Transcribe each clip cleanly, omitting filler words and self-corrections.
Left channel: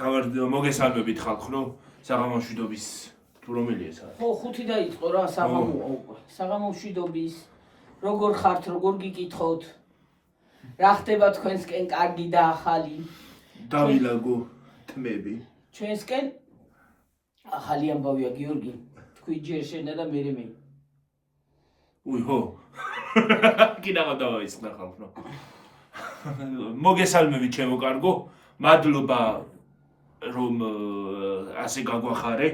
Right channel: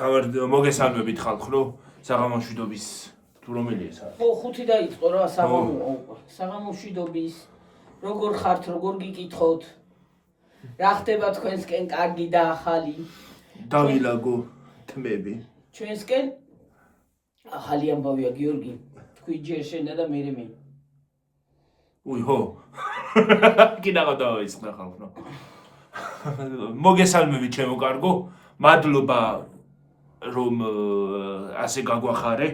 მოგესალმებით ხალხო, საღამომშვიდობის თუ რომელია ეს არის? ხო, ხუთი დაიწყო რა საღამომშვიდობის. როგორ ხართ, როგორ გიკითხოთ? რა ხდება თქვენსკენ კარგი და ახალი? დავილაგო თმები. ჩვენსკენ ახალი ამბავია გიორგი. თქვი ჯერ შენა და მე მე. უიჰო. კიდევ დავისხნა ხალხო. მოგესალმებით ჩემო კარგო. მადლობა რომ ასე გაგვახარე.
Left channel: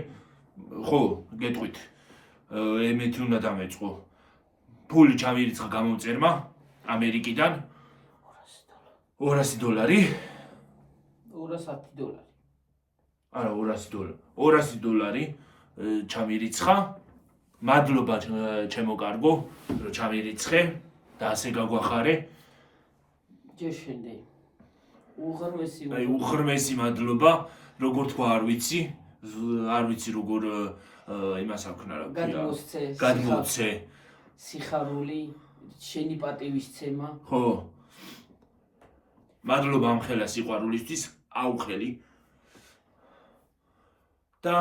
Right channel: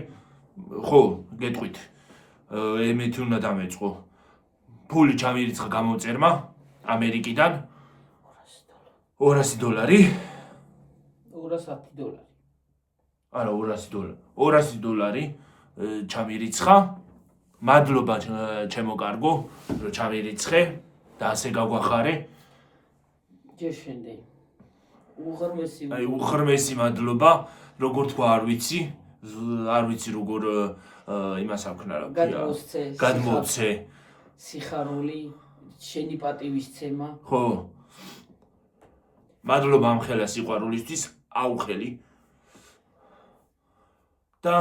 ხო, გეტყვით. ემეთ უნდა დამეწყო. ფული ჩამირიცხა გამომწერმა ამერიკიდან $200 $210 არა $200 ჩამირიცხა მადლობა ჩემო კარგო რომ ჩამირიცხე და ასე გაგვახარე ჯერ შენდე უღრმესი მადლობა როგორ თქვა არ ვიცი როგორ იმას აქვნა რა გადმოვცე სიხარული შენი პატივისცემა ხო მადლობა ამ ხელა სიყვარულისთვის აუხელი და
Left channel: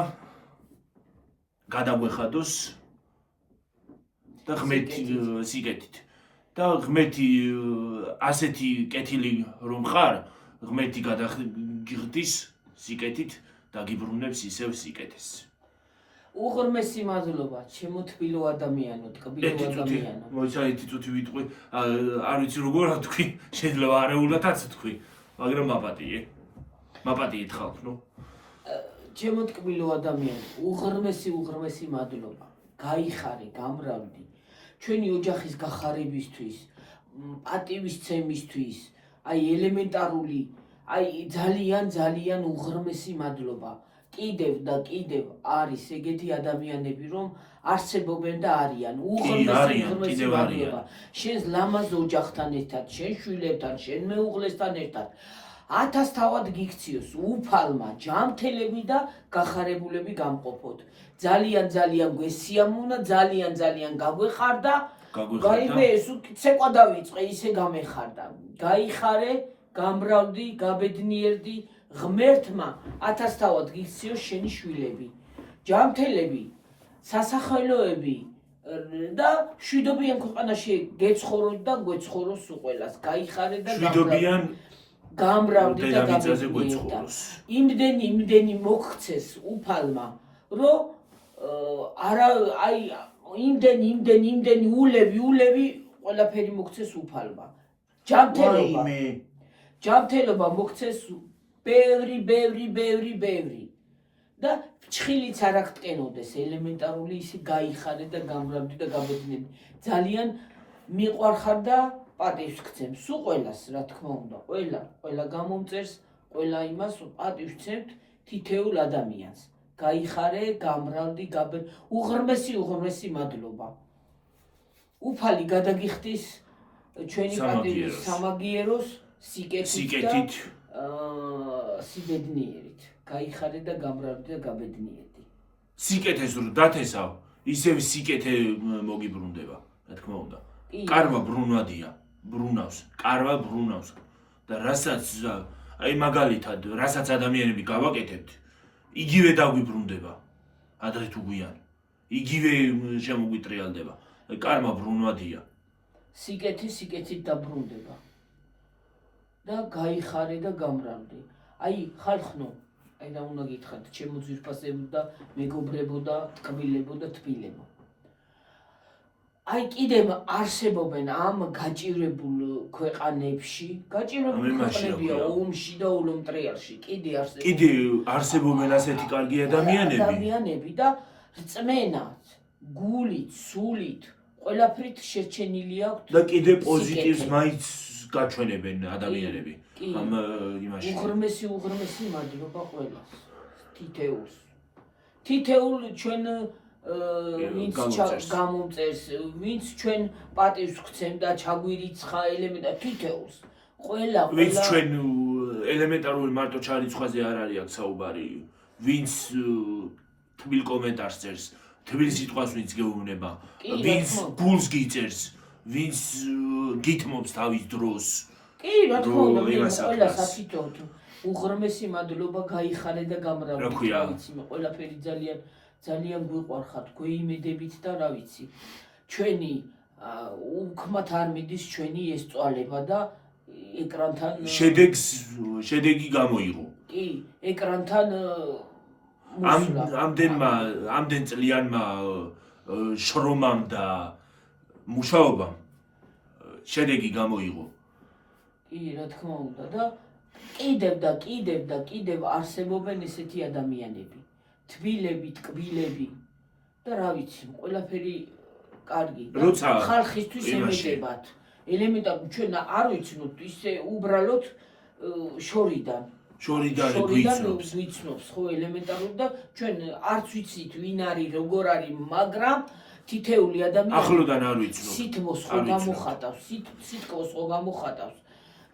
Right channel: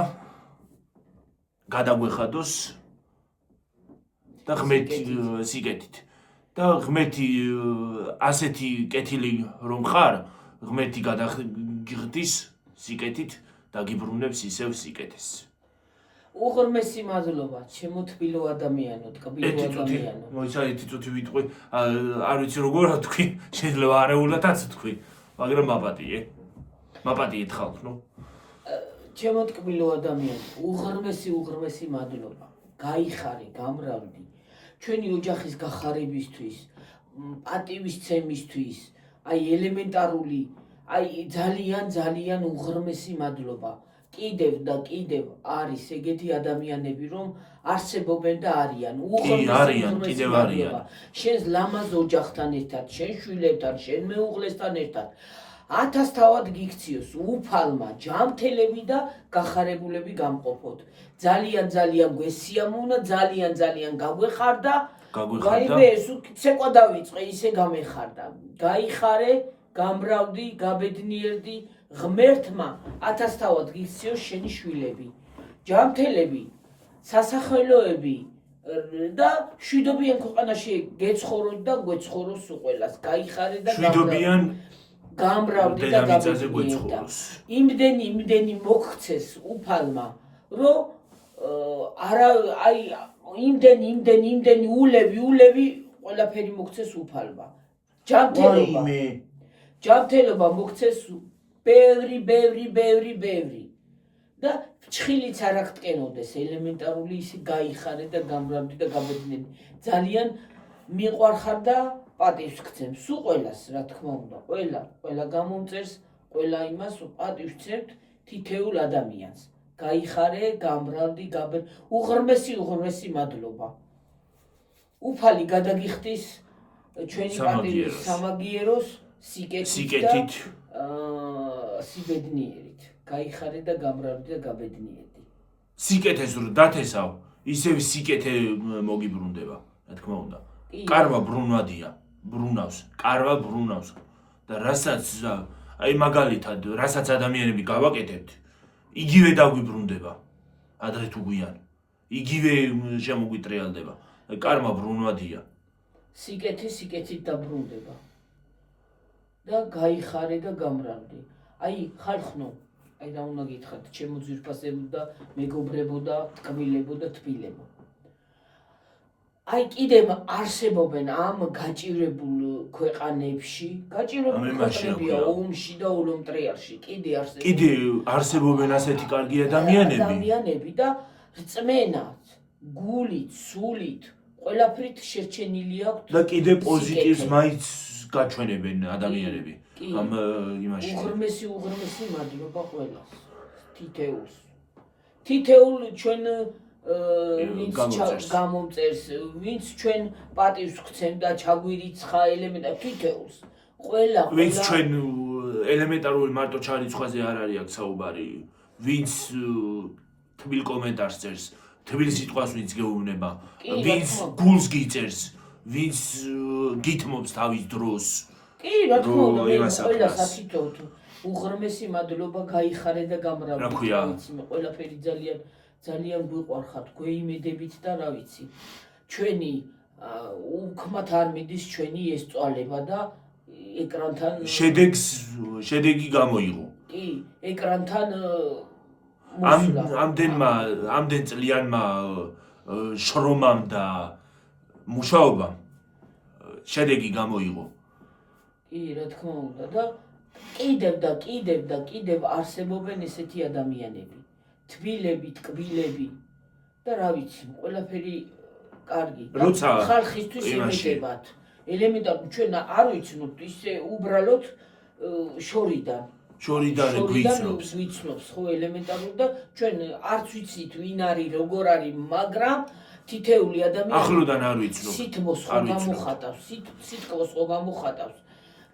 გადაგვეხადოს და ღმერთი სიკეთით და ღმერთი ასეთი კეთილი რომ ხარ ღმერთი გადაგიხდის სიკეთით და გიბრუნებს ისევ სიკეთეს უღრმესი მადლობა ჩემო თბილო ადამიანო თბილო ადამიანო მოიცადეთ წუთი ვიტყვი არ ვიცი როგორ თქვი შეიძლება არეულათაც თქვი მაგრამ მაპატიეთ ხალხო ჩემო თბილო ადამიანო უღრმესი მადლობა გაიხარე გამრავდი ჩვენი ოჯახის გახარებისთვის პატივისცემისთვის აი ელემენტარული აი ძალიან უღრმესი მადლობა კიდევ და კიდევ არის ეგეთი ადამიანები რომ არსებობენ და არიან უღრმესი მადლობა შენს ლამაზ ოჯახთან ერთად შენ შვილებთან შენ მეუღლესთან ერთად 1000 თავად გიქციოს უფალმა ჯანმრთელები და გახარებულები გამყოფოთ ძალიან გვესიამოვნა ძალიან გაგვეხარდა გაიმე ეს ცეკვა დავიწყე ისე გამეხარდა გაიხარე გამრავდი გაბედნიერდი ღმერთმა 1000 თავად გიქციოს შენი შვილები ჯანმრთელები სასახელოები და შვიდობიან ქვეყანაში გეცხოვროთ და გვეცხოვროს უყველას გაიხარე და გამრავდი და გაბედნიერდა იმდენი მოგხცეს უფალმა რომ არა აი იმდენი ულევი ყველაფერი მოგცეს უფალმა ჯანმრთელობა მოგცეს ბევრი და ჩხილიც არ აღტკენოდეს ელემენტარული ისი გაიხარე და გამრავდი და გაბედნიერდი ძალიან მიყვარხარ და პატივს გცემს უყველას რა თქმა უნდა ყველა გამომწერს ყველა იმას პატივს თითეულ ადამიანს გაიხარე გამრავდი უღრმესი მადლობა უფალი გადაგიხდის ჩვენი პატივის სამაგიეროს სიკეთით სიბედნიერით გაიხარე და გამრავდი და გაბედნიერდი სიკეთეს რომ დათესავ ისევ სიკეთე მოგიბრუნდება რა თქმა უნდა კარმა ბრუნავს და რასაც აი მაგალითად რასაც ადამიანები გავაკეთებთ იგივე დაგვიბრუნდება ადრე თუ გვიან იგივე შემოგვიტრიალდება კარმა ბრუნვადია სიკეთით დაბრუნდება და გაიხარე და გამრავდი აი ხალხო აი რა უნდა გითხრათ ჩემო ძვირფასებო და მეგობრებო და კბილებო და თბილებო აი კიდევ არსებობენ ამ გაჭირებულ ქვეყანებში ქვეყნებია ომში და ოლომტრიალში კიდე არსებობენ ასეთი კარგი ადამიანები და რწმენად გულით სულით ყველაფრით შერჩენილი აქვს და კიდე პოზიტივს მაინც გაჩვენებენ ადამიანები ამ იმაში უღრმესი მადლობა ყველას თითეულ ჩვენ ვინც გამომწერს ვინც ჩვენ პატივს გცემ და ჩაგვირიცხა ელემენტად თითეულს ვინც ჩვენ ელემენტარული მარტო ჩარიცხვაზე არ არის აქ საუბარი ვინც თბილ კომენტარს წერს თბილ სიტყვას ვინც გეუბნება ვინც გულს გიწერს ვინც გითმობს თავის დროს კი რა თქმა უნდა ყველას აკითხავთ უღრმესი მადლობა გაიხარე და რა გამრავლე. ქვია? ვიცი, მე ყველაფერი ძალიან გვიყვარხათ, გვეიმედებით და რა ვიცი. ჩვენი უქმათ არ მიდის ჩვენი ეს წვალება და ეკრანთან შედეგი გამოიღო. კი, ეკრანთან ამდენ წლიანმა შრომამ და მუშაობამ შედეგი გამოიღო. კი, რა თქმა უნდა და კიდევ არსებობენ ესეთი ადამიანები. თბილები, ტკბილები და რა ვიცი, ყველაფერი კარგი. ხალხისთვის ემედებათ. ელემენტარულად ჩვენ არ ვიცნობთ ისე უბრალოდ შორიდან გვიცნობს ხო ელემენტარულად და ჩვენ არც ვიცით ვინ არის, როგორ არის, მაგრამ თითეული ადამიანი ახლოდან არ ვიცნობ. სითმოს ხო გამოხატავს, სიტყვას ხო გამოხატავს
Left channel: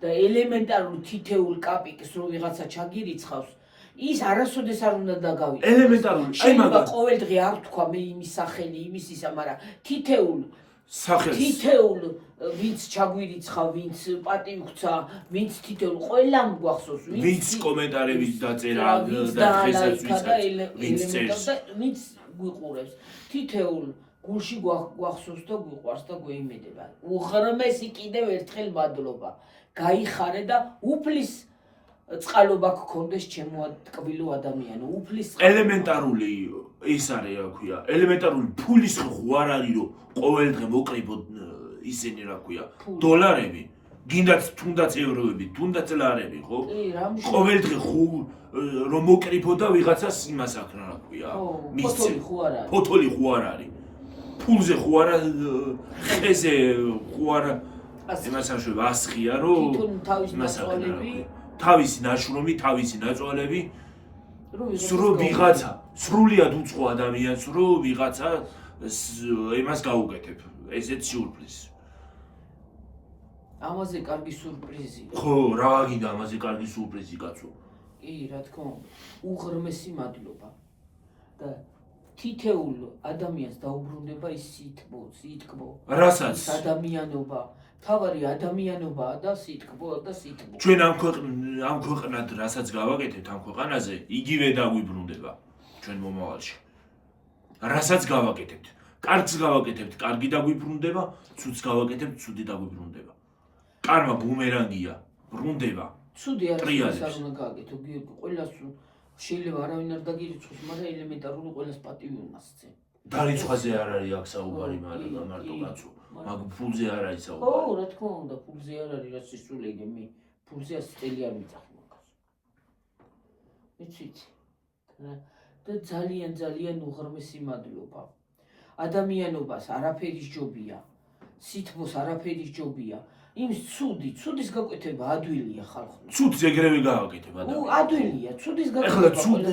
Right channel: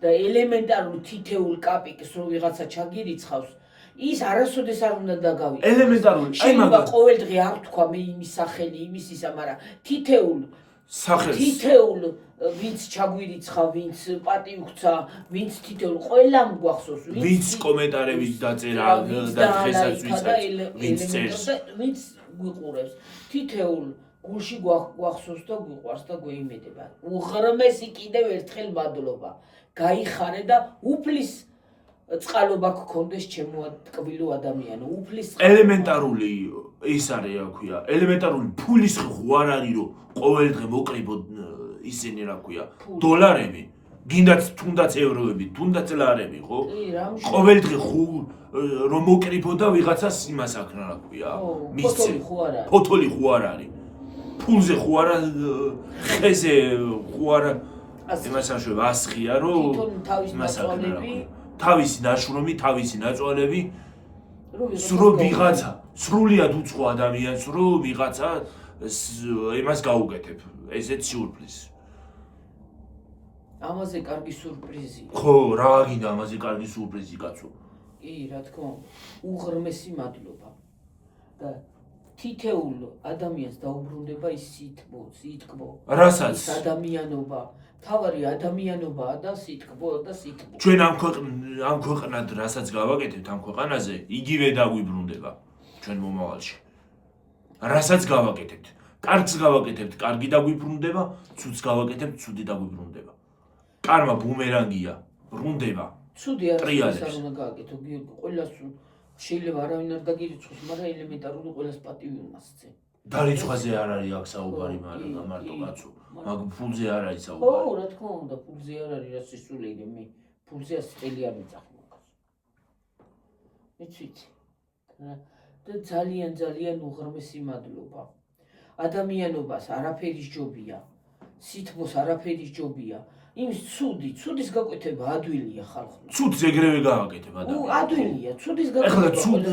და ელემენტარული თითეულ კაპიკს რო ვიღაცა ჩაგირიცხავს, ის არასოდეს არ უნდა დაგავიწყდეს. ელემენტარული, აი მაგას ყოველდღე არ თქვა მე იმის სახელი, იმის ისა, მაგრამ თითეულ ვინც ჩაგვირიცხა, ვინც პატივქცა, ვინც თითეულ ყველამ გვახსოვს, ვინც კომენტარებით დაწერა და დღესაც ვინც წერს, ვინც გვიყურებს, თითეულ გულში გვახსოვს და გვიყვარს და გვეიმედება. უღრმესი კიდევ ერთხელ მადლობა. გაიხარე და უფლის წყალობა გქონდეს ჩემო ტკბილო ადამიანო, უფლის ელემენტარული ის არის რა ქვია, ელემენტარული ფულის ხო არ არის რომ ყოველდღე მოკრიბო ისინი რა ქვია, დოლარები, გინდაც თუნდაც ევროები, თუნდაც ლარები, ხო? ყოველდღე ხო რომ მოკრიბო და ვიღაცას იმას აქ რა ქვია, მისცე. ფოთოლი ხო არ არის. ფულზე ხო არა, ხეზე ხო არა, იმას ამშვება ასხია რომ თავისი ნაშრომი, თავისი ნაწვალები სრულ ვიღაცა, სრულიად უცხო ადამიანს რო ვიღაცა იმას გაუკეთებ, ესეც სიურპრიზი. ამაზე კარგი სურპრიზი. ხო, რა გინდა ამაზე კარგი სურპრიზი კაცო. კი, რა თქმა უნდა, უღრმესი მადლობა. და თითეულ ადამიანს დაუბრუნდება ის სიტკბო. რასაც ადამიანობა. თავარი ადამიანობაა და სიტკბო. ჩვენ ამ ქვეყნად რასაც გავაკეთებთ ამ ქვეყანაზე, იგივე დაგვიბრუნდება ჩვენ მომავალში. რასაც გავაკეთებთ, კარგს გავაკეთებთ, კარგი დაგვიბრუნდება, ცუდს გავაკეთებთ, ცუდი დაგვიბრუნდება. კარმა ბუმერანგია, ბრუნდება. ცუდი არ უნდა გააკეთო, ყველას შეიძლება არავინ არ დაგირიცხოს, მაგრამ ელემენტარული ყველას პატივი უნდა სცენ. დარიცხვაზე არ არის აქ საუბარი, მაგრამ მარტო კაცო, მაგ ფულზე არ არის საუბარი. ხო, რა თქმა უნდა, ფულზე არ არის, რა სისულელე მე. ფულზე 100 წელი არ მიწახი მაგას. იცით? და ძალიან უღრმესი მადლობა. ადამიანობას არაფერი ჯობია. სითბოს არაფერი ჯობია. იმის ცუდის გაკვეთება ადვილია ხალხო. ცუდს ეგრევე გააკეთებ ადამიანს. ადვილია, ცუდის გაკვეთება. ეხლა ცუდ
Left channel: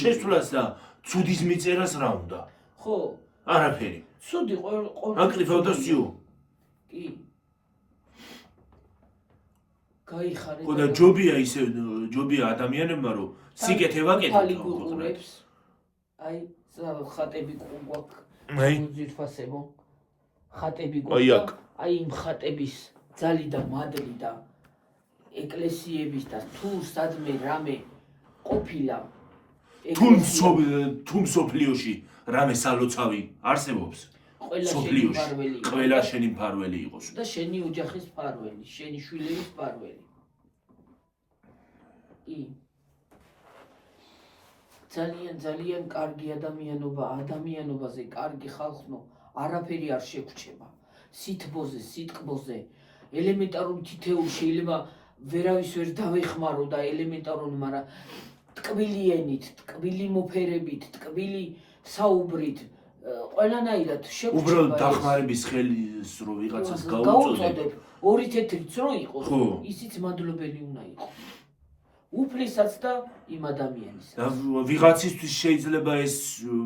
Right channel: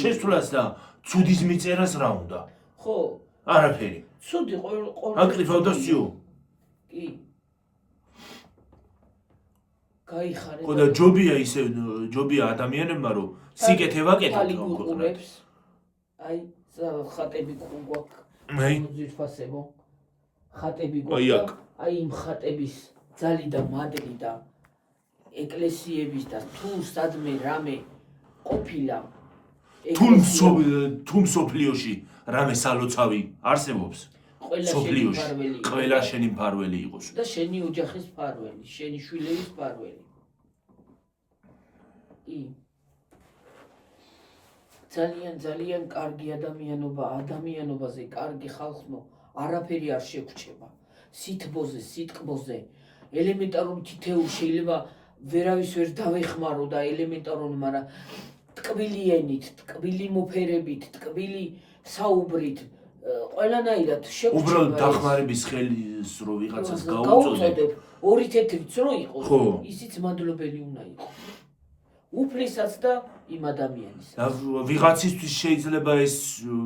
შესვლას და ცუდის მიწერას რა უნდა? ხო. არაფერი. ცუდი აკრიფავ და სიო. კი. გაიხარე. ხო და ჯობია ადამიანებმა რომ სიკეთე ვაკეთოთ რომ გიყურებს. აი, ხატები გვაქვს. აი, ძირფასებო. ხატები გვაქვს. აი, იმ ხატების ძალი და მადლი და ეკლესიების და თუ სადმე რამე ყოფილა თუ მსოფლიოში რამე სალოცავი არსებობს ყველა შენი მფარველი იყოს და შენი ოჯახის მფარველი, შენი შვილების მფარველი. ძალიან კარგი ადამიანობაზე კარგი ხალხო არაფერი არ შეგვჩება. სითბოზე, სიტკბოზე, ელემენტარული თითეულ შეიძლება ვერავის ვერ დავეხმარო და ელემენტარული, მაგრამ ტკბილი ენით, ტკბილი მოფერებით, ტკბილი საუბრით, ყველანაირად შეგვჩება. უბრალოდ დახმარების ხელის რო ვიღაცას გაუწოდებ, ორი თეთრიც რო იყოს, ისიც მადლობელი უნდა იყოს. უფლისაც და იმ ადამიანის. ვიღაცისთვის შეიძლება ეს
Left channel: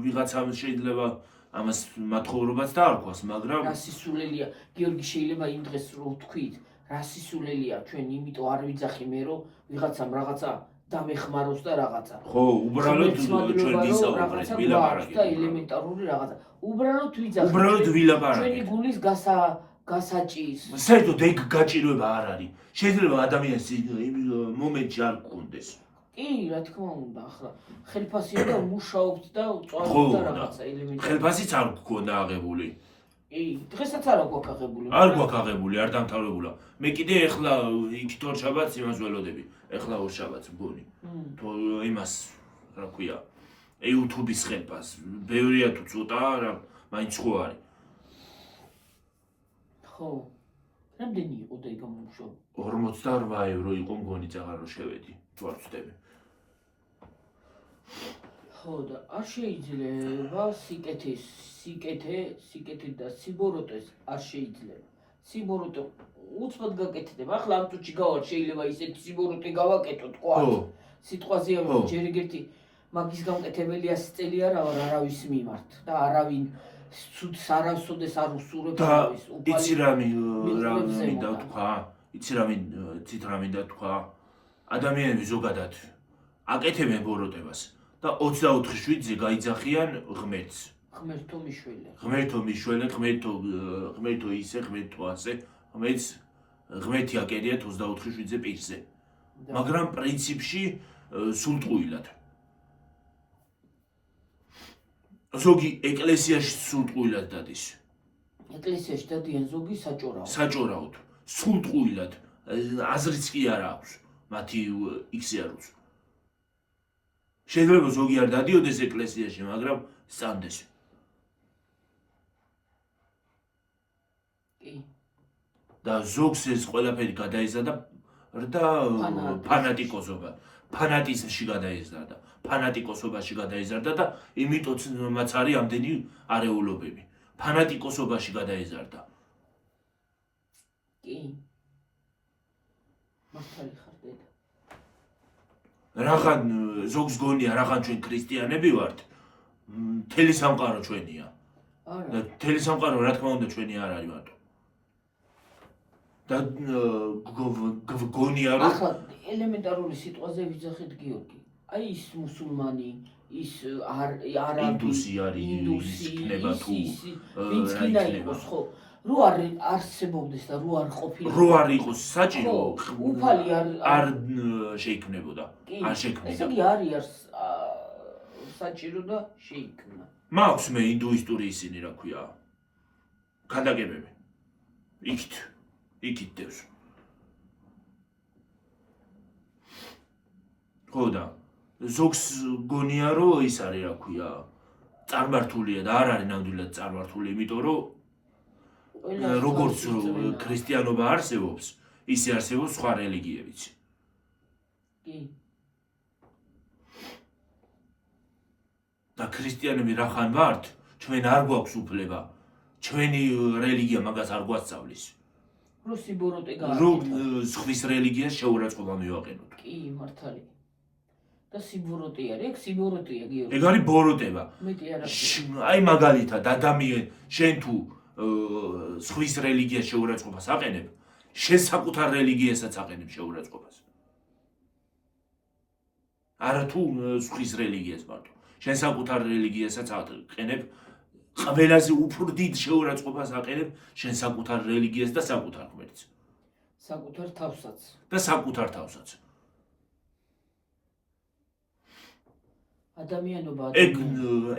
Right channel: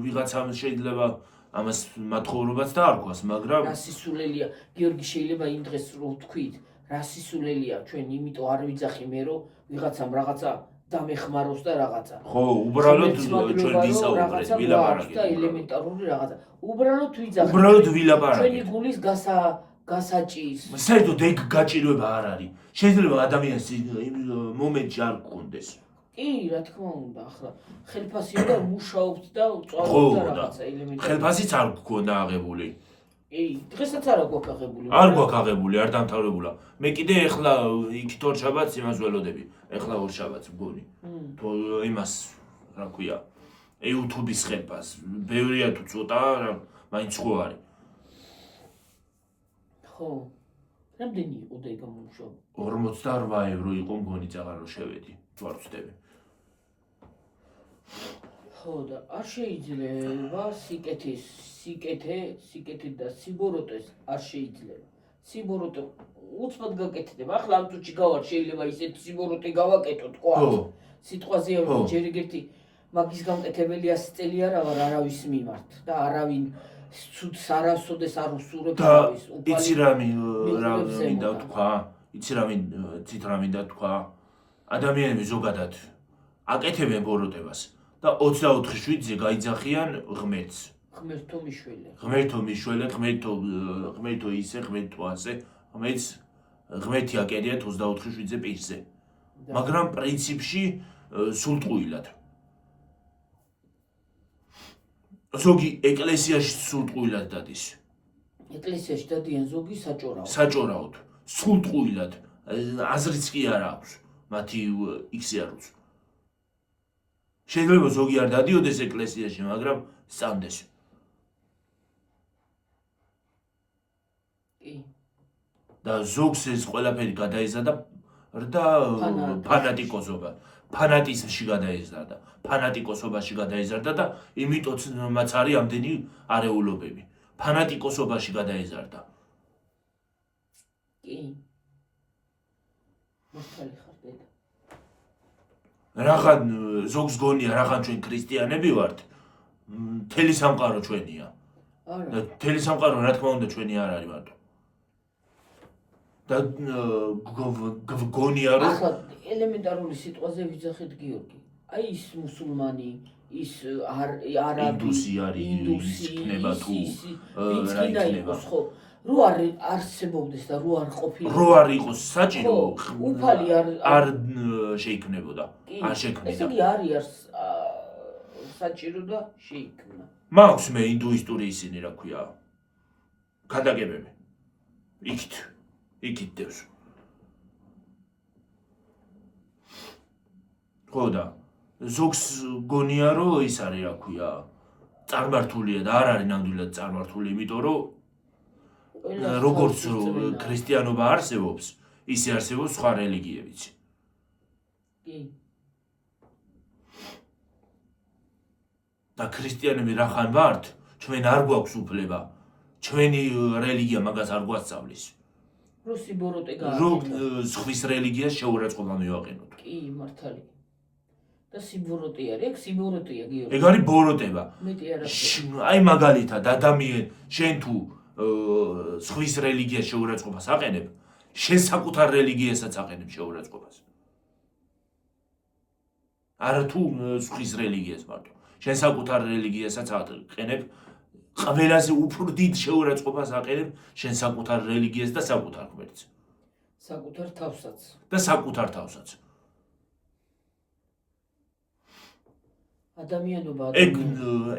ვიღაცამ შეიძლება ამას მათხოვრობაც დაარქვას, მაგრამ რა სისულელია, გიორგი შეიძლება იმ დღეს რო ვთქვით, რა სისულელია ჩვენ, იმიტომ არ ვიძახი მე რომ ვიღაცამ რაღაცა დამეხმაროს და რაღაცა. ხო, უბრალოდ ჩვენ ვისაუბრეთ, ვილაპარაკეთ და ელემენტარული რაღაცა. უბრალოდ ვიძახით. უბრალოდ ვილაპარაკეთ. ჩვენი გულის გასაჭის. საერთოდ ეგ გაჭირვება არ არის. შეიძლება ადამიანს იმ მომენტში არ გქონდეს. კი, რა თქმა უნდა, ახლა ხელფასია და მუშაობთ და წავიდა რაღაცა ელემენტი. ხელფასიც არ გქონდა აღებული. კი, დღესაც არ გვაქვს აღებული. არ გვაქვს აღებული, არ დამთავრებულა. მე კიდე ეხლა იქით ორ შაბათს იმას ველოდები. ეხლა ორ შაბათს მგონი. თუ იმას რა ქვია, YouTube-ის ხელფას. ბევრია თუ ცოტა, რა, მაინც ხო არის. ხო. რამდენი იყო და ეგ გამომუშავე? 48 ევრო იყო მგონი წაღარ რო შევედი. თუ არ ვცდები. ხო და არ შეიძლება სიკეთე და სიბოროტეს არ შეიძლება. სიბოროტე უცბად გაკეთდება. ახლა ამ წუთში გავარ შეიძლება ისეთი სიბოროტე გავაკეთო თქვა. სიტყვაზე რომ ჯერ ერთი მაგის გამკეთებელი 100 წელი არა ვარ არავის მიმართ და არავინ სუც არასოდეს არ უსურებ არავის. იცი რა მინდა თქვა? იცი რა მინდა თქვა? ადამიანები ზოგადად აკეთებენ ბოროტებას და 24 შვიდზე გაიძახიან ღმერთს. ღმერთო მიშველე. ღმერთო მიშველე, ღმერთო ისე, ღმერთო ასე. ღმერთი აკერიათ 24 შვიდზე პირზე. მაგრამ პრინციპში სულტყუილად. ზოგი ეკლესიაში სულტყუილად დადის. ეკლესიაში დადიან ზოგი საჭორაო. საჭორაოდ. სულტყუილად. აზრიც კი არ აქვს. მათი იქსი არ უწ. შეიძლება ზოგი არ დადიოდეს ეკლესიაში, მაგრამ სწამდეს. კი. და ზოგს ეს ყველაფერი გადაიზარდა და ფანატიკოსობა. ფანატიზმში გადაიზარდა. ფანატიკოსობაში გადაიზარდა და იმიტოც მათ არის ამდენი არეულობები. ფანატიკოსობაში გადაიზარდა. კი. მართალი ხარ დედა. რაღან ზოგს გონია რაღან ჩვენ ქრისტიანები ვართ. მთელი სამყარო ჩვენია. არა. და მთელი სამყარო რა თქმა უნდა ჩვენი არ არის მარტო. და გონია რომ ახლა ელემენტარული სიტყვაზე ვიძახეთ გიორგი. აი ის მუსულმანი, ის არაბი, ინდუსი არის, იქნება თუ რა იქნება ხო? რო არ არსებობდეს და რო არ ყოფილიყო. რო არ იყოს საჭირო, უფალი არ შეიქმნებოდა. არ შექმნიდა. ესე იგი არის საჭირო და შეიქმნა. მაქვს მე ინდუისტური ისინი რა ქვია. ქადაგებები. იქით დევს. ხო და ზოგს გონია რომ ის არის რა ქვია. წარმართულია და არ არის ნამდვილად წარმართული, იმიტომ რომ როგორც ქრისტიანობა არსებობს, ისე არსებობს სხვა რელიგიებიც. კი. და ქრისტიანები რახან ვართ, ჩვენ არ გვაქვს უფლება. ჩვენი რელიგია მაგას არ გვასწავლის. რო სიბოროტე გააკეთა. რომ სხვის რელიგიას შეურაცხყოფა მივაყენოთ. კი, მართალი. და სიბოროტე არის, ეგ სიბოროტეა გიორგი. ეგ არის ბოროტება. მეტი არა. აი მაგალითად ადამიან შენ თუ სხვის რელიგიას შეურაცხყოფას აყენებ, შენ საკუთარ რელიგიასაც აყენებ შეურაცხყოფას. არა თუ სხვის რელიგიას მარტო. შენ საკუთარ რელიგიასაც აყენებ, ყველაზე უფრო დიდ შეურაცხყოფას აყენებ შენ საკუთარ რელიგიას და საკუთარ ღმერთს. საკუთარ თავსაც. და საკუთარ თავსაც. ადამიანობა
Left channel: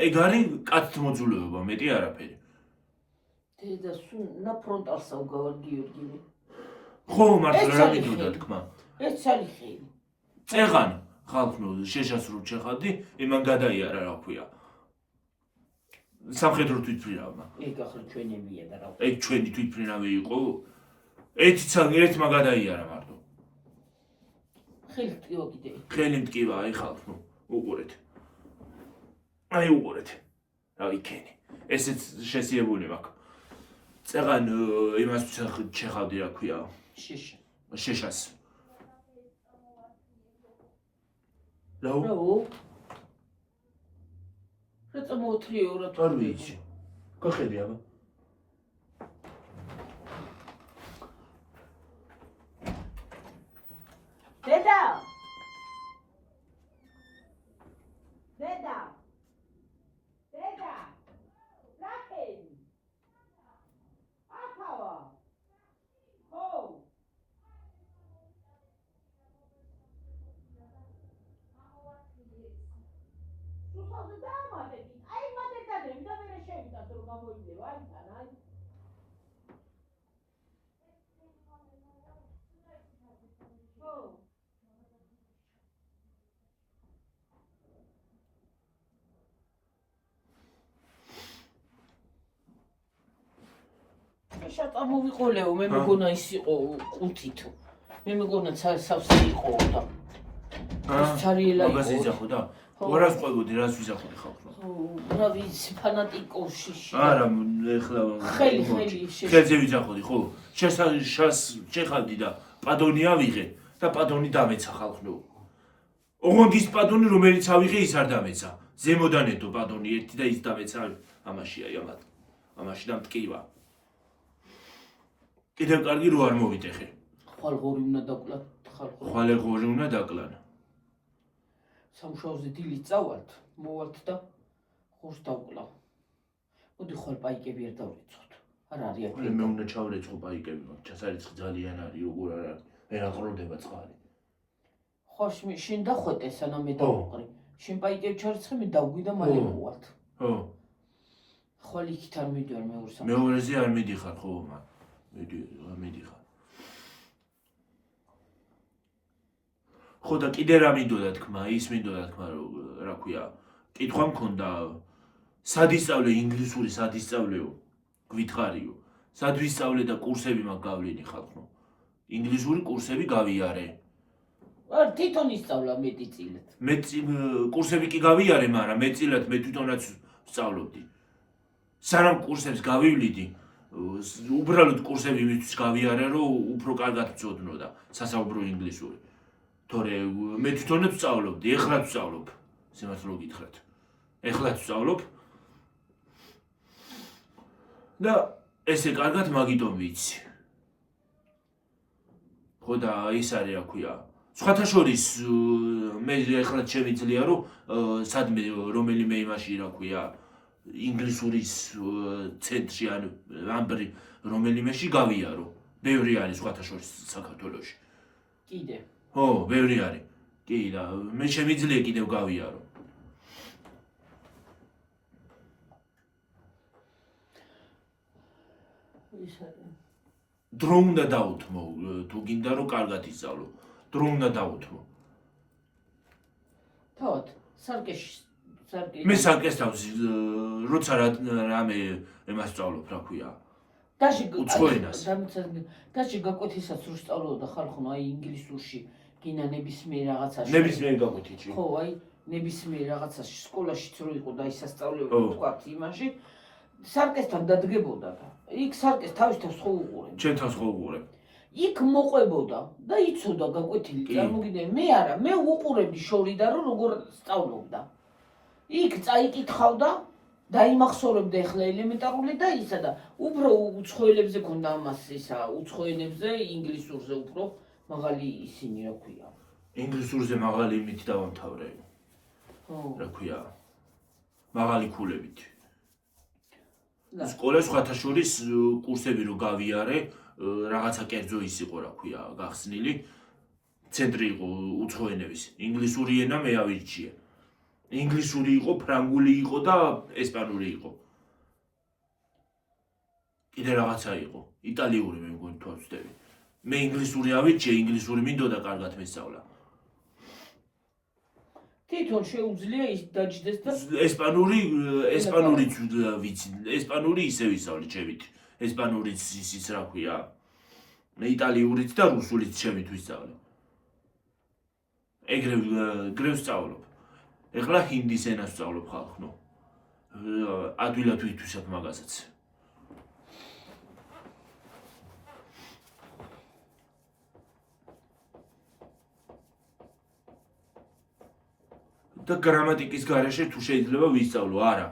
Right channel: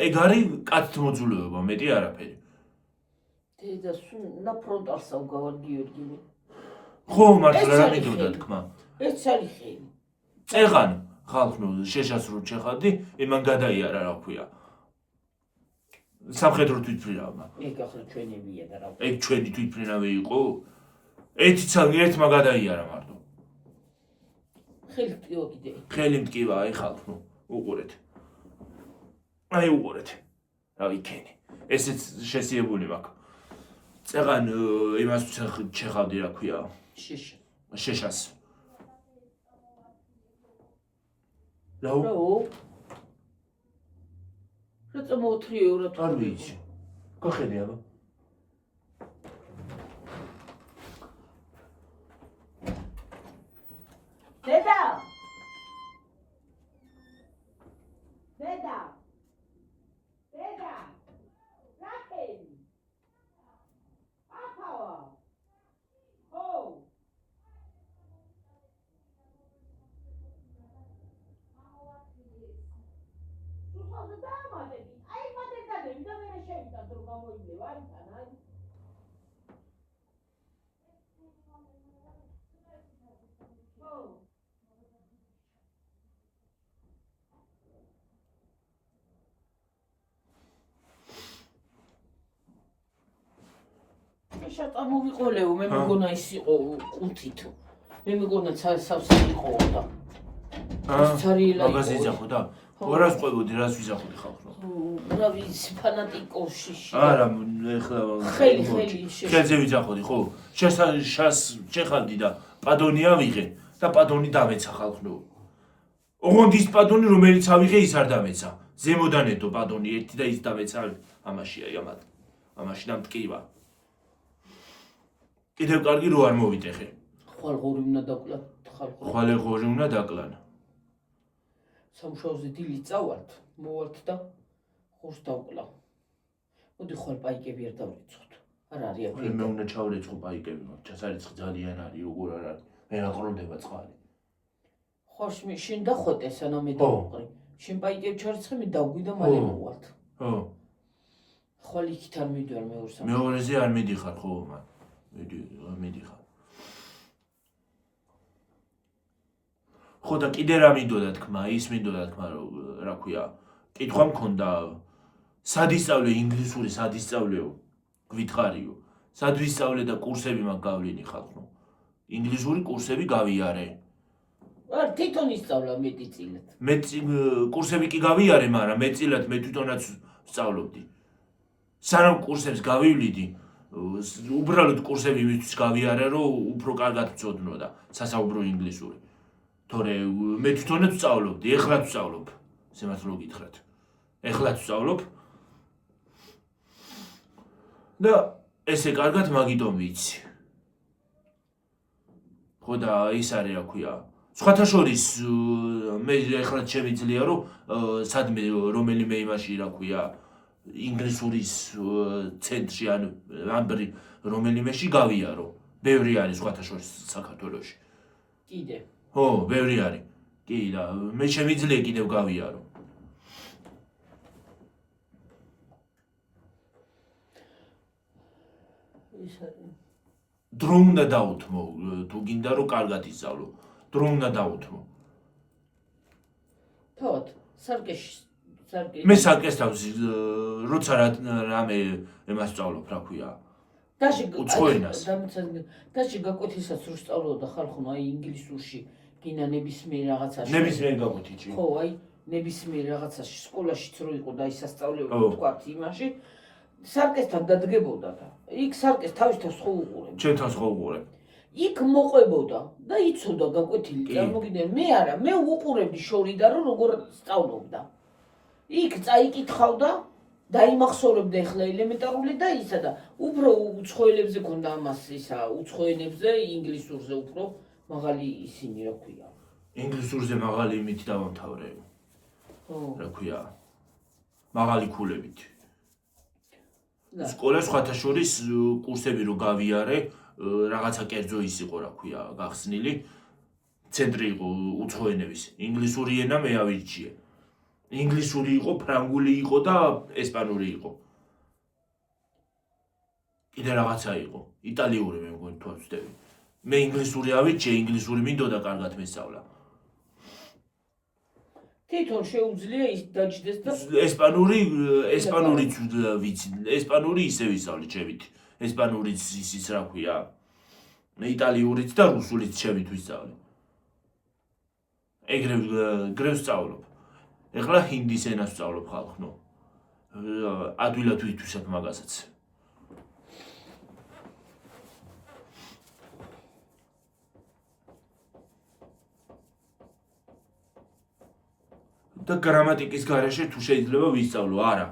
ეგ არის კაცთმოძულეობა, მეტი არაფერი. და სულ ნაფრონტალსავ გავარ გიორგი. ხო, მართლა რა მინდოდა თქმა. ეს ცალიხი. წეღან ხალხნო შეშას რო ჩეხავდი, იმან გადაიარა რა ქვია. სამხედრო თვითმფრინავმა. ეგ ახლა ჩვენებია და რა. ეგ ჩვენი თვითმფრინავი იყო. ერთმა გადაიარა მარტო. ხელი ტკივა კიდე. ხელი მტკივა, აი ხალხნო, უყურეთ. აი უყურეთ. რა ვიქენი. ესეც შესიებული მაქვს. წეღან იმას ჩეხავდი რა ქვია. შეშას. რაო? რა წამოთრიო რა? არ ვიცი. გახედე აბა. დედა! რა ხელი? ახავა. შემოვიყოლეო, მე მეგონა ის იყო კუთით. მე მეგონა სავსე იყო და ცარიელა იყო. მაგაზე იძახო და ორას ყვებოდი, რას ვიზახოდი ხალხო? რა ვიცი, ფანატიკოში. არა, ეხლა ხელი ხელზე ვიძახოდი, ხო? შეხალდი და პადონი ავიღე და პადონი დამეცა ხალხო. ოღონდ ის პადონი, რომელიც ავიღე, ის არ დამეცა. ზემოდან ედო პადონი ერთი და ის დამეცა. ამაშია იამად. ამაში და მტკივა. კიდევ კარგი რო არ მოვიტეხე. ხვალღორი უნდა დაკლა, ხვალღორი უნდა დაკლან. სამუშაოზე დილით წავალთ, მოვალთ და ხორს დავკლა. მოდი ხვალ პაიკები არ დავრიცხოთ. არ არის აქ. მე უნდა ჩავრეცხო პაიკები, მაგ ჩასარიცხი ძალიან არის, როგორ არ არის. მე რა ყროლდება წყალი. ხორს შენ დახვეტე სანამ მე დავყრი. შენ პაიკები ჩარიცხე, მე დავგვი და მალე მოვალთ. ხო. ხვალ იქით არ მიდივარ მეორე სამუშაოზე. მეორეზე არ მიდიხარ ხო მან. მიდიხარ. ხო და კიდე რა მინდოდა თქმა, ის მინდოდა თქმა, რა ქვია, კითხვა მქონდა, სად ისწავლე ინგლისური, სად ისწავლეო, გვითხრიო, სად ვისწავლე და კურსები მაგ გავლინი ხალხო. ინგლისური კურსები გავიარე. არ თვითონ ისწავლა მეტწილად. მე კურსები კი გავიარე, მაგრამ მეტწილად მე თვითონაც ვსწავლობდი. სანამ კურსებს გავივლიდი, უბრალოდ კურსები იმისთვის გავიარე, რომ უფრო კარგად ვწოდნოდა სასაუბრო ინგლისური. თორე მე თვითონაც ვსწავლობდი, ეხლაც ვსწავლობ. სიმართლე გითხრათ. ეხლაც ვსწავლობ. და ესე კარგად მაგიტომ ვიცი. ხო და ის არის რა ქვია. სხვათა შორის მე ეხლა შემიძლია რომ სადმე რომელიმე იმაში რა ქვია ინგლისურის ცენტრში ან ამბრი რომელიმეში გავიარო. ბევრი არის სხვათა შორის საქართველოში. კიდე. ხო, ბევრი არის. კი და მე შემიძლია კიდევ გავიარო. დრო უნდა დაუთმო, თუ გინდა რომ კარგად ისწავლო. დრო უნდა დაუთმო. თავად, სარკეში. მე სარკეს თავს, როცა რამე ემას სწავლობ, რა ქვია. დაში გაკვეთისას რო სწავლობდა ხალხო, აი ინგლისურში, გინა ნებისმიერ რაღაცაში. ნებისმიერ გაკვეთიჩი. ხო, აი ნებისმიერ რაღაცაში, სკოლაშიც რო იყო და ის სასწავლებელი თქვა იმაში, სარკესთან დადგებოდა და იქ სარკეს თავის თავს ხო უყურებ. ჩემ თავს ხო უყურებ. იქ მოყვებოდა და იცოდა გაკვეთილი, წარმოგიდგენ, მე არა, მე უყურებდი შორიდან რომ როგორ სწავლობდა. იქ წაიკითხავდა, დაიმახსოვრებდა ეხლა ელემენტარული და ისა და უფრო უცხოელებზე ქონდა ამას ისა, უცხოენებზე, ინგლისურზე უფრო მაღალი ისინი რა ქვია. ინგლისურზე მაღალი იმით დავამთავრე. ხო. რა ქვია. მაღალი ქულებით. სკოლას სხვათა შორის კურსები რო გავიარე, რაღაცა კერძო ის იყო რა ქვია, გახსნილი. ცენტრი იყო უცხოენების. ინგლისური ენა მე ავირჩიე. ინგლისური იყო, ფრანგული იყო და ესპანური იყო. კიდე რაღაცა იყო. იტალიური მე მგონი თუ არ ვცდები. მე ინგლისური ავირჩიე, ინგლისური მინდოდა კარგად მესწავლა. თვითონ შეუძლია ის დაჯდეს და ესპანურიც ვიცი. ესპანური ისე ვისწავლე ჩემით. ესპანურიც ისიც რა ქვია. იტალიურიც და რუსულიც ჩემით ვისწავლე. ეგრე ვსწავლობ. ეხლა ჰინდის ენას ვსწავლობ ხალხო. ადვილად ვითვისებ მაგასაც. და გრამატიკის გარეშე თუ შეიძლება ვისწავლო, არა.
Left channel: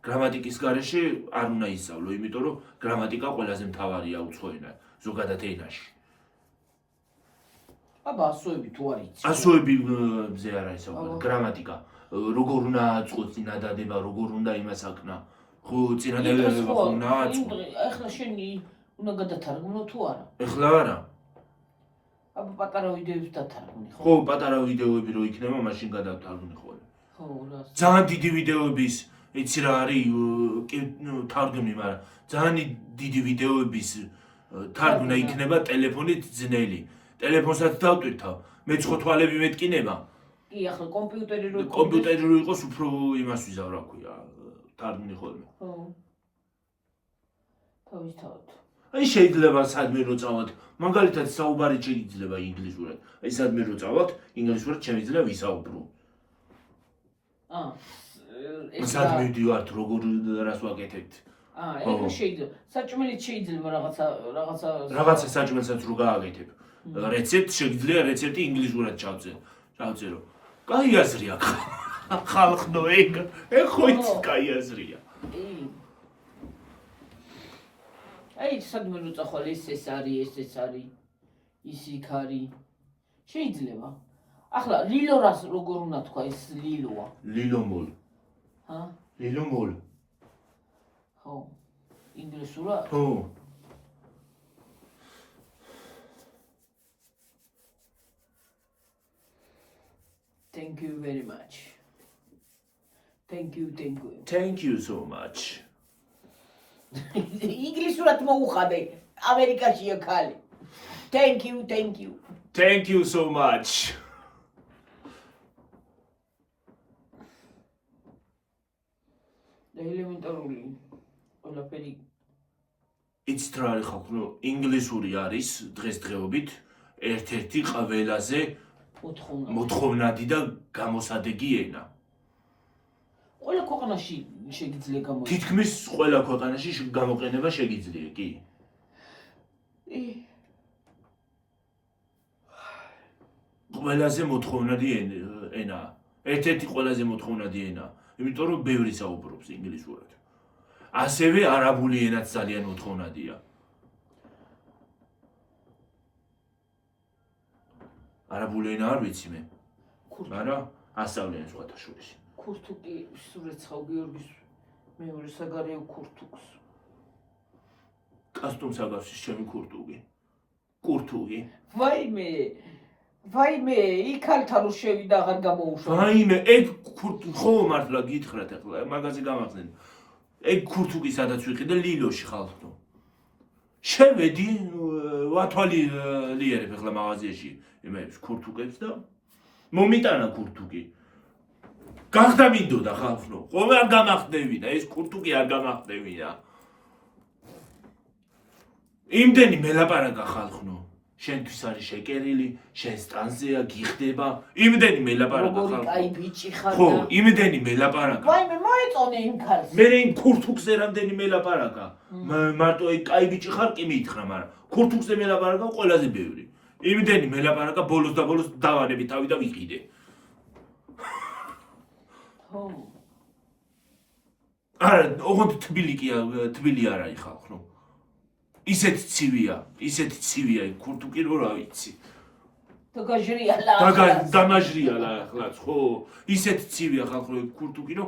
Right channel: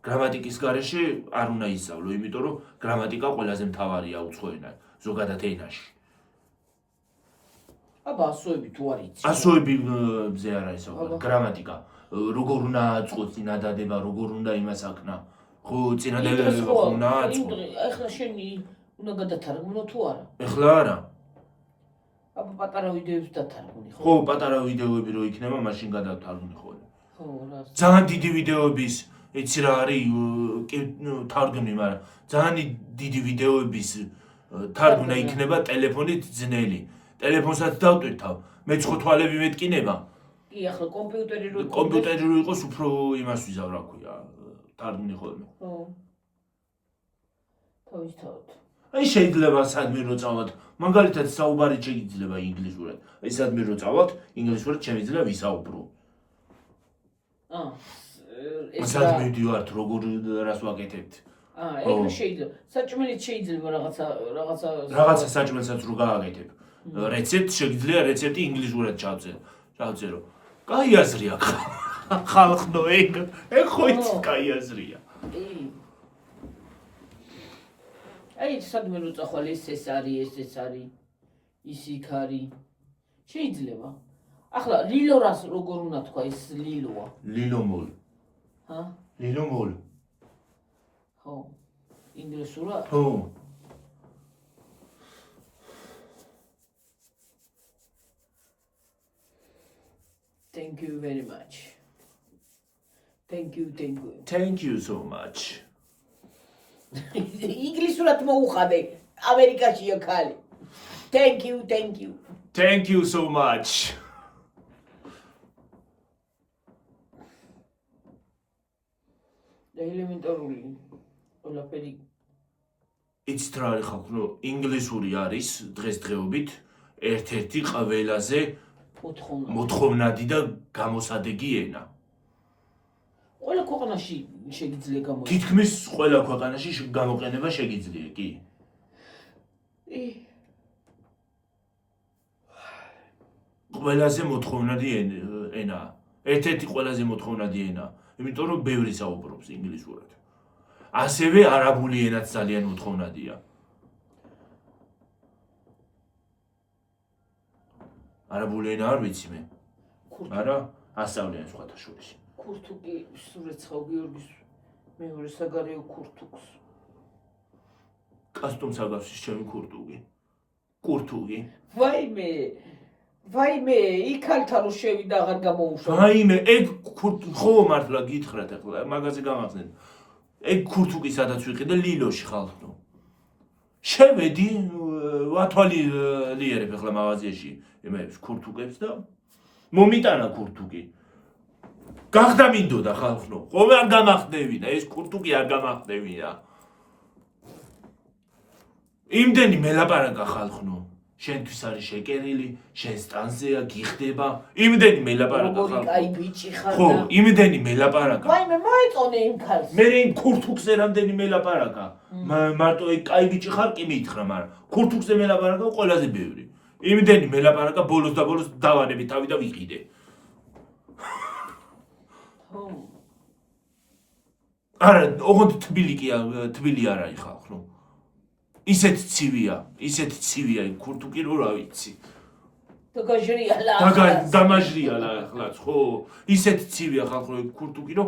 გრამატიკის გარეშე არ უნდა ისწავლო, იმიტომ რომ გრამატიკა ყველაზე მთავარია უცხოენა ზოგადად ენაში. აბა ასოები თუ არ იცი. ასოებიზე არა ისაუბრე, გრამატიკა. როგორ უნდა აწყოს წინადადება, როგორ უნდა იმას აკნა. ხო, წინადადება ხო უნდა აწყო. ეხლა შენი უნდა გადათარგმნო თუ არა? ეხლა არა. აბა პატარა ვიდეოებს დათარგმნი ხო? ხო, პატარა ვიდეოები რო იქნება, მაშინ გადავთარგმნი ხოლმე. ძალიან დიდი ვიდეოების იცი რა არის თარგმნი, მაგრამ ძალიან დიდი ვიდეოების თარგმნა იქნება ტელეფონით ძნელი. ტელეფონსაც დავტვირთავ, მე ცხოთვალები მეტკინება. კი, ახლა კომპიუტერი რო იყოს უფრო იმას ვიზავ, რა ქვია, თარგმნი ხოლმე. თავისთავად. აი შეიძლება სადმე რო წავალთ, მაგალითად საუბარი შეიძლება ინგლისურად. აი სადმე რო წავალთ, ინგლისურად შემიძლია ვისაუბრო. სადმე ვიდივართ, როგორ რას ვაკეთებთ. ეგ შეიძლება. საჭმელიც შეიძლება რაღაცა საჭმელსაც რო გააკეთებ. რეცეპტ შეიძლება რეცეპტი ინგლისურად ჩავწერო. კაი აზრია ხალხო, ეგ ხო იცი კაი აზრია. აი სადმე რო წახვალ ეს არის, ის იქ არის. შეიძლება. ახლა ლილორას როგორ უნდა თქვა, ეს ლილოა. ლილომოლ. ლილომოლ. ხო. ინგლისურად? ხო. Thank you very much. Thank you. Thank you so much. ინგლისურად მოუხადე. ამერიკაშია ხალი. Thank you. Thank you so much. ელემენტარული ყველაფერი იცით რა არის ხალხო, ინგლისური არის დღესდღეობით ერთ-ერთი ყველაზე მოთხოვნადი და გამოსადეგი ენა. ყველა ქვეყანაში შეგიძლია გამოიყენო. თითქმის ყველა ქვეყანაში გამოყენება შეგიძლია, კი. ყველაზე მოთხოვნადი ენა. ერთ-ერთი ყველაზე მოთხოვნადი ენა. იმიტომ რომ ბევრი საუბრობს ინგლისურად. ასევე არაბული ენაც ძალიან მოთხოვნადია. არაბული ენა არ ვიცი მე. არა, ასწავლიან სხვათა შორის. ქურთუკი სურეცხავ გიორგის მეორე საგარეო ქურთუკს. კასტუმს აგავს ჩემი ქურთუგი. ვაიმე, იქალთან რო შევიდა აღარ გამოუშვა. ვაიმე, ეგ ხო მართლა გითხრათ ახლა, მაგაზე გამახსენე. ეგ ქურთუკი სადაც ვიყიდე ლილოში ხალხო. შევედი, ვათვალი ლიერებ ახლა მაღაზიაში, იმებს ქურთუკებს და მომიტანა ქურთუკი. გახდა მინდოდა ხალხო. ყოველ არ გამახდევინა, ეს ქურთუკი არ გამახდევინა. იმდენი მელაპარაკა ხალხო. შენთვის არის შეკერილი, შენ სტანზეა გიხდება, იმდენი მელაპარაკა ხალხო. აი ბიჭი ხარ. ხო, იმდენი მელაპარაკა. ვაიმე, მოეწონე იმ ქალს. მე იმ ქურთუკზე რამდენი მელაპარაკა. მარტო ეგ კაი ბიჭი ხარ კი მითხრა, მაგრამ ქურთუკზე მელაპარაკა ყველაზე ბევრი. იმდენი მელაპარაკა, ბოლოს დავანები თავი და ვიყიდე. ხო. არა, ოღონდ თბილი არ არის ხალხო. ისეთ ცივია იქ ქურთუკი რო რა ვიცი. დამაჟრიალა ახლაც, ხო? ისეთ ცივია ხალხო იქ ქურთუკი რო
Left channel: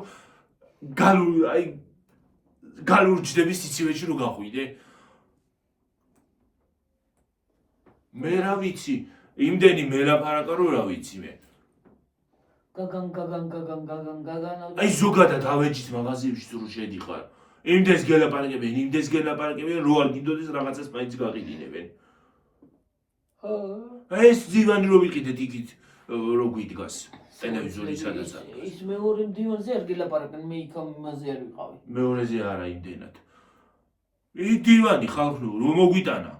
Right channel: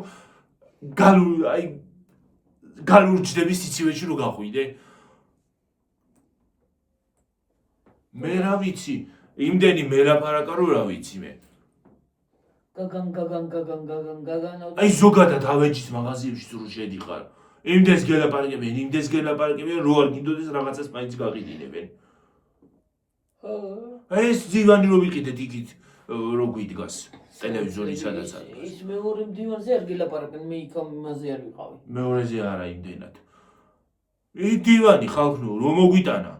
გალურჯდები სიცივეში რო გაყვიდე. მე რა ვიცი, იმდენი მელაპარაკა რო რა ვიცი მე. გაგან. აი ზოგადად ავეჯის მაღაზიებში რო შედიხარ. იმდეს გელაპარაკებენ, რო არ გინდოდეს რაღაცას მაინც გაყიდინებენ. ეს დივანი რო ვიყიდეთ იქით რო გვიდგას ტელევიზორი სადაც არის. ის მეორე დივანზე არ გელაპარაკენ, მე იქ იმაზე არ ვიყავი. მეორეზე არა იმდენად. ის დივანი ხალხო რომ მოგვიტანა.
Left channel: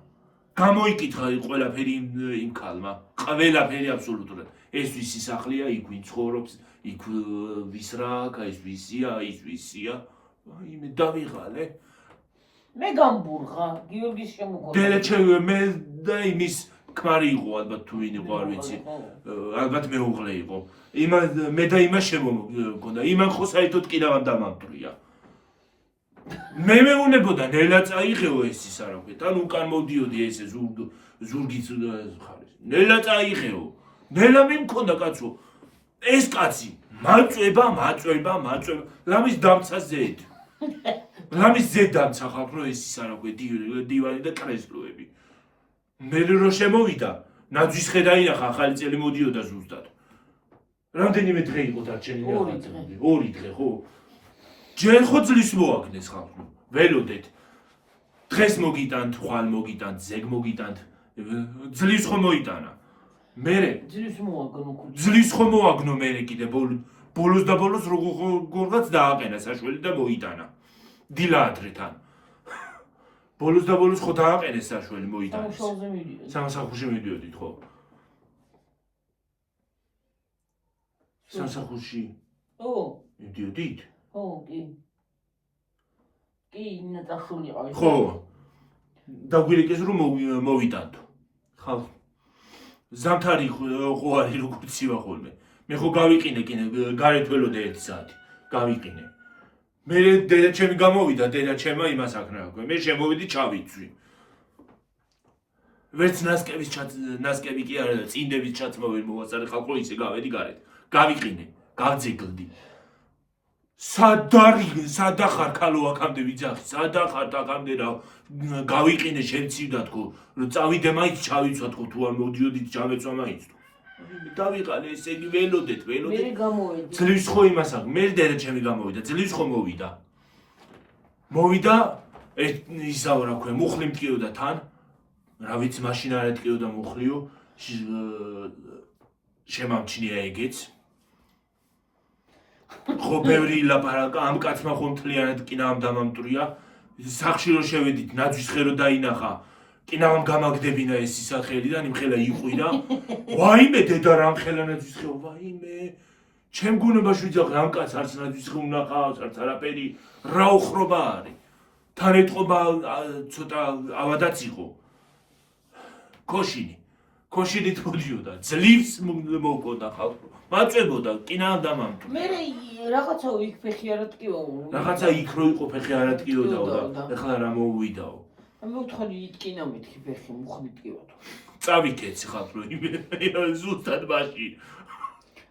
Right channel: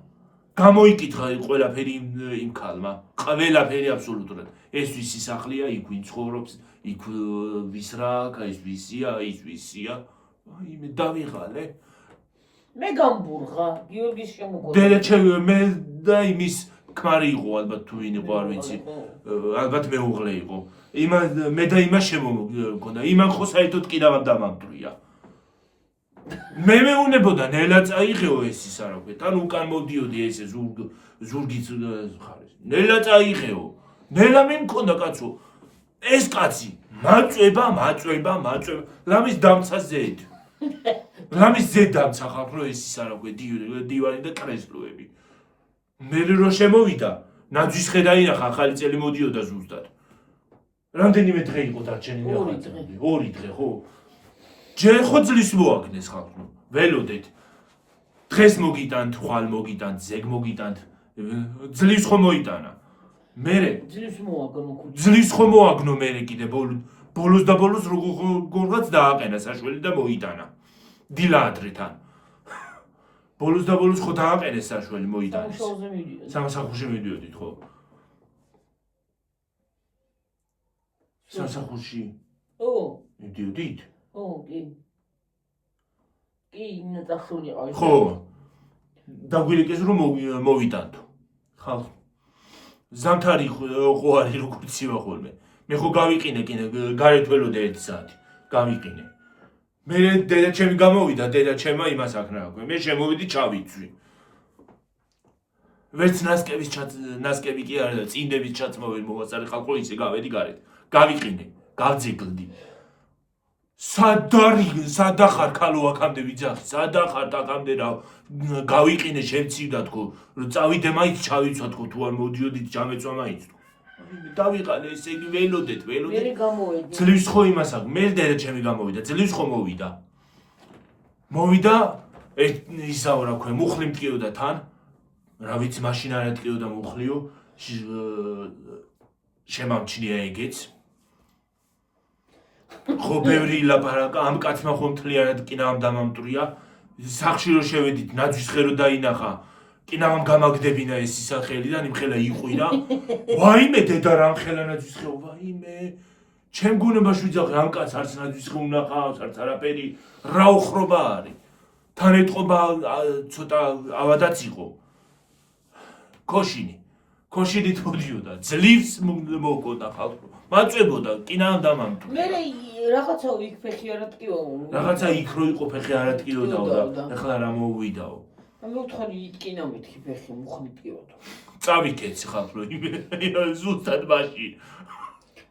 გამოიკითხა ყველაფერი იმ ქალმა. ყველაფერი აბსოლუტურად. ეს ვისი სახლია, იქ ვინ ცხოვრობს, იქ ვის რა აქვს, ეს ვისია, ის ვისია. აიმე დავიღალე. მე გამბურღა, გიორგის შემოგვიყვება. დელეჩე მე და იმის ქმარი იყო ალბათ თუ ვინ იყო არ ვიცი. ალბათ მეუღლე იყო. მე და იმას შემოგონდა. იმან ხო საერთოდ კი რა დამამტრია. მე მეუნებოდა ნელა წაიღეო ეს ის არა ვქეთ. ან უკან მოდიოდი ესე ზურგის ხარეს. ნელა წაიღეო. ნელა მე მქონდა კაცო. ეს კაცი მაწვება. ლამის დამცა ზედ. ლამის ზედ დამცა ხალხო ეს ის არა ვქეთ. დივანი და კრესლოები. მე რო შემოვიდა, ნაძვის ხედა ინახა ახალი წელი მოდიოდა ზუსტად. რამდენიმე დღე იყო დარჩენილი ორი ახალწლამდე? 2 დღე, ხო? ჯერ ხო ძლის მოაგნეს ხალხო. ველოდეთ. დღეს მოგიტანთ, ხვალ მოგიტანთ, ზეგ მოგიტანთ. ძლის ხო მოიტანა. მერე ძლის ხო მოაგნო მერე კიდე ბოლოს და ბოლოს როგორღაც დააყენა საშველი და მოიტანა. დილა ადრეთან. ბოლოს და ბოლოს ხო დააყენეს საშველი მოიტანეს. სამსახურში მიდიოდით ხო? სამსახურში? ო, მიდიოდით? ო, კი. კი, ნატახული ყავი. ხო. დაგვირეკეს რომ მოვიტანთო. ხალხო. ზამთარი ხო არის როგორც ივა ხოლმე. მე ხო გავიყინე გარეთ ველოდე 1 საათი. გავიყინე. მე დედა ჩემი გამოვიდა, დედა ჩემმა იმას აკრავა. მე შემოვიდი ჩავიცვი. ვერც ნასკები კი არა, წინდების ჩაცმოვი მოვაწარე ხალხო ისე გავედი გარეთ. გავიყინე, გავძეგლდი. სადახარ ქალო აქამდე ვიძახი, სადახარ აქამდე რა გავიყინე შემცივდა თქო, წავიდე მაინც ჩავიცვა თქო, თუ არ მოდიოდით ჩამეწვა მაინც თქო. დავიყანე ესე იგი ველოდეთ. მე გამოვედი. ძლივს ხო იმას აქვს, მე დედა ჩემი გამოვიდა, ძლივს ხო მოვიდა. მოვიდა, ისაო რა ქვია, მუხლი მტკიოდა თან. რა ვიცი, მაშინ არ ეტკიოდა მუხლიო. შემამჩნია ეგეც. ხო ბევრი ლაპარაკა, ამ კაცმა ხო მთლიანად კინავამ დამამტვრია. სახში რო შევედით, ნაძვის ხერო დაინახა. კინავამ გამაგდებინა ეს ისახელიდან, იმხელა იყვირა. ვაიმე დედა რა ამხელა ნაძვის ხეო, ვაიმე. ჩემ გუნებაში ვიძახე, ამ კაცს არც ნაძვის ხე უნახავს, არც არაფერი, რა უხრობა არის. თან ეტყობა ცოტა ავადაც იყო. ქოშინით მოდიოდა, ძლივს მოკოდა ხალხო. მაწვებოდა, კინავამ დამამტვრია. მე რაღაცა იქ ფეხი არ ატკიო. რაღაცა იქ რო იყო ფეხი არ ატკიოდაო და ეხლა რა მოვიდაო. მოვთხარი იტკინა მეთქი ფეხი მუხლი ტკიოდა. წავიკეცი ხალხო, ზუსტად მაშინ.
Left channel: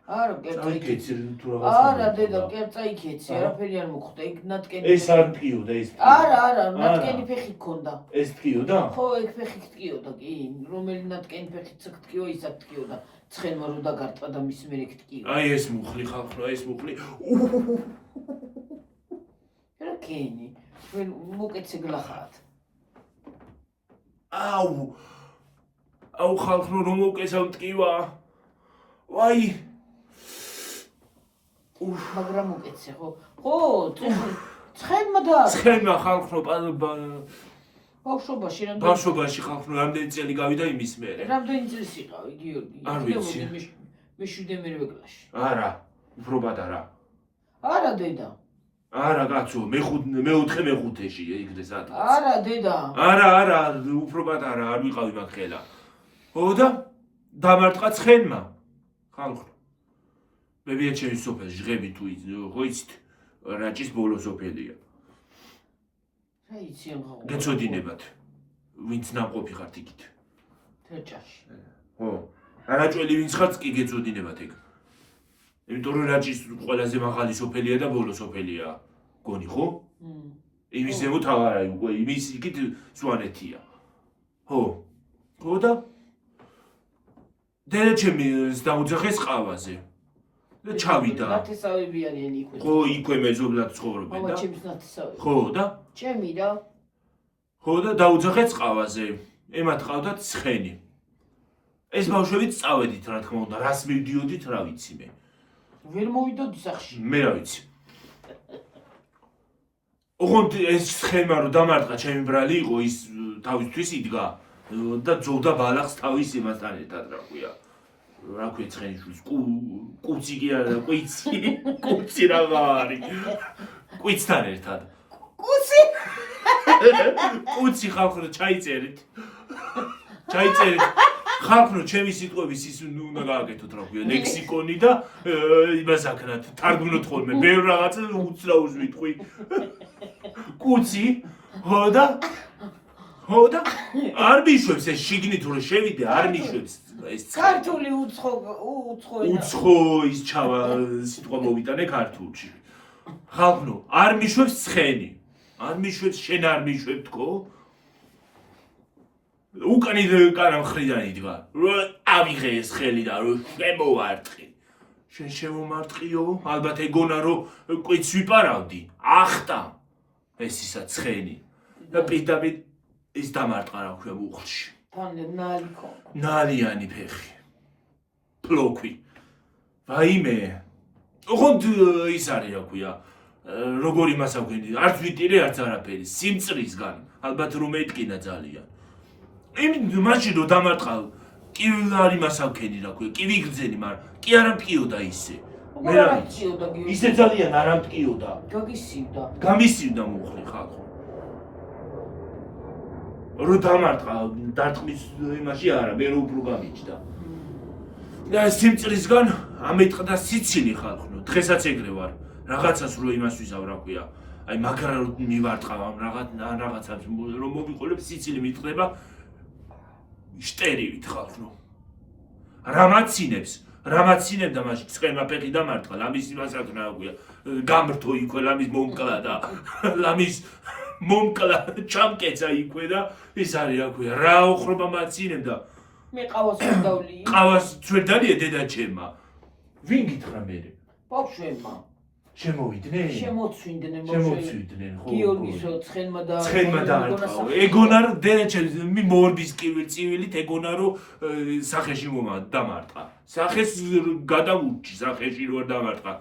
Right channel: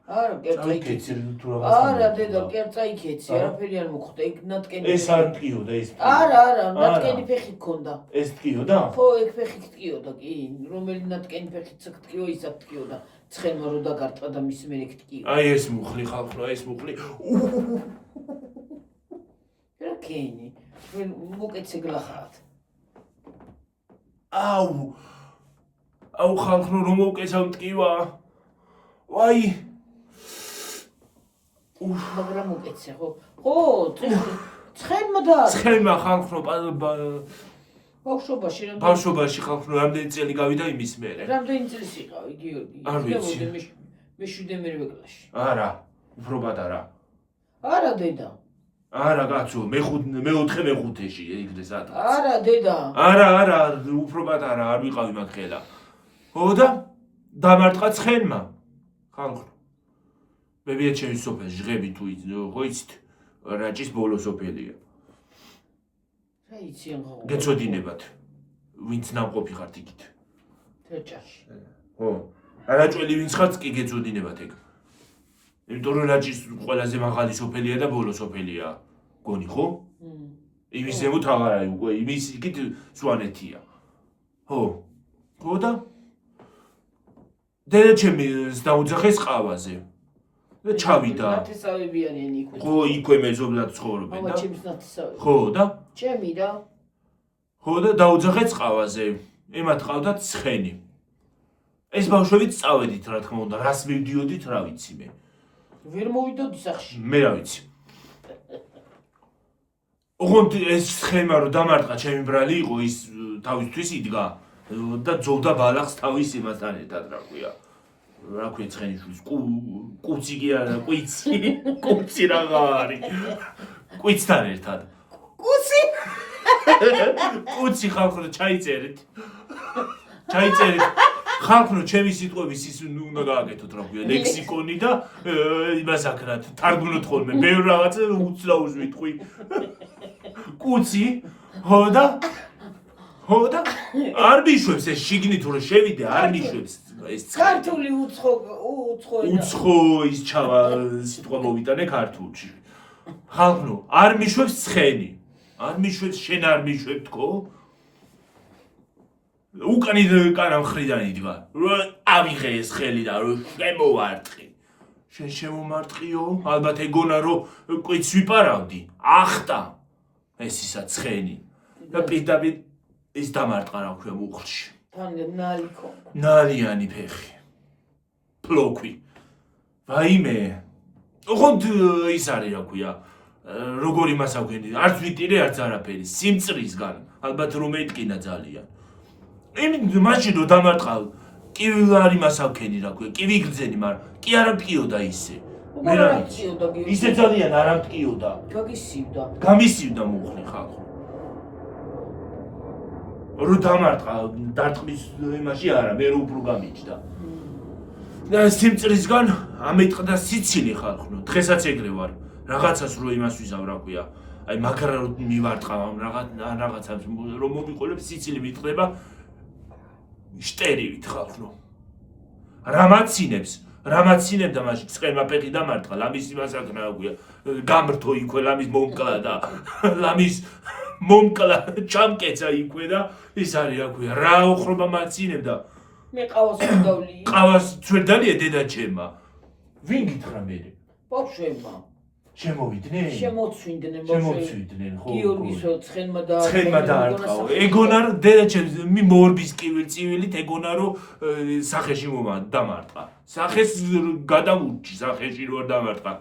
არა, წავიკეცი თუ რაღაც. არა, დედა, წაიკეცი, არაფერი არ მოხდა, იქ ნატკენი. ეს არ ტკიოდა ეს. არა, ნატკენი ფეხი გქონდა. ეს ტკიოდა? ხო, ეგ ფეხი ტკიოდა, კი, რომელი ნატკენი ფეხიც ტკიო, ისად ტკიოდა. ცხენმა რო დაგარტყა და მის მერე ტკიო. აი ეს მუხლი ხალხო, ეს მუხლი. რა კენი? მოკეცე გლახარად. აუ ხალხო რომ მოკესავ ტკივა. ვაი. მაგრამ მოკეცე ხო? ხო, ცხენმა და ცხენმა ხალხო ბავშვობაში ხალხო რამდენი წელი გავიდა იმის მერე? რამდენი წელს იყავი, გიორგი? არ ვიცი. მე 7-მერე კლასში. არა, უფრო პატარა. არა, დედა. არა, კაცო, მე-4-5-ში ეგრე სადღაც. არა, დედა. არა, უფრო პატარა, არ ვიყავი მაგხელა. ხო და დამარტყა ცხენმა. ხალხო. მე ვიეთ ჩემი სოფელი, ჟღები თუ ხო იცით, რაჭის ბოლო სოფელია. რა იცი ახლა? გეწოდინებათ. ვინც ნამყოფი ხართ იქით. თერჭაში. ხო. რაჭველი ვინც ხართ კი გეწოდინებათ ეგ. იმიტომ რომ რაჭის ყველაზე მაღალი სოფელია და ბოლო სოფელია. გონი ხო? იმის ზემოთ აღარ არის უკვე, იმის იქით სვანეთია. ხო. ხო და დედა ჩემი დაუძახეს ყავაზე. და ჩავიდა. ნათესავები არიან იქ. ხო, იქვე მეზობლად ცხოვრობენ და. ჩემს ნათესავები. ხო და? ჩემი და. ხო და დაუძახეს ყავაზე. ემათ ყავდათ ცხენი. ეს ბავშვებიც წავედით, რა თქმა უნდა, რას მივდიოდით, რა ვიცი მე. ვერ მოვიდოდი სახში. მე რა ვიცი. ოღონდ ეს ცხენმა რომ დამარტყა ჩემი ბრალი იყო, ის თავისთვის იდგა და ძოვდა ბალახს თავის იმასთან ერთად, რა ქვია. რა ქვია ცხენიშვილს, კუცი კი არა, კუცი რაღა არის. კუცთან ერთად. კუცი ხალხო ჩაიწერეთ. ხალხო ჩემი სიტყვების ის უნდა გააკეთოთ რა ქვია, ლექსიკონი და იმას აკრათ, თარგმნოთ ხოლმე, ბევრ რაღაცა უცნაურს ვიტყვი. კუცი, ხო და არ მიშვებს ეს შიგნით რომ შევიდე, არ მიშვებს ეს ქართული უცხო ის ჩავა სიტყვა მოვიტანე ქართულში. ხალხო, არ მიშვებს ცხენი. არ მიშვებს, შენ არ მიშვებ თქო? უკანი კარა მხრიდან იდგა. რომ ავიღე ეს ხელი და რომ შემოვარტყი. შენ შემომარტყიო, ალბათ ეგონა რომ კვიც ვიპარავდი. ახტა ეს ისა ცხენი. და პირდაპირ ის დამარტყა რა ქვია მუხლში. თან ნალი ქონდა. ნალიანი ფეხი. პლოქვი. ვაიმე. ოღონდ ის არის რა ქვია. როგორი მასავგენი, არც ვიტირე, არც არაფერი, სიმწრისგან, ალბათ რომ ეთკინა ძალიან. იმით მაშინ რომ დამარტყა, კი არ იმასავქენი რა ქვია, კი ვიგრძენი, მაგრამ კი არ მტკიოდა ისე. მე რა ვიცი, ისე ძალიან არ მტკიოდა. გაგისივდა. გამისივდა მუხლი ხალხო. რო დამარტყა, დარტყმის იმაში არა, მე რო უფრო გამიჯდა. და სიმწრისგან ამეთყდა სიცილი ხალხო, დღესაც ეგრე ვარ. რაღაცას რო იმას ვიზავ რა ქვია. აი მაგრა რო მივარტყა რაღაცას რომ მოვიყოლებ სიცილი მიტყდება შტერივით ხალხო. რამაცინებდა მაშინ ცხენმა ფეხი დამარტყა, ლამის იმასაკნა რა ქვია. გამრთო იქვე ლამის მომკლა და ლამის მომკლა ჩამკეცა იქვე და ის არის რა ქვია. რა ოხრობა მაცინებდა. მე ყავას გავli. ყავას ძვერდალია დედა ჩემმა. ვინ გითხრა მე? ბავშვებმა. შემოვიდნენ? შემოცვიდნენ შემოცვიდნენ, ხო. გიორგის ცხენმა და ცხენმა დაარტყა. ეგონა რომ დედა ჩემს მორბის კივილ-წივილით ეგონა რომ სახეში დამარტყა. სახეს გადაურჩი, სახეში რო არ დამარტყა.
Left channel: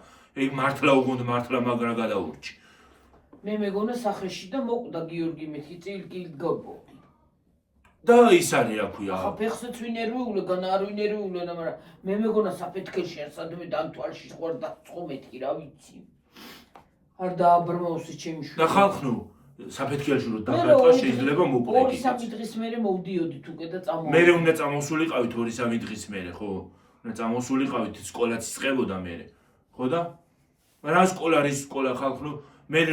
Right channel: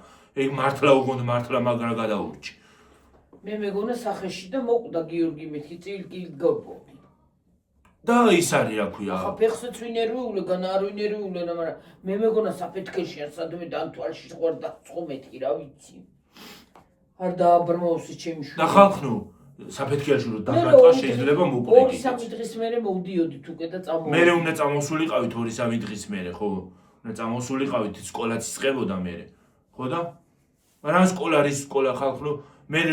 ეგ მართლა უგონდა მართლა მაგრა გადაურჩი. მე მეგონა სახეში და მოკვდა გიორგი მეთქი წილკი გობო. და ის არის რა ქვია. ახლა ფეხსაც ვინერვიულე, არ ვინერვიულე, მაგრამ მე მეგონა საფეთქელში არ სადმე დამთვალში ხوار და ცხომეთი რა ვიცი. არ დააბრმავსი ჩემი შვილი. და ხალხო, საფეთქელში რო დამარტყა შეიძლება მოკვდე. 2-3 დღის მერე მოვდიოდით უკვე და წამოვიდით. მერე უნდა წამოსულიყავით 2-3 დღის მერე, ხო? უნდა წამოსულიყავით სკოლაც იწყებოდა მერე. ხო და? რა სკოლა რის სკოლა ხალხო, მერე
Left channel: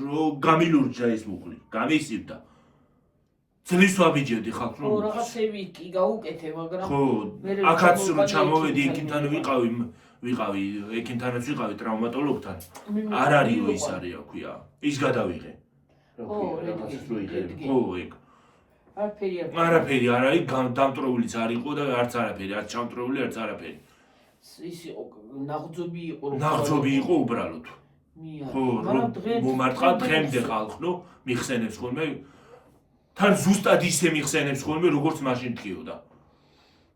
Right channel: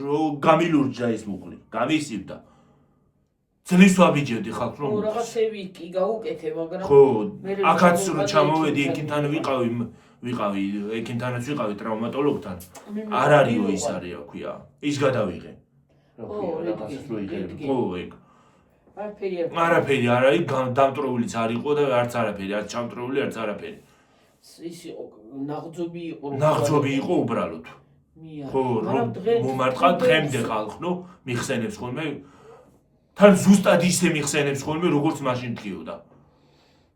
რო გამილურჯდა ეს მუხლი, გამისივდა. ძლის ვაბიჯევდი ხალხო რომ რაღაცები კი გაუკეთე, მაგრამ ხო, აქაც რო ჩამოვედი ექიმთან ვიყავი, ექიმთანაც ვიყავი ტრავმატოლოგთან. არ არისო ის არის რა ქვია. ის გადავიღე. რა ქვია, რაღაცას რო იღებ. ხო, ეგ. არაფერი არ არის, დამტროულიც არ იყო და არც არაფერი, არც ჩამტროული, არც არაფერი. ის იყო ნაღძობი იყო. ნაღძობი იყო უბრალოდ. ხო, მომარტყა დღემდე ხალხო, მიხსენებს ხოლმე თან ზუსტად ისე მიხსენებს ხოლმე როგორც მაშინ მტკიოდა.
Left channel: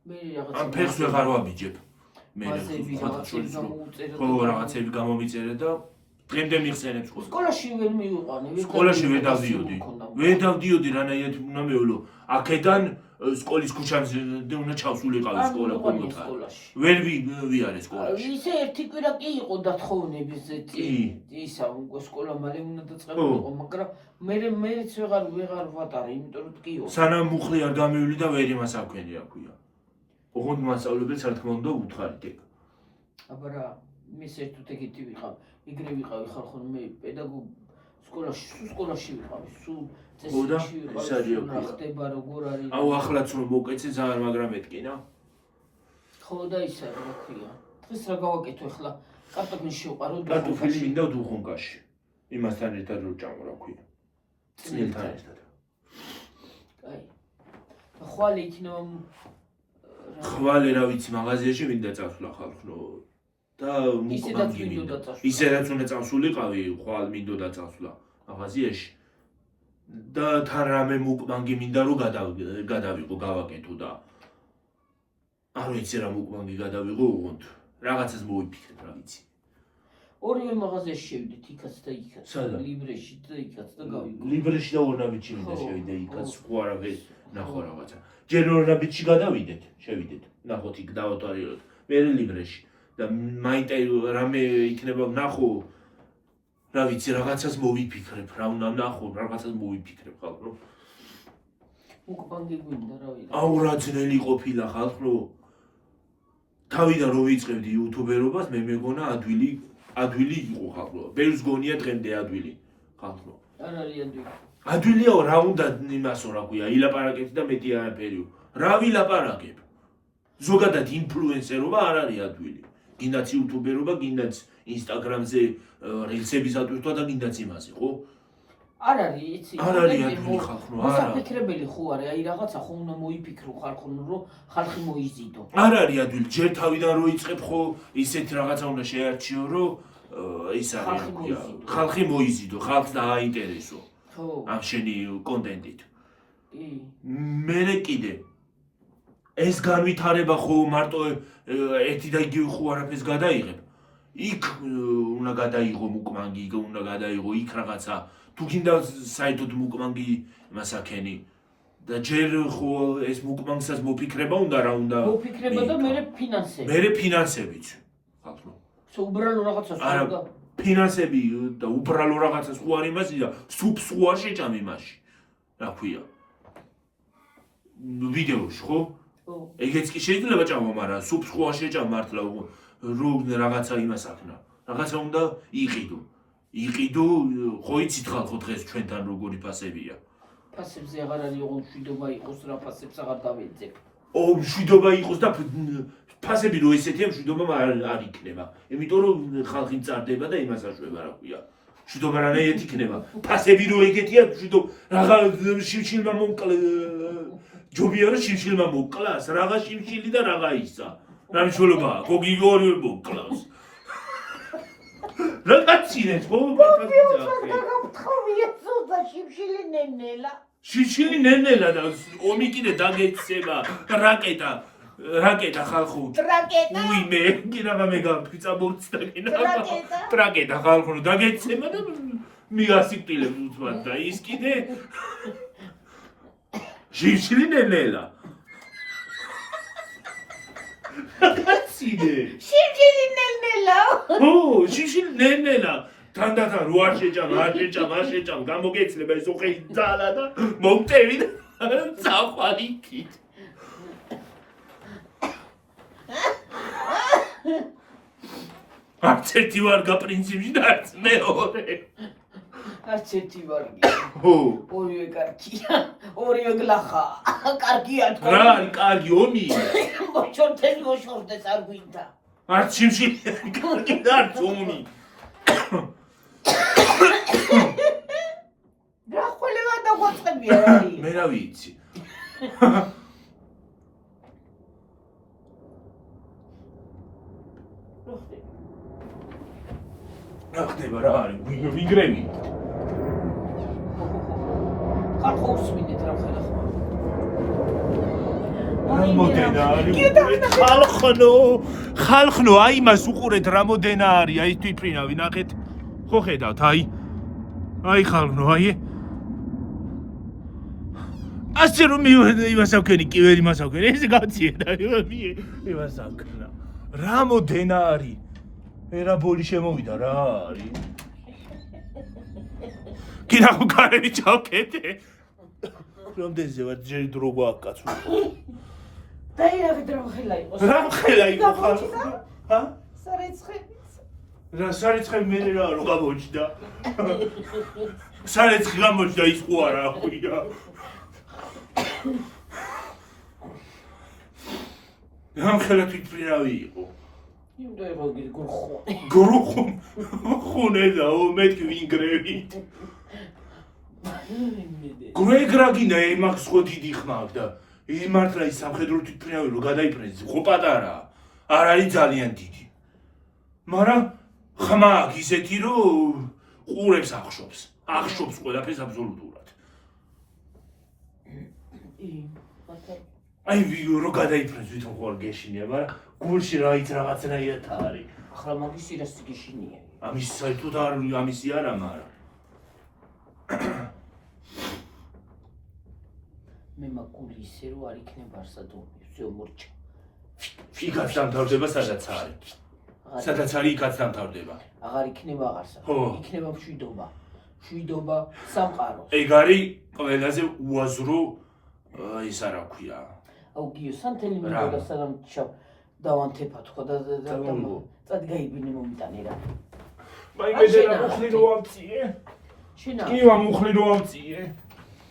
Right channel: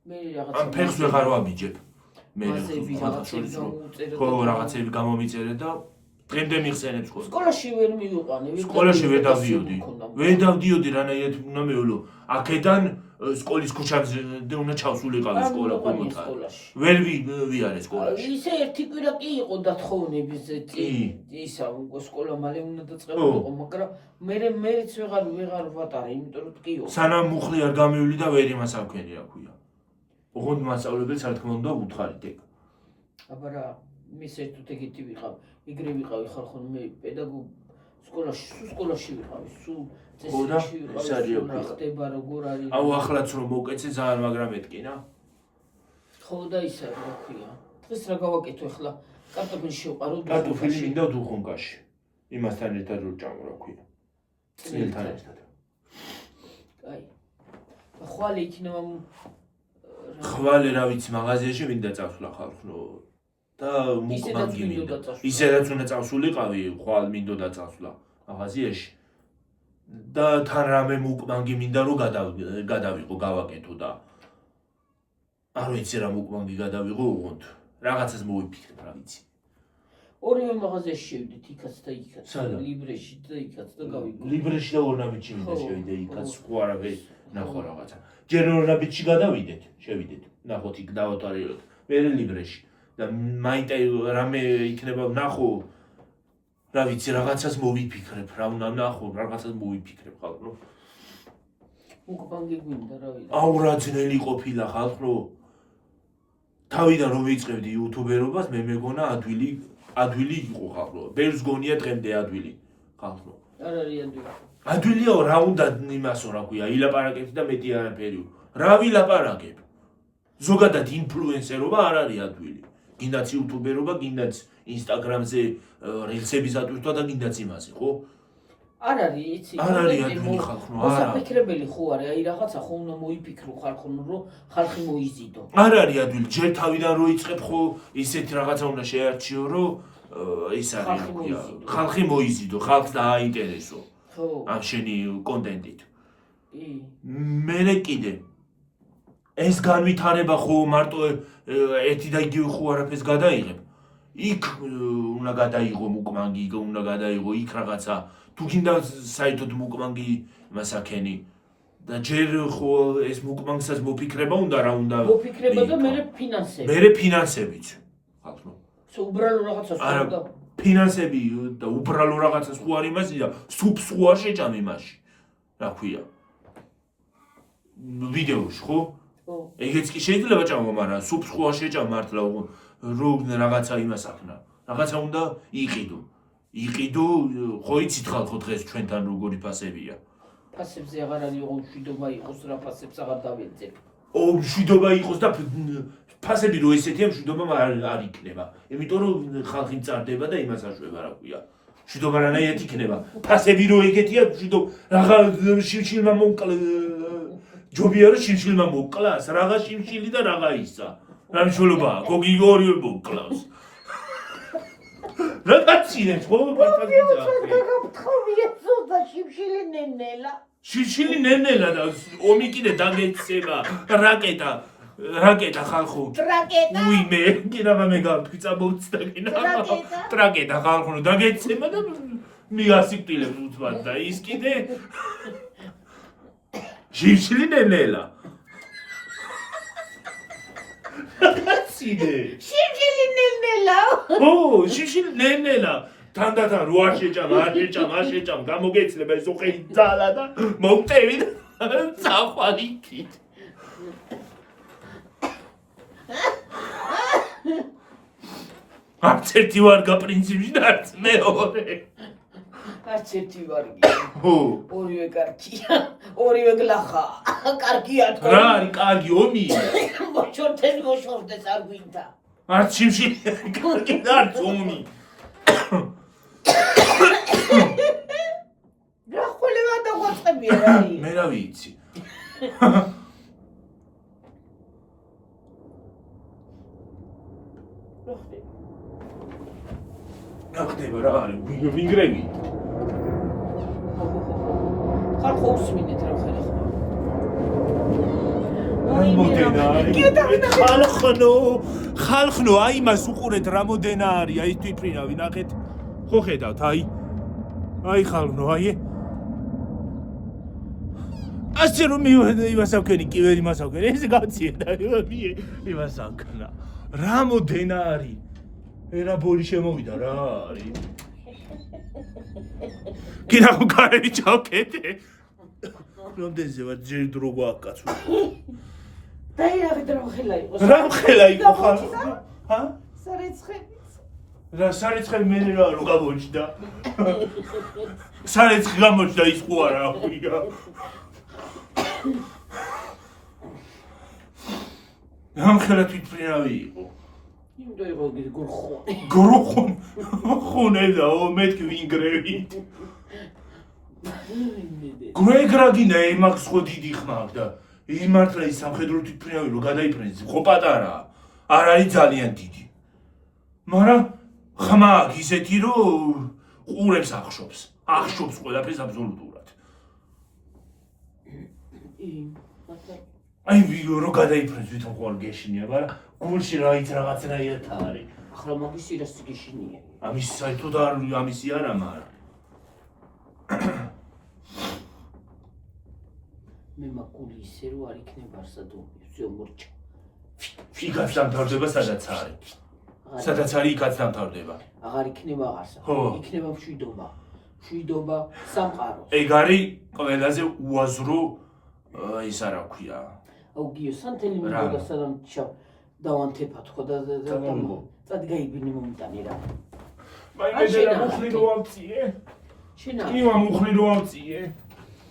მე რაღაც ამ ფეხს ვეღარ ვაბიჯებ. მე ხო რაღაცები გამომიწერე და დღემდე მიხსენებს ხოლმე. სკოლაში ვერ მივიყვანე. სკოლაში ვერ დავდიოდი. ვერ დავდიოდი რანაირად უნდა მეულო. აქედან სკოლის ქუჩაზე უნდა ჩავსულიყავი სკოლა კომოთა. ვერ ვიარე სკოლაში. ისე ერთი კვირა კი იყო დათხოვნების ისა სკოლა მალე უნდა დაწყებულიყო, მაგრამ მეც ვეღარ ვატარე, იმიტომ რომ ტკიო. სანამ მუხლი არ გამივილი და ვერ იმას აქვენი რა ქვია. ოღონდ მასწავლებელს რა თქმა უნდა უთხარით ეგ. აბა რა, მე საერთოდ ეგეთი ვიყავ. ეგრე ვიყავი ხალხო, მე პედაგოგ სკოლაში ვიყავი, სულ წესში ვიყავი. ეს არის ოქრო. ხდება როგორ არის. აუ ახლაც რომ მოვკეცე ძალიან მაგრამ ეთკინა. ხო და ის არის რა ქვია. დღეს რა გავაკეთო ახლა? კარტოფილი შევყარო. კარტოფილი მინდა დუხონკაში. იმასთან ერთად რო ჭამო რა ქვია. წნილთან ერთად. აი. ხვალე იქნება ხვალე რა ვიცი მაღაზიაში მინდა წავსვლა ხალხო და მუკბანგი მინდა. ისედაც უნდა წავსულიყავი, ხვალ მინდოდა წავსვლა მაღაზიაში. და თან რამე მუკბანგი მინდა რომ გადავიყო, გავაკეთო და არ ვიცი რა მუკბანგი გადავიყო უღონდ. რაღაცას მოვიფიქრებ რა ვიცი. ორივე მაღაზიაში შევიდეთ, იქაც და იქაც. ლიბრეში და იქაც და გავიგო. ლიბრეში და ორნაბიჯში მინდა შევიდე, იქაც სხვა არავე ნახო რაღაცა. ჯერ ორნაბიჯში გადავიდეთ, შევიდეთ. ნახოთ იქ დავატარიოთ. მე ლიბრეში და მაინტერესებს რამე იქნება ნახო. რა ვიცი, რაღაცას მოვიფიქრებ, რა უნდა ნახო, რაღაცას მოვიფიქრებ ხალხო. მუკბანგი გვინდა რა ვიცი. აუ რა ძნელი ყოფილა ხალხო. თავიდან რომ ვიწყებდი იუთუბერობას, მე მეგონა ადვილი იყო ხალხო. ბევრს გონია დღემდე ადვილი ხალხო. არ არის ადვილი. ადვილიაო რა უნდა იმასო რა ქვია, ილაპარაკებთ და მეტი არაფერიო. რა ვილაპარაკებ? ზოგადად ინფლუენსერობა არ არის ადვილი. გინდაც იუთუბერობა, გინდაც ინსტაგრამზე რილსების ატვირთვა და გინდაც იმაზე, ხო? არ არის იცი არ არის ადვილი ხალხო, არა. მოსაფიქრებელი ხო არის, აი რაღაცა ხო უნდა მოიფიქრო ხალხო, რომ ხალხი მოიზიდო. არ არის ადვილი, ჯერ თავიდან რო იწყებ ხო ისეთ რაღაცა უნდა შეარჩიო, რომ ის არის ხალხი მოიზიდო, ხალხს დააინტერესო. ხო. ამ შენი კონტენტით. კი. მერე კიდე ეს განვითარება ხო მარტო ერთი და იგივე ხო არაფერს გადაიღებ. იქ უნდა გადაიღო მუკმანგი, იქ უნდა გადაიღო იქ რაღაცა. თუ გინდა საერთოდ მუკმანგი მასაკენი და ჯერ ხო ეს მუკმანგსაც მოფიქრება უნდა რა უნდა მოფიქრება და მერე ფინანსები. მერე ფინანსებიც. ხალხო. უბრალო რაღაცას უნდა. ფინანსები და უბრალო რაღაცას ხო არ იმასი და სუპს ხო არ შეჭამ იმაში. რა ქვია? ვიდეოში ხო? ეგეც კი შეიძლება ჭამო, მაგრამ სუპს ხო არ შეჭამ მართლა რო რაღაცა იმას ახნა. რაღაცა უნდა იყიდო. იყიდო, ხო იცით ხალხო დღეს ჩვენთან როგორი ფასებია. ფასებზე აღარ არის მშვიდობა იყოს რა ფასებს აღარ დავეძებ. მშვიდობა იყოს და ფასები რო ესეთია მშვიდობა არ იქნება. იმიტომ რომ ხალხი მწარდება და იმას აშვება რა ქვია. მშვიდობა რანაირად იქნება. ფასები რო ეგეთია მშვიდობა რაღა შიმშილმა მომკლა ჯობია რომ შიმშილმა მომკლას, რაღა შიმშილი და რაღა ისა. რა მნიშვნელობაა? გოგი ორივე მომკლავს. რაკაცინეთ ხო პატარია გაგაფრთხავიეთო და შიმშილი ნენელა. შიმშილი ნენელა და ომი კიდე დაგეცემა რაკეტა ხალხო. ტრაკეტა. უიმე, კი რაღა მე გამფიცა მოვცდა კი რაღა. ტრაკეტა ხალხო დაგეცემა და მიგასიკვდილებს უცბად და ის კიდე შიმშილი ნენელა. რაკაცინე. შიმშილი ნენელა. ო, შიმშილი ნენელა. თანდათან რო არ შეჭამ, გამოგეცლება ეს ოხეი ძალა და მომტევი და წახვალიქით. არც ერთი ვარ გაპრინციპში და არც მეორე. არც ერთი ვარ. ო, ორივე კარგია, ორივე გლახა. კარგია თქვა. რა არის კარგი ომია? მოშორდეს არ გვინდა. არც შიმშილი კარგი და არც ომი. რა ხოლევა დაგვაწყებია რა არის? მე რა ვიცი. რა ხდება რა არის? ვინგრები. ხალხო უსმინეთ რა ხდება ხო? ხალხნო, აი მას უყურეთ რამოდენა არის, აი თვითფრინავი ნახეთ. ხო ხედავთ, აი ხალხნო, აი. ასე რომ იმასავქენი კი ვერ იმასავქენი, ეს გაციედა, იმასავქნა. რამოდენა არის? ერა ბოლი შემოვიდა რა არის? კიდე ხო კარები ჩავკეთე. რამდენზე ვარ ჯერ დრო გვააკაცო. დაიაღი დროხელა იყოს. რა ხელა იყო ხალხო? ჰა? სარეცხე. რა სარეცხე მე რა რო გამოჩნდა? სარეცხე გამოჩნდა ის ხო არა ხუია. რა ხელა თვითფრინავი იყო? იმდა ვოგი გრუხუნ ხუნელა ო მეთქი ვინგრევით. გვეგრაგინა ემაქს ხო დიდი ხმა და იმართლა ის სამხედრო თვითფრინავი რო გადაიფრენს ხო პატარაა. არ არის ძალიან დიდი. მაგრამ ხმა აქვს ისეთი რომ ყურებს ახშობს ყველაფერს აბსოლუტურად. აი რო გადაიფრენს ვითომ ხო არ გეშინია, მაგრამ გულში რაიც რაღაცნაირად არის. ახლა მაგის სირას გეშინია. ამის საერთოდ არ ამისი არა, მაგრამ მე მაგული ისე რომ არ იქნება არსადობი, всё მორჩა. იქაც დამთავრდება სადაც არის. სადაც არის იქაც დამთავრდება. აღარ იქნება აღარსა. იქნება მშვიდობა, სამყარო. ეგ არის ყველაზე უაზრო ის არა ქვია. აუ გიო სანთელი მიგოდა სანამ დავანთებათ ხო და წადგაიბინი მომიტანი რა. მაინდა რა მუხლი რო ამწიე? შენა. კი მუხლი რო ამწიე.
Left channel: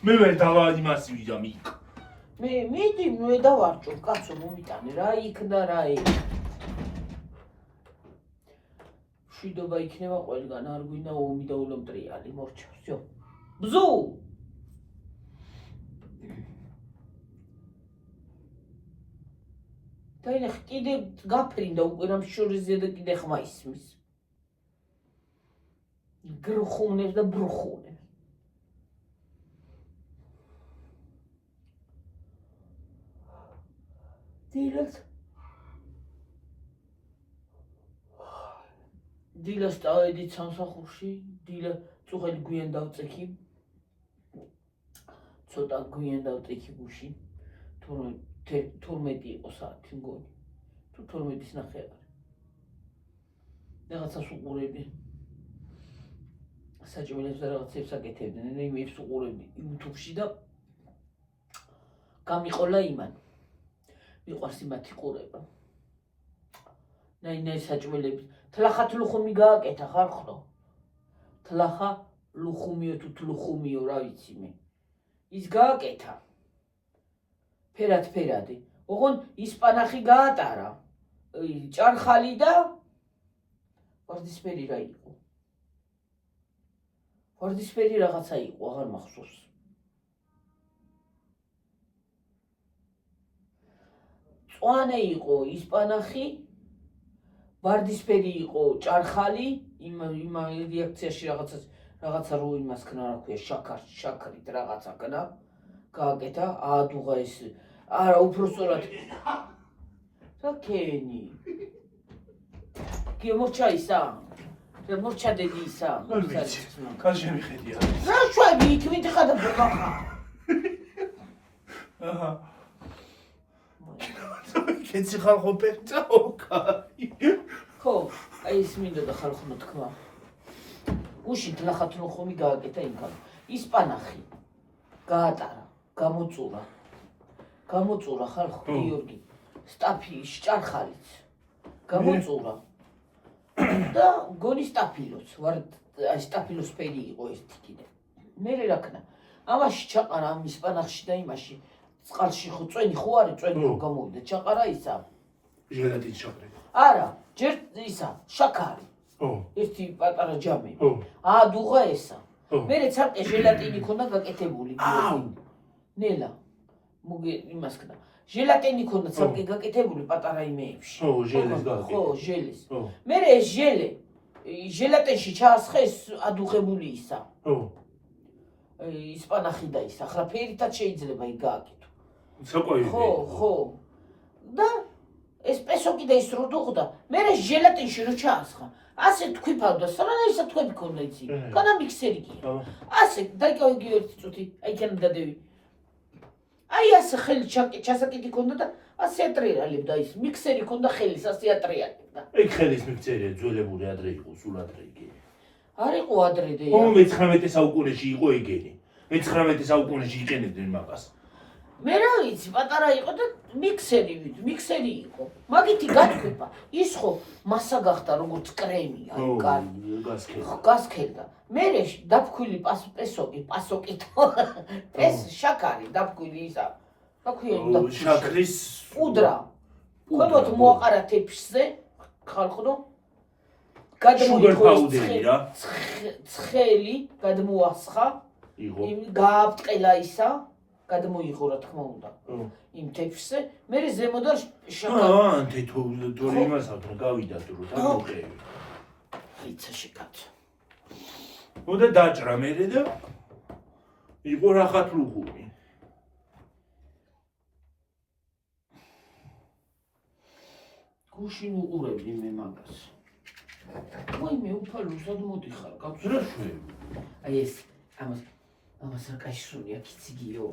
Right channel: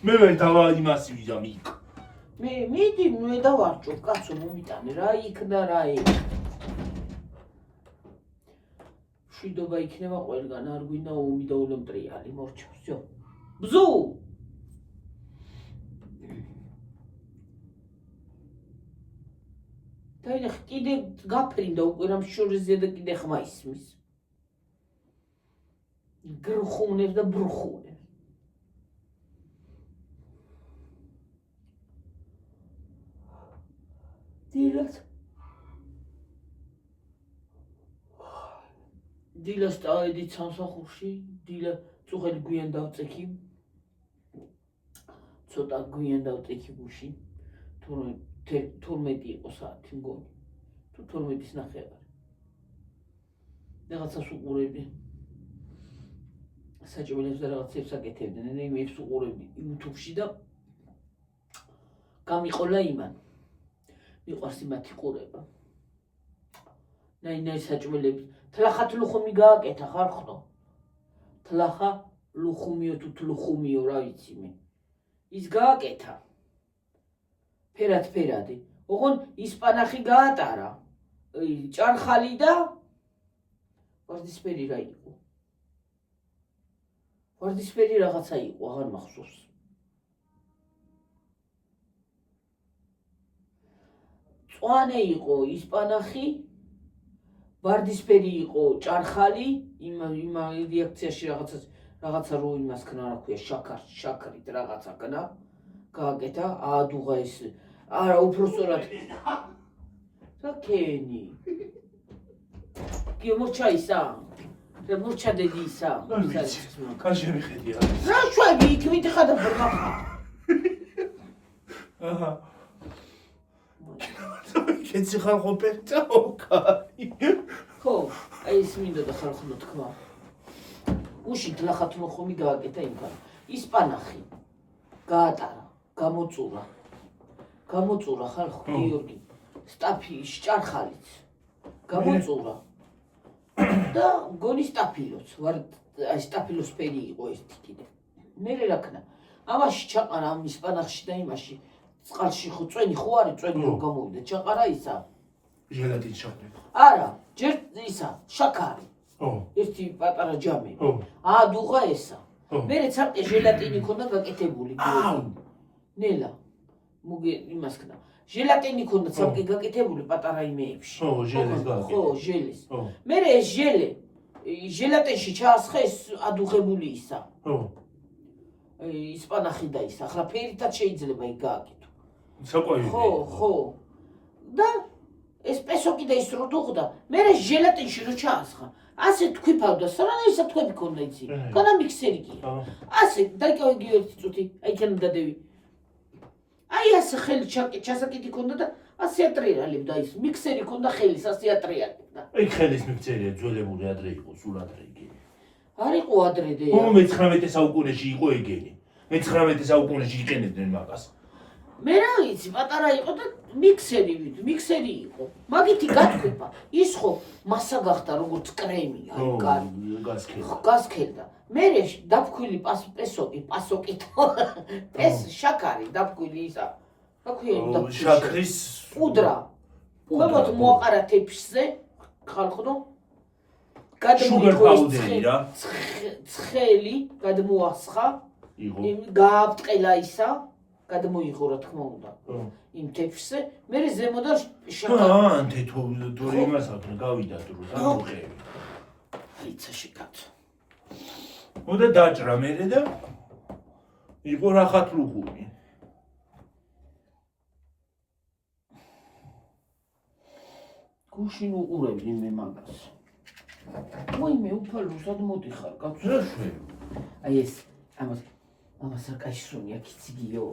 მე ვერ დავა იმას ვიძამ იქ. მე მიდი მე დავარჭო კაცო მომიტანი რა იქ და რა ეგ. მშვიდობა იქნება ყველგან, არ გვინდა ომი და ულომტრიალი, მორჩა, всё. ბზუ დაინახ კიდე გაფრინდა უკვე რამ შორიზე და კიდე ხმა ისმის გრხუნებს და ბრხუნებს დილას წავედით სამსახურში დილა წუხელი გვიან დავწექი ცოტა გვიან დავწექი გუში 12 იყო საათი მგონი თუ 12-ის ნახევარი რაღაცას უყურებდი საჭმელებს და რაღაცებს აკეთებდნენ იმებს უყურებდი YouTube-ში და გამიყოლა იმან მიყვარს იმათი ყურება ნაი საჭმელებს თლახა თლუხუმი გააკეთა ხალხო თლახა ლუხუმიო თუ თლუხუმიო რა ვიცი მე ის გააკეთა ფერადი ოღონ ისპანახი გაატარა ჭარხალი და ვარდისფერი რა იყო ვარდისფერი რაღაცა იყო აღარ მახსოვს წვანე იყო ისპანახი ვარდისფერი იყო ჭარხალი იმ რეაქციაში რაღაცა რო იმას ქნა რა ქვია შაქრით რაღაცა ქნა გააკეთა აადუღა ეს არა უბრალოდ რა ქენი კი მორჩა ისა და მორჩა დედი ისა კაშე მიხედია რა შვები იქ მიდიხა და ბრმახა აჰა კენცი ხალხო პერტაო კაი ხო აი ეს მინდოდა ხალხო თქვა გუში თლახა თლუხუმი გააკეთა იმგან ისპანახი გაატარა გამოწურა ხალხო გიორგი სტაფი ჭარხალიც გამოწურა და გონი სტაფილოც ვარ აი სტაფილოს ფერი იყო ეს კიდე მე რა ქნა ამაში ჩაყარა ამ ისპანახში და იმაში წყალში ხო წვენი ხო არის წვენი რომ გამოვიდა ჩაყარა ისა ჟელატინის შაქრი არა ჯერ ისა შაქარი ერთი პატარა ჯამი აადუღა ესა მე ცალკე ჟელატინი ქონდა გაკეთებული ნელა მოგე იმას ქნა ჟელატინი ქონდა ცალკე გაკეთებული პატარა იმეებში ხო ჟელის მე ეს ჟელატინში ჩაასხე ეს ადუღებული ისა ისპანახი და ისა ახლა ფერითაც შეიძლება იქ გააკეთო საყვარელი ხო და ეს პესოკი და ის რო დუღდა მე ჟელატინში რო ჩაასხა ასე თქვიფავდა სანაისა თქვები ქონდა იცი განა მიქსერი კი ასე დაიკავე ერთი წუთი აი თან დადევი აი ასე ხელი ჩასაკიდი ქონდა და ასე ატრიალებდა ის მიქსერი ქონდა ხელის ასე ატრიალებდა ეგ ხელის მიქსერია ძველებული ადრე იყო სულ ადრე იგი არ იყო ადრე და მე-19 საუკუნეში იყო ეგენი მე-19 საუკუნეში იყენებდნენ მაგას მე რა ვიცი პატარა იყო და მიქსერი იყო მაგითი გათქვება ის ხო მასა გახდა როგორც კრემი აი გასქელდა მე დაფქვილი პასოკი ეს შაქარი დაფქვილი ისა რა ქვია შაქრის პუდრა ქვემოთ მოაყარა თეფშზე ხალხო გადმოიყვე რა ცხელი გადმოასხა იყო გააბტყელა ისა გადმოიღო რა თქმა უნდა იმ თეფშზე მე ზემოდან შაქარი თეთო იმას აქვს რომ გავიდა თუ რა მოხევი იცა შეკაც მოდა დაჭრა მე და იყო რახათ ლუღუნი გუშინ უყურებდი მე მაგას ვაიმე უფალოსად მოდიხარ კაცო აი ეს ამას არ კაშხული აქ იციგიო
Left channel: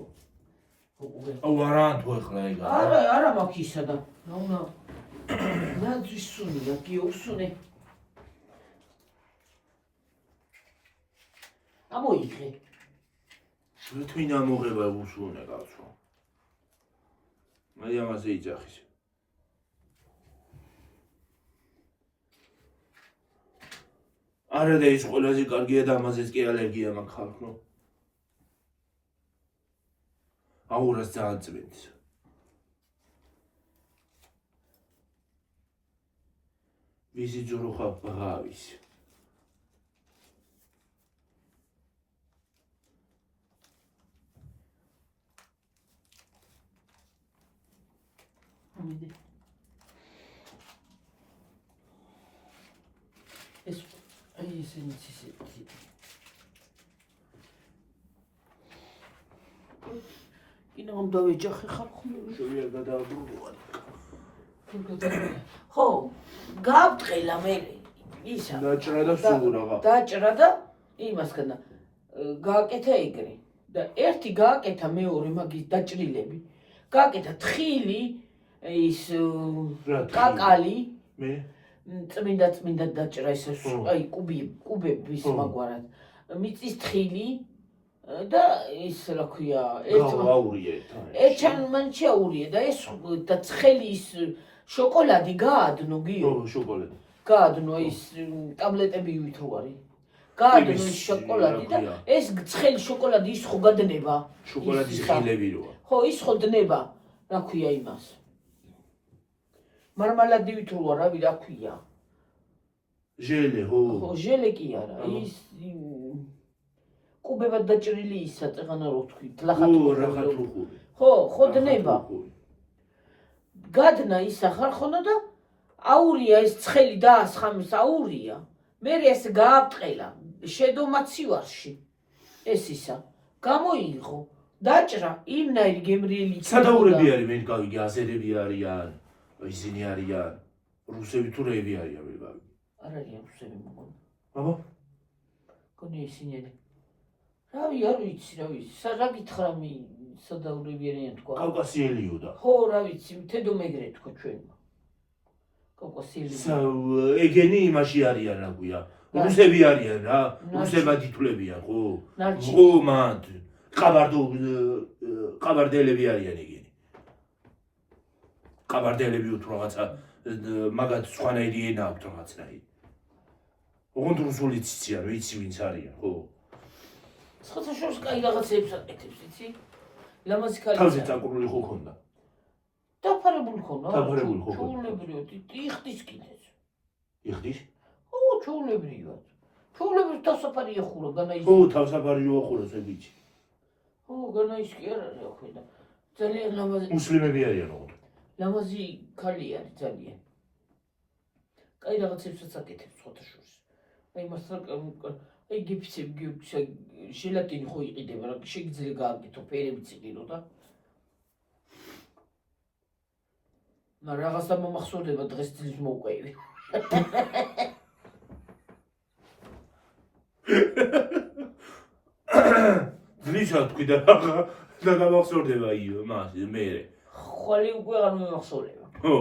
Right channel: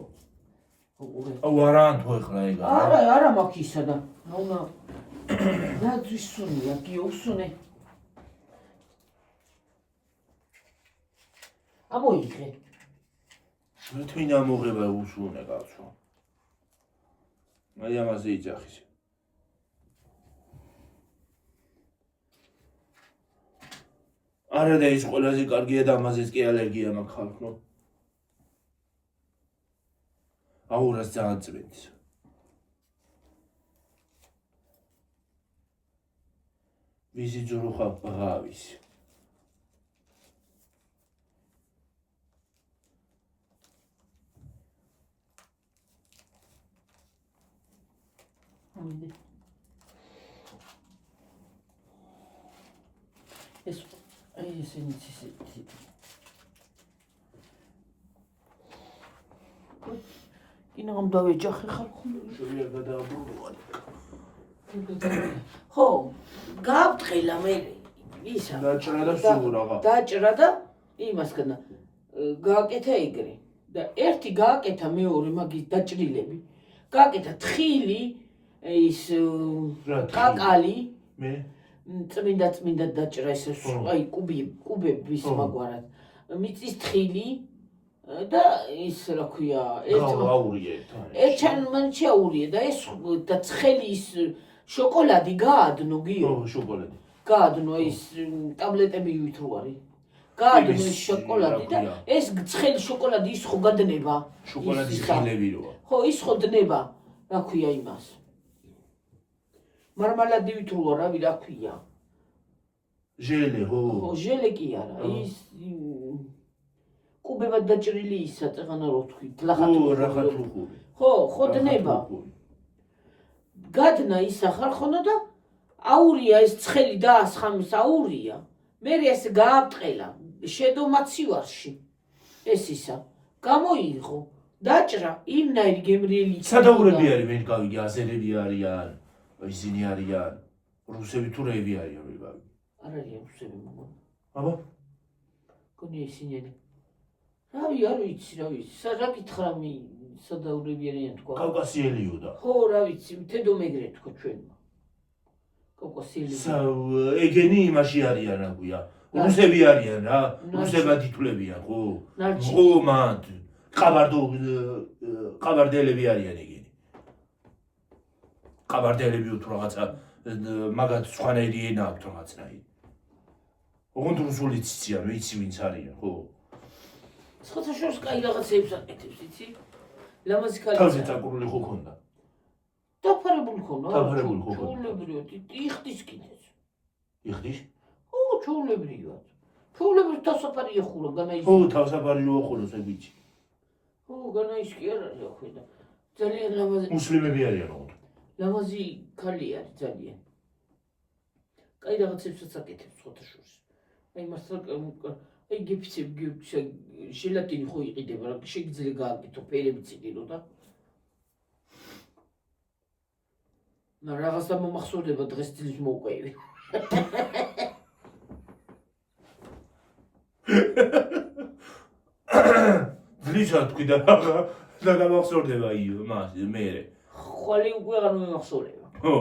აუ არან თუ ეხლა ეგ არა მაქვს ისა და აუნა რა ძისუნია გიოსუნე ამოიღე შეთვინ ამოღება უსუნე კაცო აი ამაზე იძახის არა და ის ყველაზე კარგია და ამაზეც კი ალერგია მაქვს ხალხო აურას ძალიან წვენს ვიზი ძურუხა ბღავის ამინე. ეს ისინი კინომ დავეჯახე ხალხო. შევიარ გადააბრუნდოვან. ხო, გავწყელა მე ისა. დაჭრა და სულ რაღა. დაჭრა და იმასგან გააკეთა ეგრე. და ერთი გააკეთა მეორე მაგის დაჭრილები. გააკეთა თხილი, ის კაკალი, მე წმინდა დაჭრა ისე აი კუბების მაგვარად. მიწის თხილი და ის რა ქვია, ერთჩან მან შეაურია და ეს და ცხელი ის შოკოლადი გაადნო გიო. შოკოლადი. გაადნო ის ტაბლეტები ვითო არის. გაადნო ის შოკოლადი და ეს ცხელი შოკოლადი ის ხო გადნება. შოკოლადის ღილები როა. ხო, ის ხო დნება, რა ქვია იმას. მარმალადი ვითო რავი რა ქვია. ჟელე, ხო. ხო, ჟელე კი არა, ის კუბებად დაჭრილი ისა წეღანა რო თქვი, რახათრუხური. ხო, დნება. გადნა ისა ხალხონა და აურია ეს ცხელი დაასხამის აურია. მე ეს გააბტყელა შედო მაცივარში. ეს ისა გამოიღო, დაჭრა იმნაირი გემრიელი იქნება. სადაურები არის მე გავიგე, აზერები არიან, ისინი არიან, რუსები თუ რეები არიან მე გავიგე. არ არიან რუსები მოგონა. აბა? გონია ისინი. რავი, არ ვიცი, რა ვიცი. რა გითხრა მე სადაურები არიან თქვა. კავკასიელიო და. ხო, რა ვიცი, თედო მეგრე თქო ჩვენმა. კავკასიელი. ეგენი იმაში არიან რა ქვია. რუსები არიან რა, რუსებად ითვლებიან, ხო? ხო, მან. ყაბარდელები არიან ეგენი. ყაბარდელები თუ რაღაცა მაგათ სხვანაირი ენა აქვთ რაღაცნაირი. ოღონდ რუსულიც იციან, ვიცი ვინც არიან, ხო? სხვადასხვა კაი რაღაცებს აკეთებს, იცი? ლამაზი ქალი. თავზე წაკურული ხო ქონდა? დაფარებული ქონდა. დაფარებული ხო? ჩაულებრივად, იხდის კიდეც. იხდის? ო, ჩაულებრივად. ჩაულებრივად თავსაფარი ეხულა, განაის. ხო, თავსაფარი რო ახუროს ეგ ვიცი. ო, განაის კი არ არის ახვედა. ძალიან ლამაზი. მუსლიმები არიან ოღონდ. ლამაზი ქალი არის ძალიან. კაი რაღაცებსაც აკეთებს სხვადასხვა. აი მასთან აი გიფიცები ჟელატინი ხო იყიდება, რა შეგიძლია გააკეთო, ფერებიც იყიდო და რაღაცა მომახსოვდება დღეს დილის მოვყევი. ძლიშა თქვი და რა დამახსოვდება იო მას მე. ხვალე უკვე არ მომახსოვდება. ხო.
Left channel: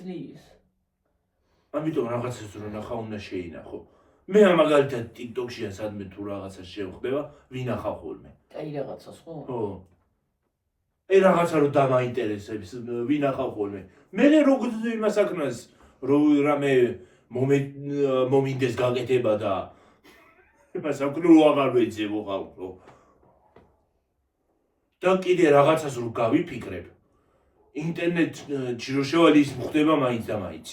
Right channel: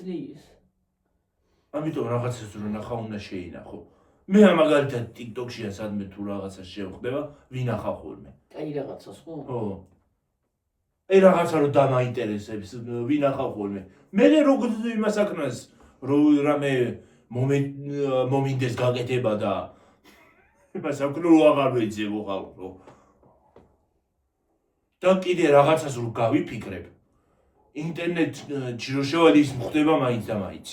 ძლიერს. ამიტომ რაღაცას რო ნახა უნდა შეინახო. მე მაგალითად TikTok-ში სადმე თუ რაღაცას შევხდება, ვინახა ხოლმე. აი რაღაცას ხო? ხო. აი რაღაცა რო დამაინტერესებს, ვინახა ხოლმე. მე როგორ იმას აკნას, რო რამე მომინდეს გაკეთება და იმას აკნო რო აღარ ვეძებო ხალხო. და კიდე რაღაცას რო გავიფიქრებ. ინტერნეტში რო შევალ ის ხდება მაინც და მაინც.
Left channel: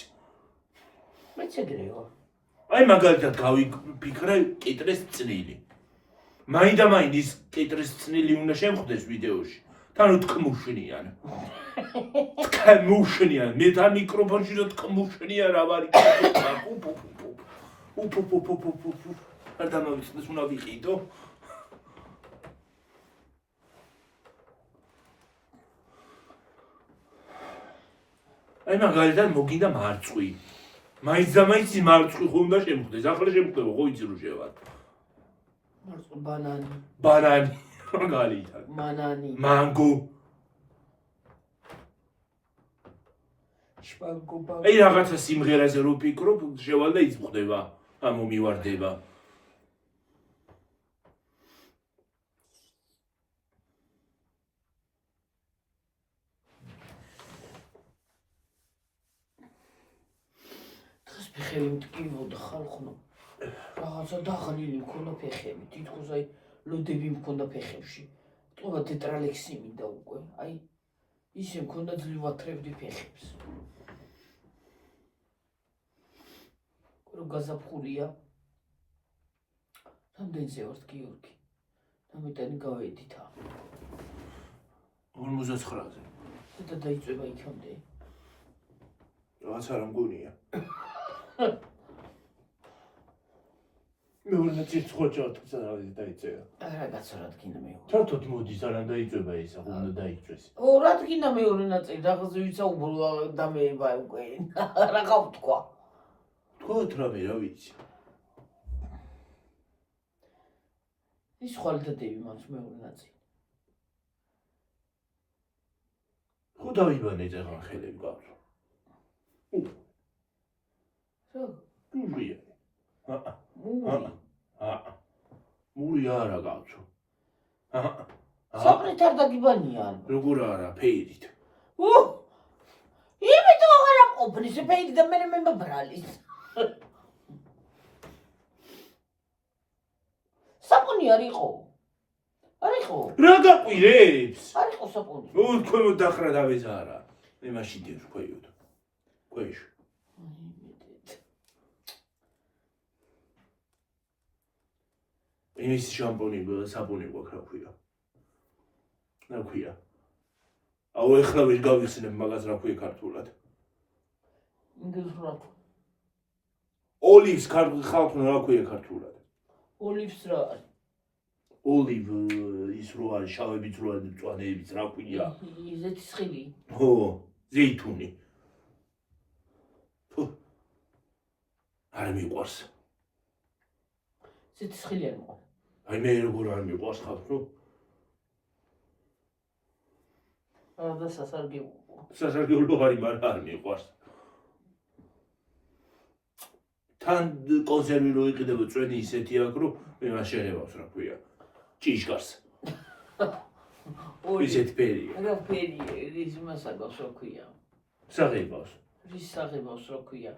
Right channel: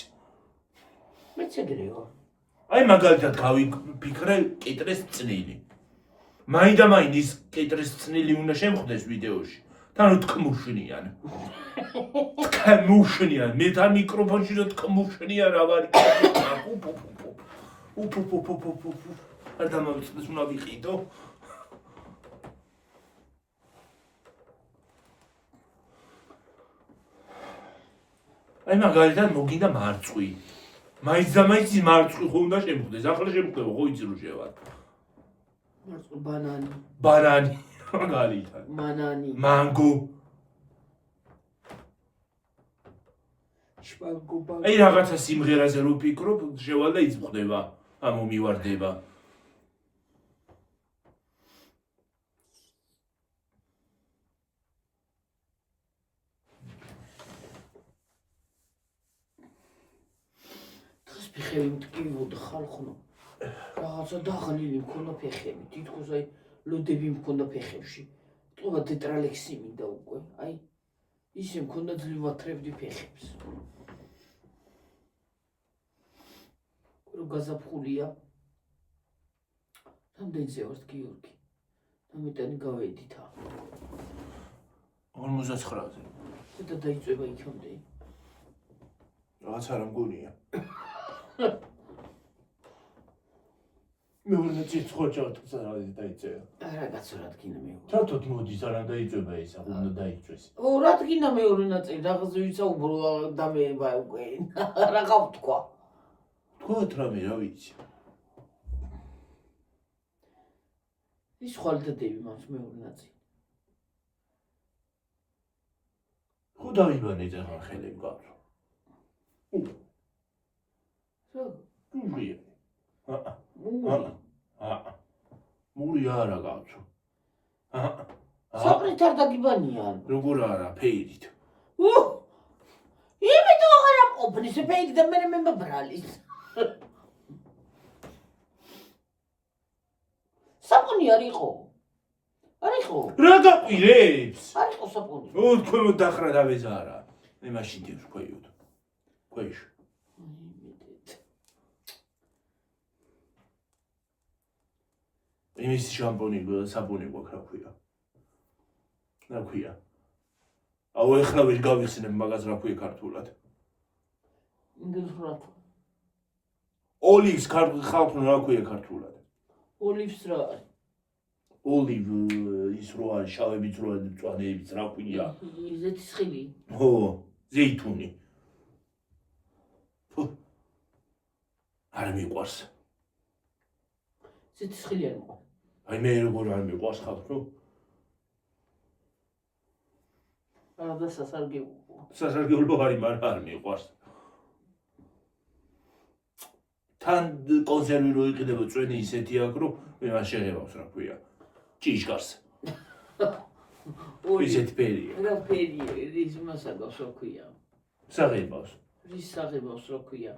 მეც ეგრეო. აი მაგალითად გავიფიქრე კიტრეს წნილი. მაინც და მაინც ის კიტრეს წნილი უნდა შემხვდეს ვიდეოში. თან თქმუშნიან. თქმუშნიან. მე თან მიკროფონში რო თქმუშნიან რა ვარ. არ დამავიწყდეს უნდა ვიყიდო. აი მაგალითად მოგინდა მარწყვი. მაინც და მაინც მარწყვი ხო უნდა შემხვდეს. ახლა შემხვდება ხო იცი რო შევა. მარწყვი ბანანი. ბანანი. მაგალითად. მანანი. მანგო. შპანგობა. აი რაღაცა სიმღერაზე რო ვფიქრობ, შევალ და ის ხდება. ამო მივარდება. ფეხები მტკივნოდა ხალხო. რაღაცა დაღლილი მქონდა ფეხები. თითქოს აი ლოდები მქონდა ფეხებში. ტყუა დეტრალექსი მინდა უკვე. აი ისე მქონდა ძლივათრებდი ფეხებს. რო გაზაფხულია. რამდენზე ვართ გიორგი? ამიტანი გავედით. 59-ზე. და დაიწვება იქამდე. რაღაც არ ამგონია. მეორე ნაწილი ხოჭავთ სადაც დაიწევა. არა გაცორად გინდა მეორე. ჩართოთ მოდის არა დაიწება ეს, ახლა უნდა დაიწვეს. რა გინდა მეორე ნაწილი, რაღაცა ვიცაუბრო და მე უკვე რა გავთქვა. თქვათ რამე, რა ვიცი. ის ხვალდადები მას მეორე ნაწილი. ხო დავიბანე ახლა ხელები გავწო. რა? მურია. მური. მური არა გავწო. საყრით არ დაგიბანიან. როგორ არა, ფეირით. იმიტომ აღარ ამყოფნის ფეირი და მე მებრალის. საპონი არ იყო. არ იყო. რა გაყვირებს? არ იყო საპონი. თქვენ დახრა დავეზარა. მე მაშინ დევს ქვეოთ. ქვეშ. იმის შამპონი, საპონი გვაქვს რა ქვია. რა ქვია? აუ ეხლა ვერ გავიხსენებ მაგას რა ქვია ქართულად. ინგლისურად. ოლივს ხალხი რა ქვია ქართულად? ოლივს რა არის? ოლივ ის რო არის შავებით რო არის მწვანეებით რა ქვია? ზეთისხილი. ხო, ზეითუნი. არ მიყვარს. ზეთისხილი არ მოყვა. აი მე როგორ არ მიყვარს ხალხო? და სასარგებლო. სასარგებლო არის, მაგრამ არ მიყვარს. თან კონსერვი რო იყიდება წვენი ისეთი აქვს, რომ მე მას შეღებავს რა ქვია. ჭიშკარს. ისეთ ფერია. რა ფერია, რის მასაგავს რა ქვია? საღებავს. რის საღებავს რა ქვია?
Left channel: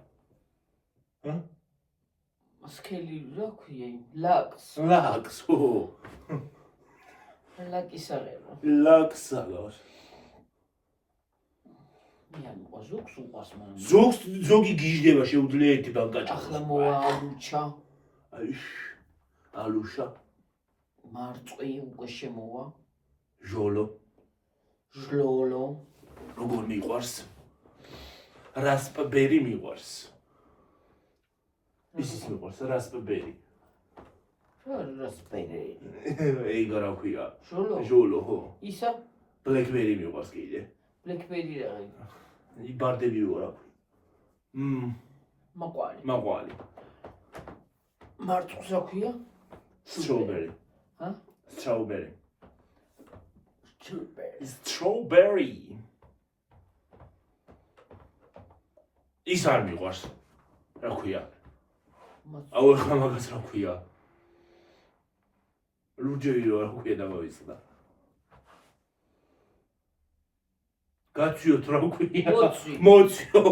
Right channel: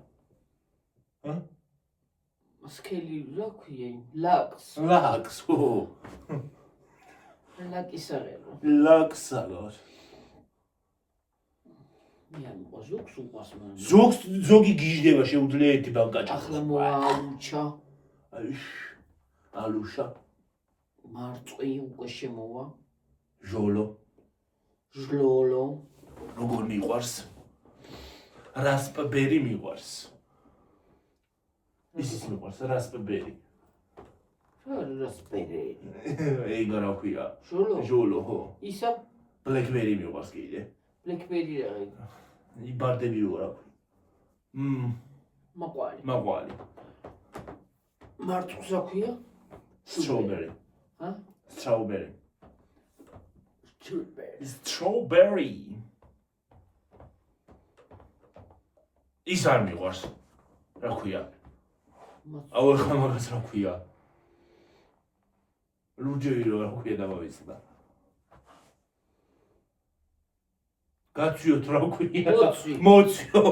სკელი რა ქვია? ლაკს. ლაკს, ხო. ლაკის საღებო. ლაკს საღავს. მე არ მოყვა ზოგს უყვას მაგრამ. ზოგი გიჟდება შეუძლია ერთი ბანკაჭა. ახლა მოალუჩა. ალუშა. მარწყვი უკვე შემოვა. ჟოლო. ჟლოლო. როგორ მიყვარს? რასპბერი მიყვარს. ისიც მიყვარს რასპბერი. რასპბერი. ეგ რა ქვია? ჟოლო. ჟოლო, ხო. ისა? ბლეკბერი მიყვარს კიდე. ბლეკბერი რა არის? იბარდები რა ქვია? მაყვალი. მაყვალი. მარწყვს რა ქვია? Strawberry. Huh? Strawberry. Strawberry. Strawberry. ის არ მიყვარს. რა ქვია? აუ ახლა მაგას რა ქვია? რუჯეი რა ქვია დავაიცდა. გაციოთ რა ქვია? მოციო.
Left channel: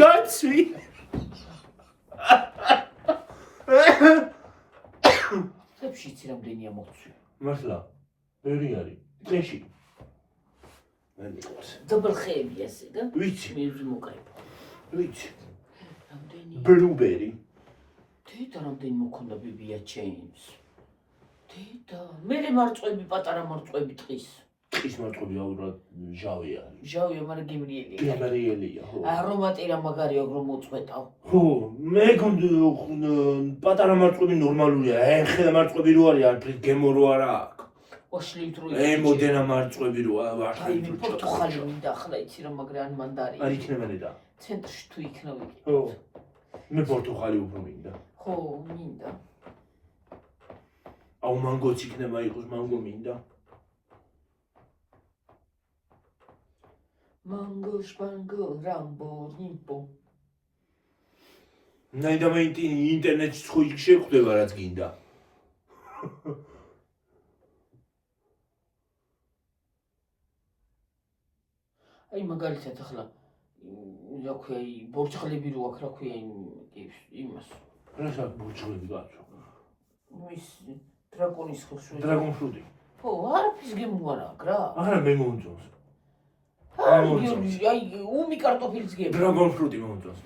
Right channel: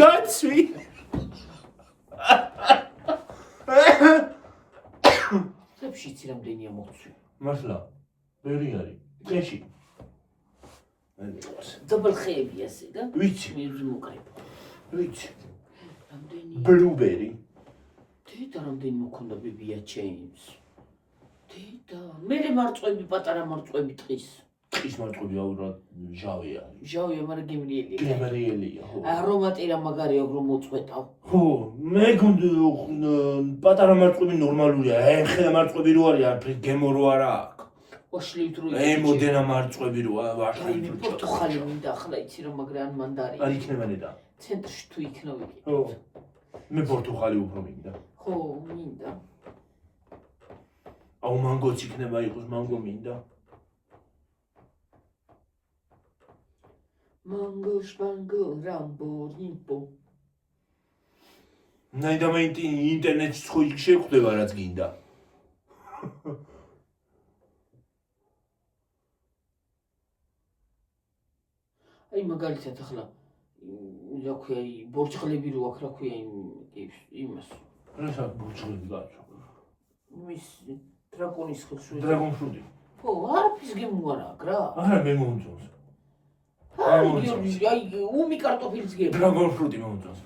გაცი. ხებში იცი რამდენია მოცვი? მართლა? ვერი არის. წეში. მე მიყვარს. დაბალ ხეები ასე და? ვიცი. მე მოკაიფო. ვიცი. რამდენი? ბლუბერი. თეთა რამდენი მქონდა ბიბია ჩეინს? თეთა. მე მარწყვები პატარა მარწყვები ტყის. ტყის მარწყვები აუბრალოდ ჟავი არის. ჟავია, მაგრამ გემრიელია. გემრიელია, ხო. არომატი რა მაგარია, რომ მოწყვეტავ. ხო, მე პატარა მარწყვები ნორმალურია. ეხლა მარწყვები რო არის, არ გემო რო არა აქვს. ოშლით რო მოდენა მარწყვები რო არ აი პორტუხალი მინდა ახლა იცი რომ მაგრამ ან მანდარი. არ იქნება ნედა. ცენტრში თუ იქნება იგი. ხო. მე პორტუხალი უფრო მინდა. ხო, მინდა. აუ მანგოც იქნება იყოს, მანგო მინდა. მანგო შპანგო რამბო ნიმპო. ნაიდა მე ინტერნეტში ხო შეხვდება რაც გინდა. აი მაგალითად ახლა რა ქვია ბორჭღლები რო აქვს რა ქვია იმას. რა საკ ბორჭღლები გაქვს? მის დრაკონის ხელში. დრაგონ ფრუტი. ხო, არაფრის გემუარა აქ რა. არა მე მომწონს. აი უმი კარტოფილს გემ. დრაგონ ფრუტი მომწონს.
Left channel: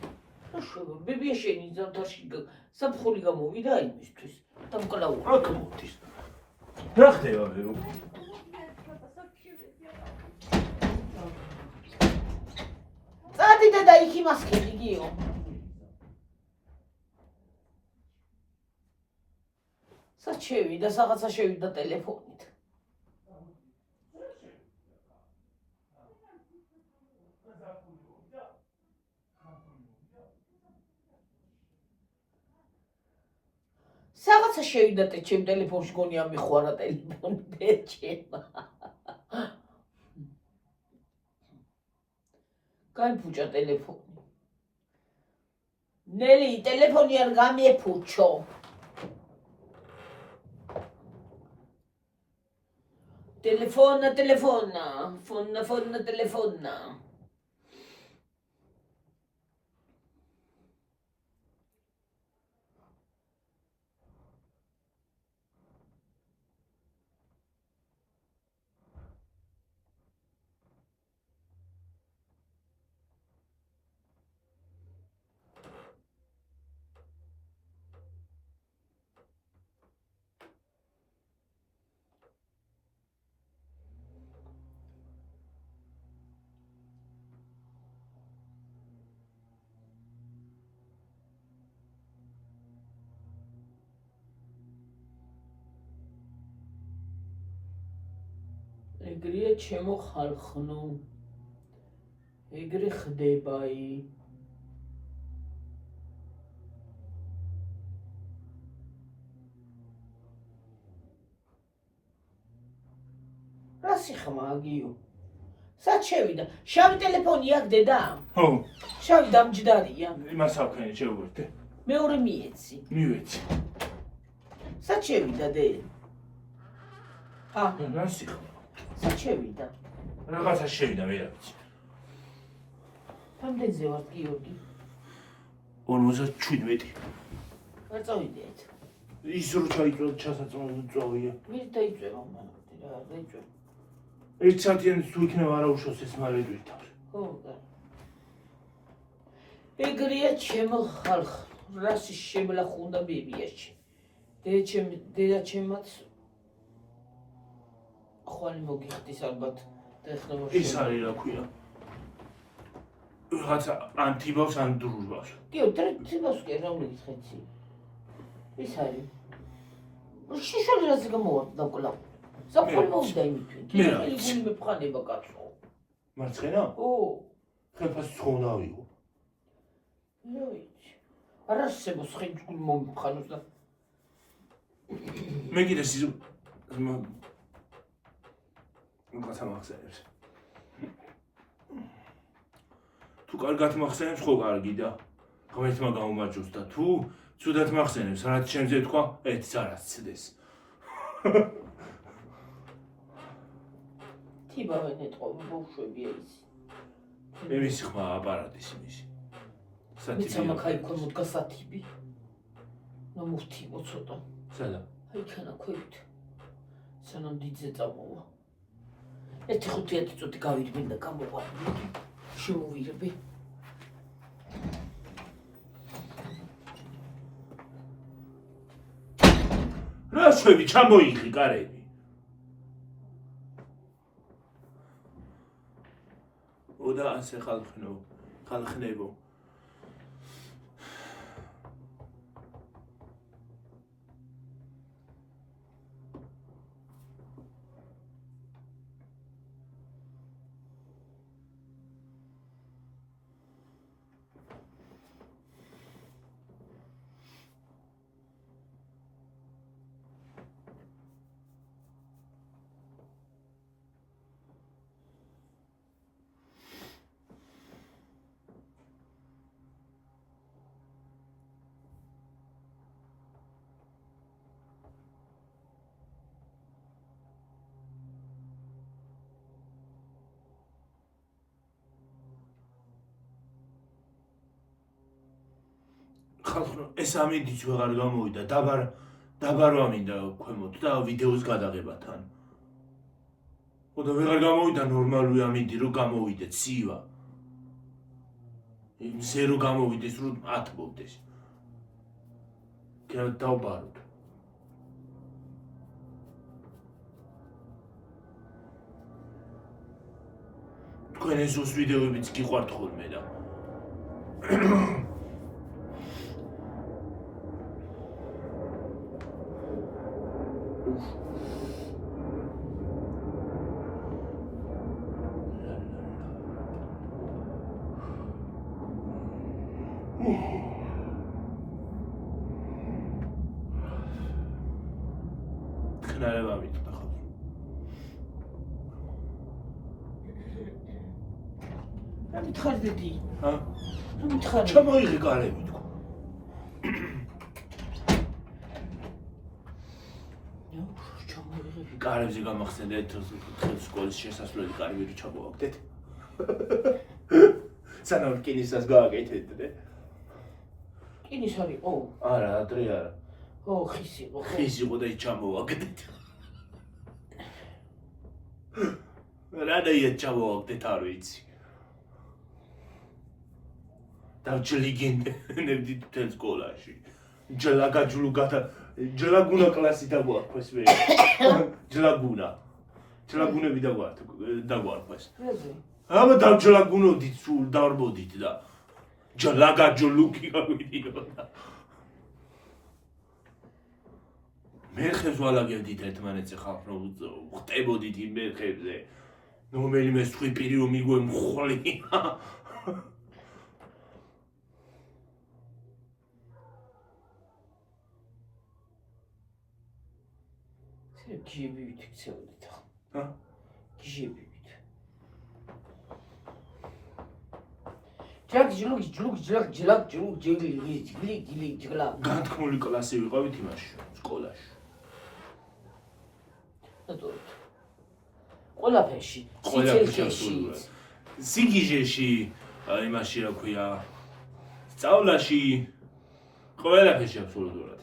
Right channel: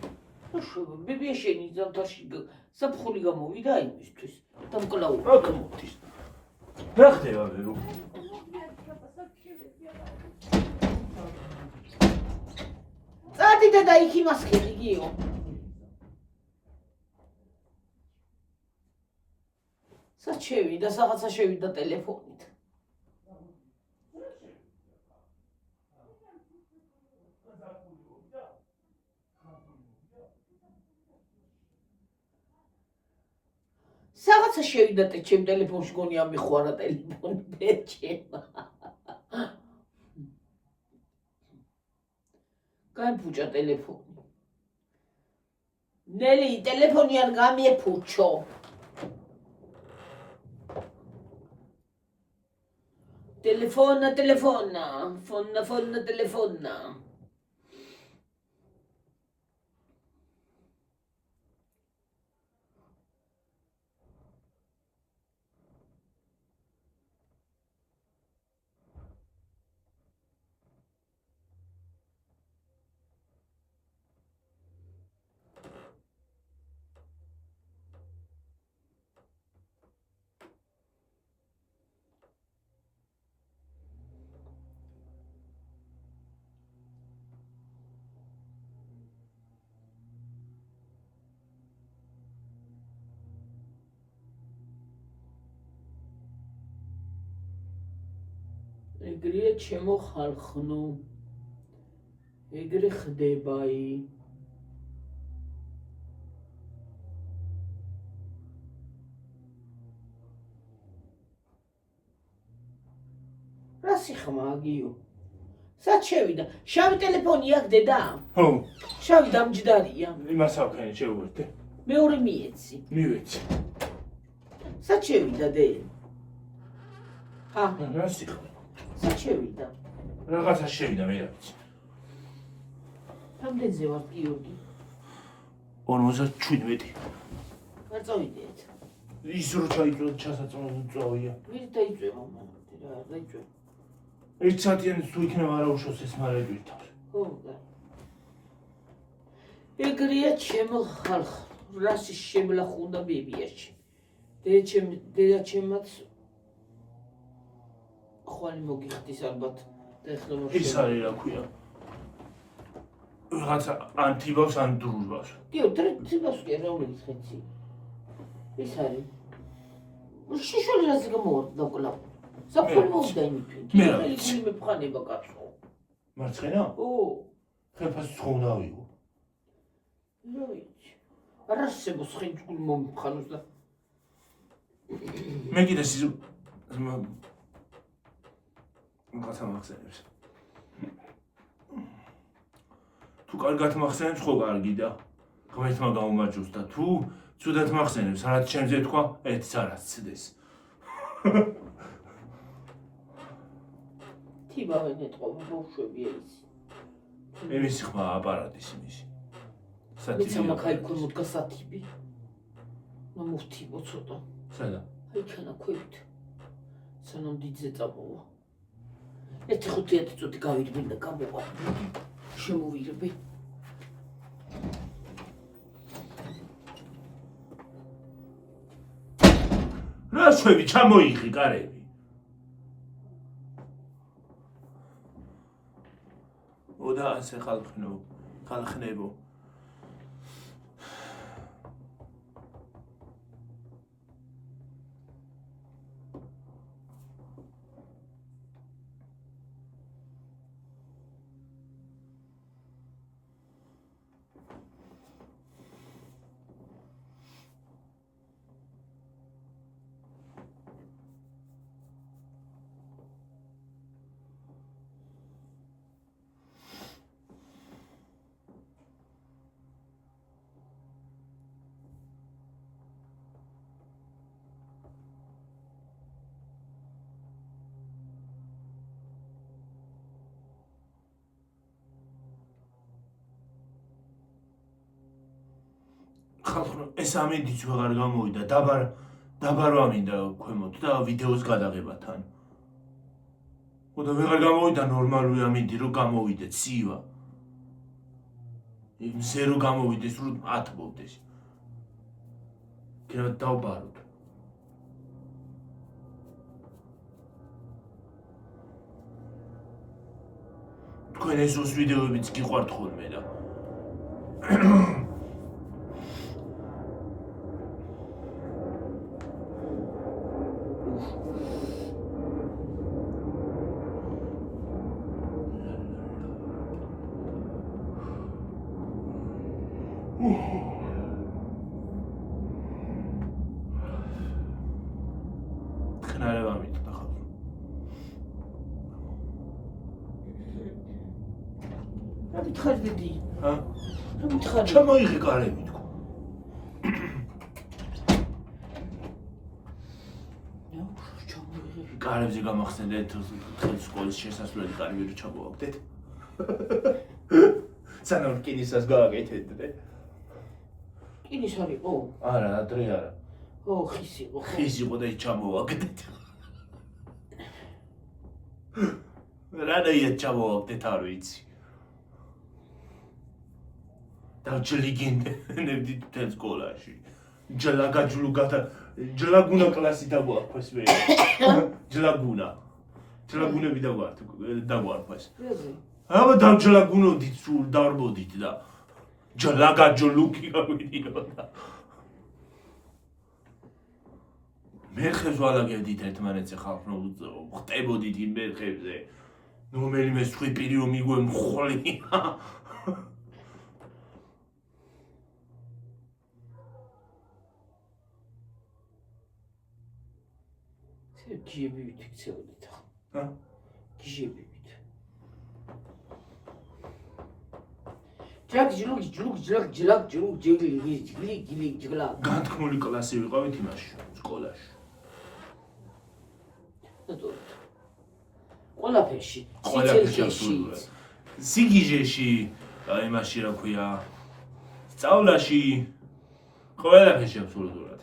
ბებია შენი ზამთარში საფხული გამოვიდა იმისთვის და მკლავი აქ მოდის. რა ხდება ვერო? წადი და იქ იმას ხედი გიო. სად შევიდა, რაღაცა შევიდა ტელეფონით. რაღაცა შევიდა ჩემ ტელეფონში გონია მიხوارა ტელეფონი ჩემ. გაიფუჭა ტელეფონი. ნელი ტელეფონი არ გამიეფუჩო. Telefona, fonna, telefona. ეგრეა ჩემო ხალხნო. ეგრე ხდებაი. რა სიხმაგიო? სად შევიდა? შავი ტელეფონი აქვს დედა? ხო. შავი დამჯდარია. იმას ავქენი შევუერთე. მეორე მიეცი. მივეცი. სად შევიდა დე? რა სიხმ? სად შევიდა? რაღაცა შევიდა მე რა ვიცი. რამდენზე ვარ გიორგი? 57. ვერ წავიდეთ. ის რო ჩაიწვევ ჩასაწმელო წავია. ვინ დაიწვევა მაგ რა დაიწვევა? 1 საათიანი თუ იქნება არა უშოს ეს მარედვით. ხო და. ეგრეა ჩემო ხალხ. რასი შემლახუნდა ბებიაში. დედა ჩემაც ხვალი მოგიხდის ალბათ და ეხლა ის არის რა ქვია. რაღაცა ანთიბავს ან დურურბავს. გიო ტრიციბას კი რომელიც ხეცი. ის არის. შიშული რაზი გამოვარდა დაკლავ. საფხული მოვიდა იმითი. მე მეფხანება კაცო. მარცხენა? ო. ხელფას ცხონავიო. ნოიჩ. არასებოს ხინჯგულ მომხანოს და მე კიდე ის რაღაცა მახსენებს. თუ კარგად მახსენებს, ხო კარგი და ღმერთმა გაუმარჯოს და თუ ცუდად მახსენებს, რაც ჩემზე თქვა, ერთს არაც ცდეს. თიბავენ ეთყობა ბავშვები ეს. მე მისი ხმა აპარატის იმისი. მეცა მაგაი ქონმოდ გასათიბი. მომუხტიბო ცოტა. სადა? აი ქანა ქვევით. სანამ დიდზე წამოვა. 1-5 წუთი გავიდგენ და გამოვა. შემოვირბე. რა შვები ჩამოიღი კარები. ოდა ასე ხალხნებო. ეს ამინდიც ვეღარ გამოვიდა, დაბარ ამინდა ქვემოთ და ვიდეოს გადაღებათან. ხოდა ვეღარ გამოვიდა ნორმალური ამინდი რომ გამოვიდეთ, სივა. იმზე რომ გამოვიდეს, რომ ათბობდეს. კიდევ დავბაროთ. თქვენ ეზოს ვიდეოებიც გიყვართ ხოლმე და ხნარება მიტყდა ხო? რა მითხარ დედი? ჰა? თუ მითხარ? ჩამოიღე კარები თქო. ჩამოიღე. კარებზე გამახსენდეთ სკოლის შესასვლელი კარები რო ჩამოვაგდეთ. სანამ რკინისას გააკეთეთ. რკინის არ იყო? არა, ადრე არა. ო, ხის იყო. ხის იყო და ის ჩამოვაგდეთ. რანაირად ჩამოვაგდეთ არ ვიცი. დავჯლიგინებდი თელ სკოლაში. ჯლაგუნა კლასი დაგვაქვს მე. ჯლაგუნები დაგვაქვს. აბა დავჯლაგუნოდით სულ დავრბოდით და ჯლაგაჯლუკი გავიდიოდა. მერხებს ვალაგებდით ერთმანეთზე ხალხო ხტებოდით იმ მერხებზე. რომელიმე სხვი პირი მიგვე მხოლი. გიჟებივით იქცეოდით ხო? ჰა? გიჟებივით. ჯგლა. განთქმული კლასი ვიყავით იმაში, სკოლაში. ყველაფერში. სიგიჟეში, იმაში რა ქვია, სწავლაში, ყველაფერში აბსოლუტურად.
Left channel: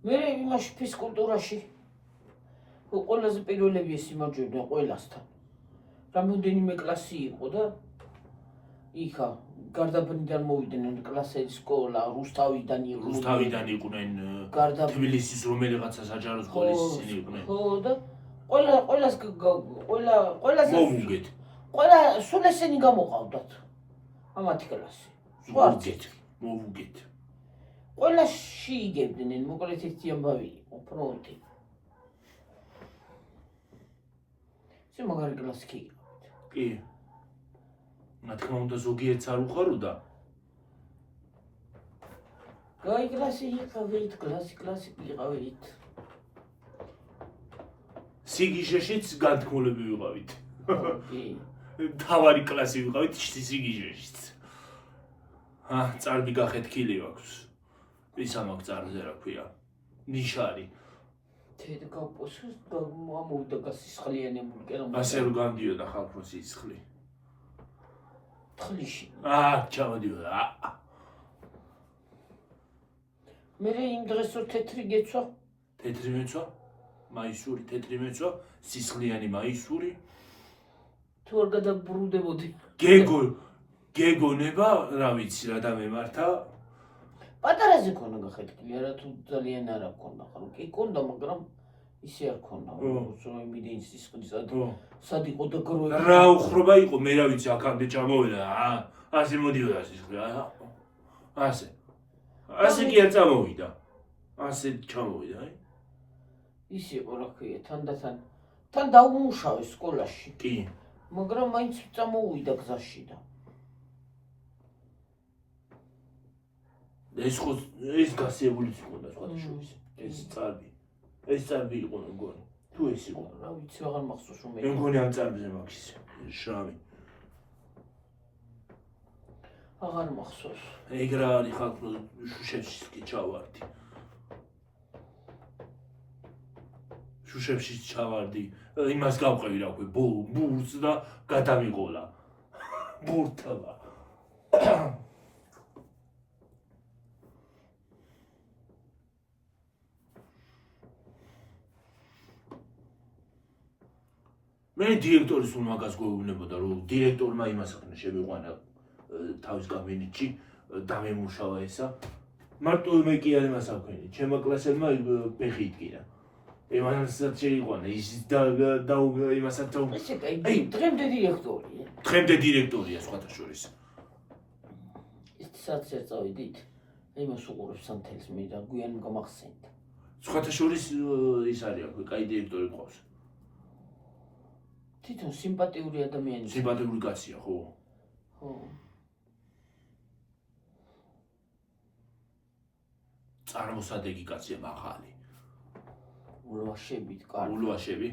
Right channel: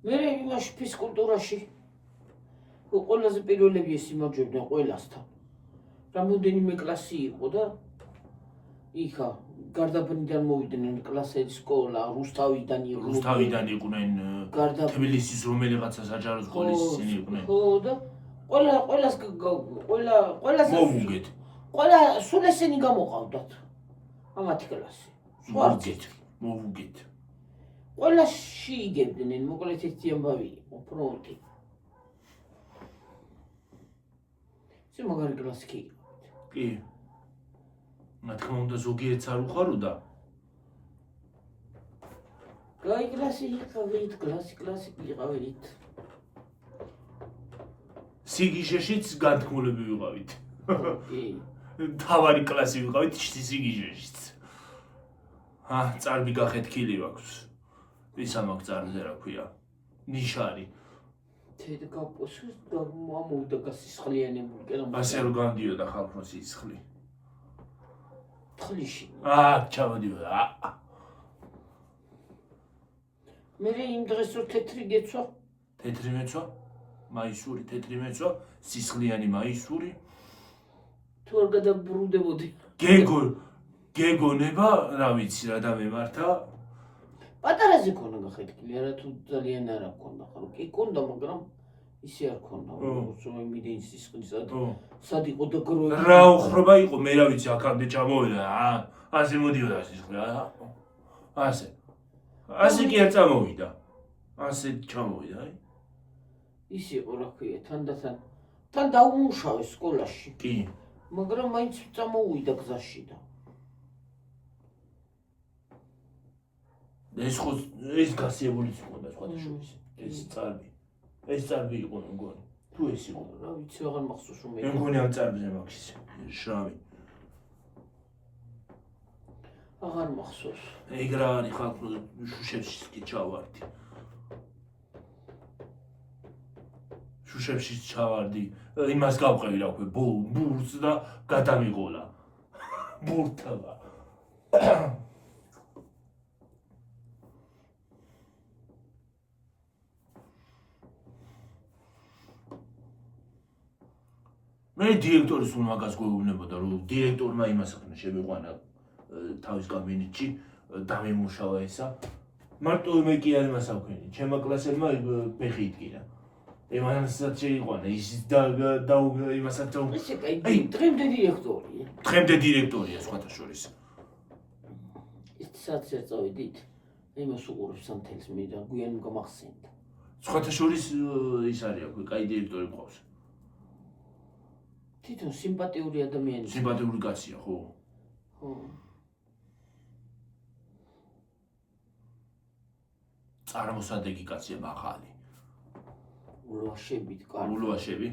მე იმაში ფიზკულტურაში ყველაზე პირველები სიმაჯვებდნენ ყველასთან. რამდენიმე კლასი იყო და იქა გარდაბნიდან მოვიდნენ კლასელი სკოლა, რუსთავიდან იყვნენ თბილისის რომელიღაცა საჯარო სკოლის ისინი იყვნენ. ხო და ყველას მოვუგეთ. სულ ესენი გამოყავდათ. ამათი კლასი. სხვა არც მოვუგეთ. ყველაში იგებდნენ, მოკლედ ერთი ამბავი იყო, ფრონტი. ეს მაგარი კლასი კი. კი. რა თქმა უნდა ზოგიერთს არ უხაროდა. გაი კლასი იყავით, კლასი იყავით. სიგიჟეშიც განთქმულები ვიყავით. კი. თავარი კლასი ვიყავით სიგიჟეშიც. წარბი გახეთქილი აქვს. ვის ამაკ წარბზე რა ქვია? ნიშარი. თედ გაპოსოს და მამოვიდა გასისხლიანებული კერავა. ასე რომ განდიოდა ხალხო სისხლი. თლიში. ჩავდიოდა. მე იმ დღეს რო თეთრი გეცვა? თეთრი მეცვა? მაისური თეთრი მეცვა, სისხლიანი მაისური. თუ არ გადაბრუნდებოდი. გეგონება, რა ვიცი რა დამემართა. პატარაზე ქონა გახეთქილი, არა თუ ძალიან არ აქონდა, ხო? კი ქონდა, მაგრამ ისე არ ქონდა. იმიდან სისხლისა და სად იყო და გროები. რა უხრობა იყო, მე რა ვიცი, აქამდე ჩამოვიდა. ასე მოდიოდა სისხლი. ასე კი არ წამოვიდა. ასე ჩამოვიდა, აი. ის იყო რა ქვია, თან დაუმუშავე სკოლაში. კი. მაგრამ მაინც წამოვიდა გზაში და ეს გასიებულიც იყო და სხვა შორის. ეს წარბი იყო მგონი. თუ ეს იყო, რა ვიცი, აღარ მახსოვს რომ მე მგონი ამ წარბზე მაქვს შავი. აღარ მახსოვს. ეგ რა არის ხალხო შუშებში კი ჩავარდი. შუშებში ჩავარდი. იმას გავყევი რა ქვია, ბურს და გადამიყოლა. ბურთავა. მე დირექტორის სულ მაგას გვეუბნებოდა, რომ დირექტორმა იმას ახნა შემიყვანა თავის კაბინეტში, დამემუშავა ესა. მარტო მე კი არ იმას ავქენი. ჩემმა კლასელმა ფეხი იტკინა. იმასაც შეიყვანა ის და იმასაც ესე კაი დღემდე დირექტორია. დღემდე დირექტორია სხვათა შორის. ის საათზე წავიდით. იმას უყურებს სამთელს მე და გვიან გამახსენდა. სხვათა შორის ის არის აქვე, კაი დირექტორი ყავს. თვითონ სიმპათიური ადამიანი. სიმპათიური კაცია, ხო? ხო. წარმოსადეგი კაცია მაღალი. ულვაშებით კარგი. ულვაშები?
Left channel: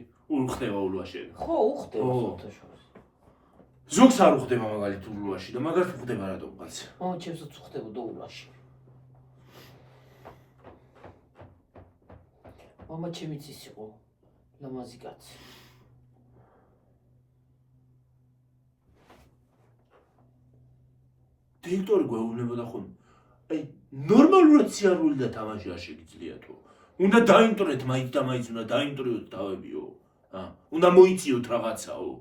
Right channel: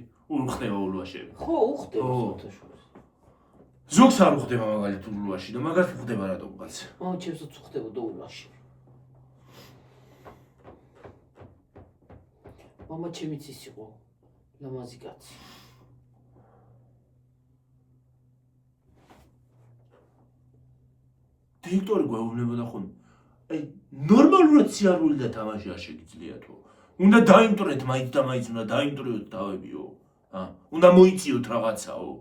ხდება ულვაშები. ხო, უხდება სხვათა შორის. ზოგს არ უხდება მაგალითად ულვაში და მაგას უხდება რატომ კაც? ჩემსაც უხდებოდა ულვაში. მამა ჩემიც ის იყო ლამაზი კაცი. დირექტორი გვეუბნებოდა ხოლმე. აი, ნორმალურად სიარული და თამაში არ შეგიძლია თუ. უნდა დაიმტრეთ მაინც და მაინც უნდა დაიმტრიოთ თავებიო. უნდა მოიციოთ რაღაცაო.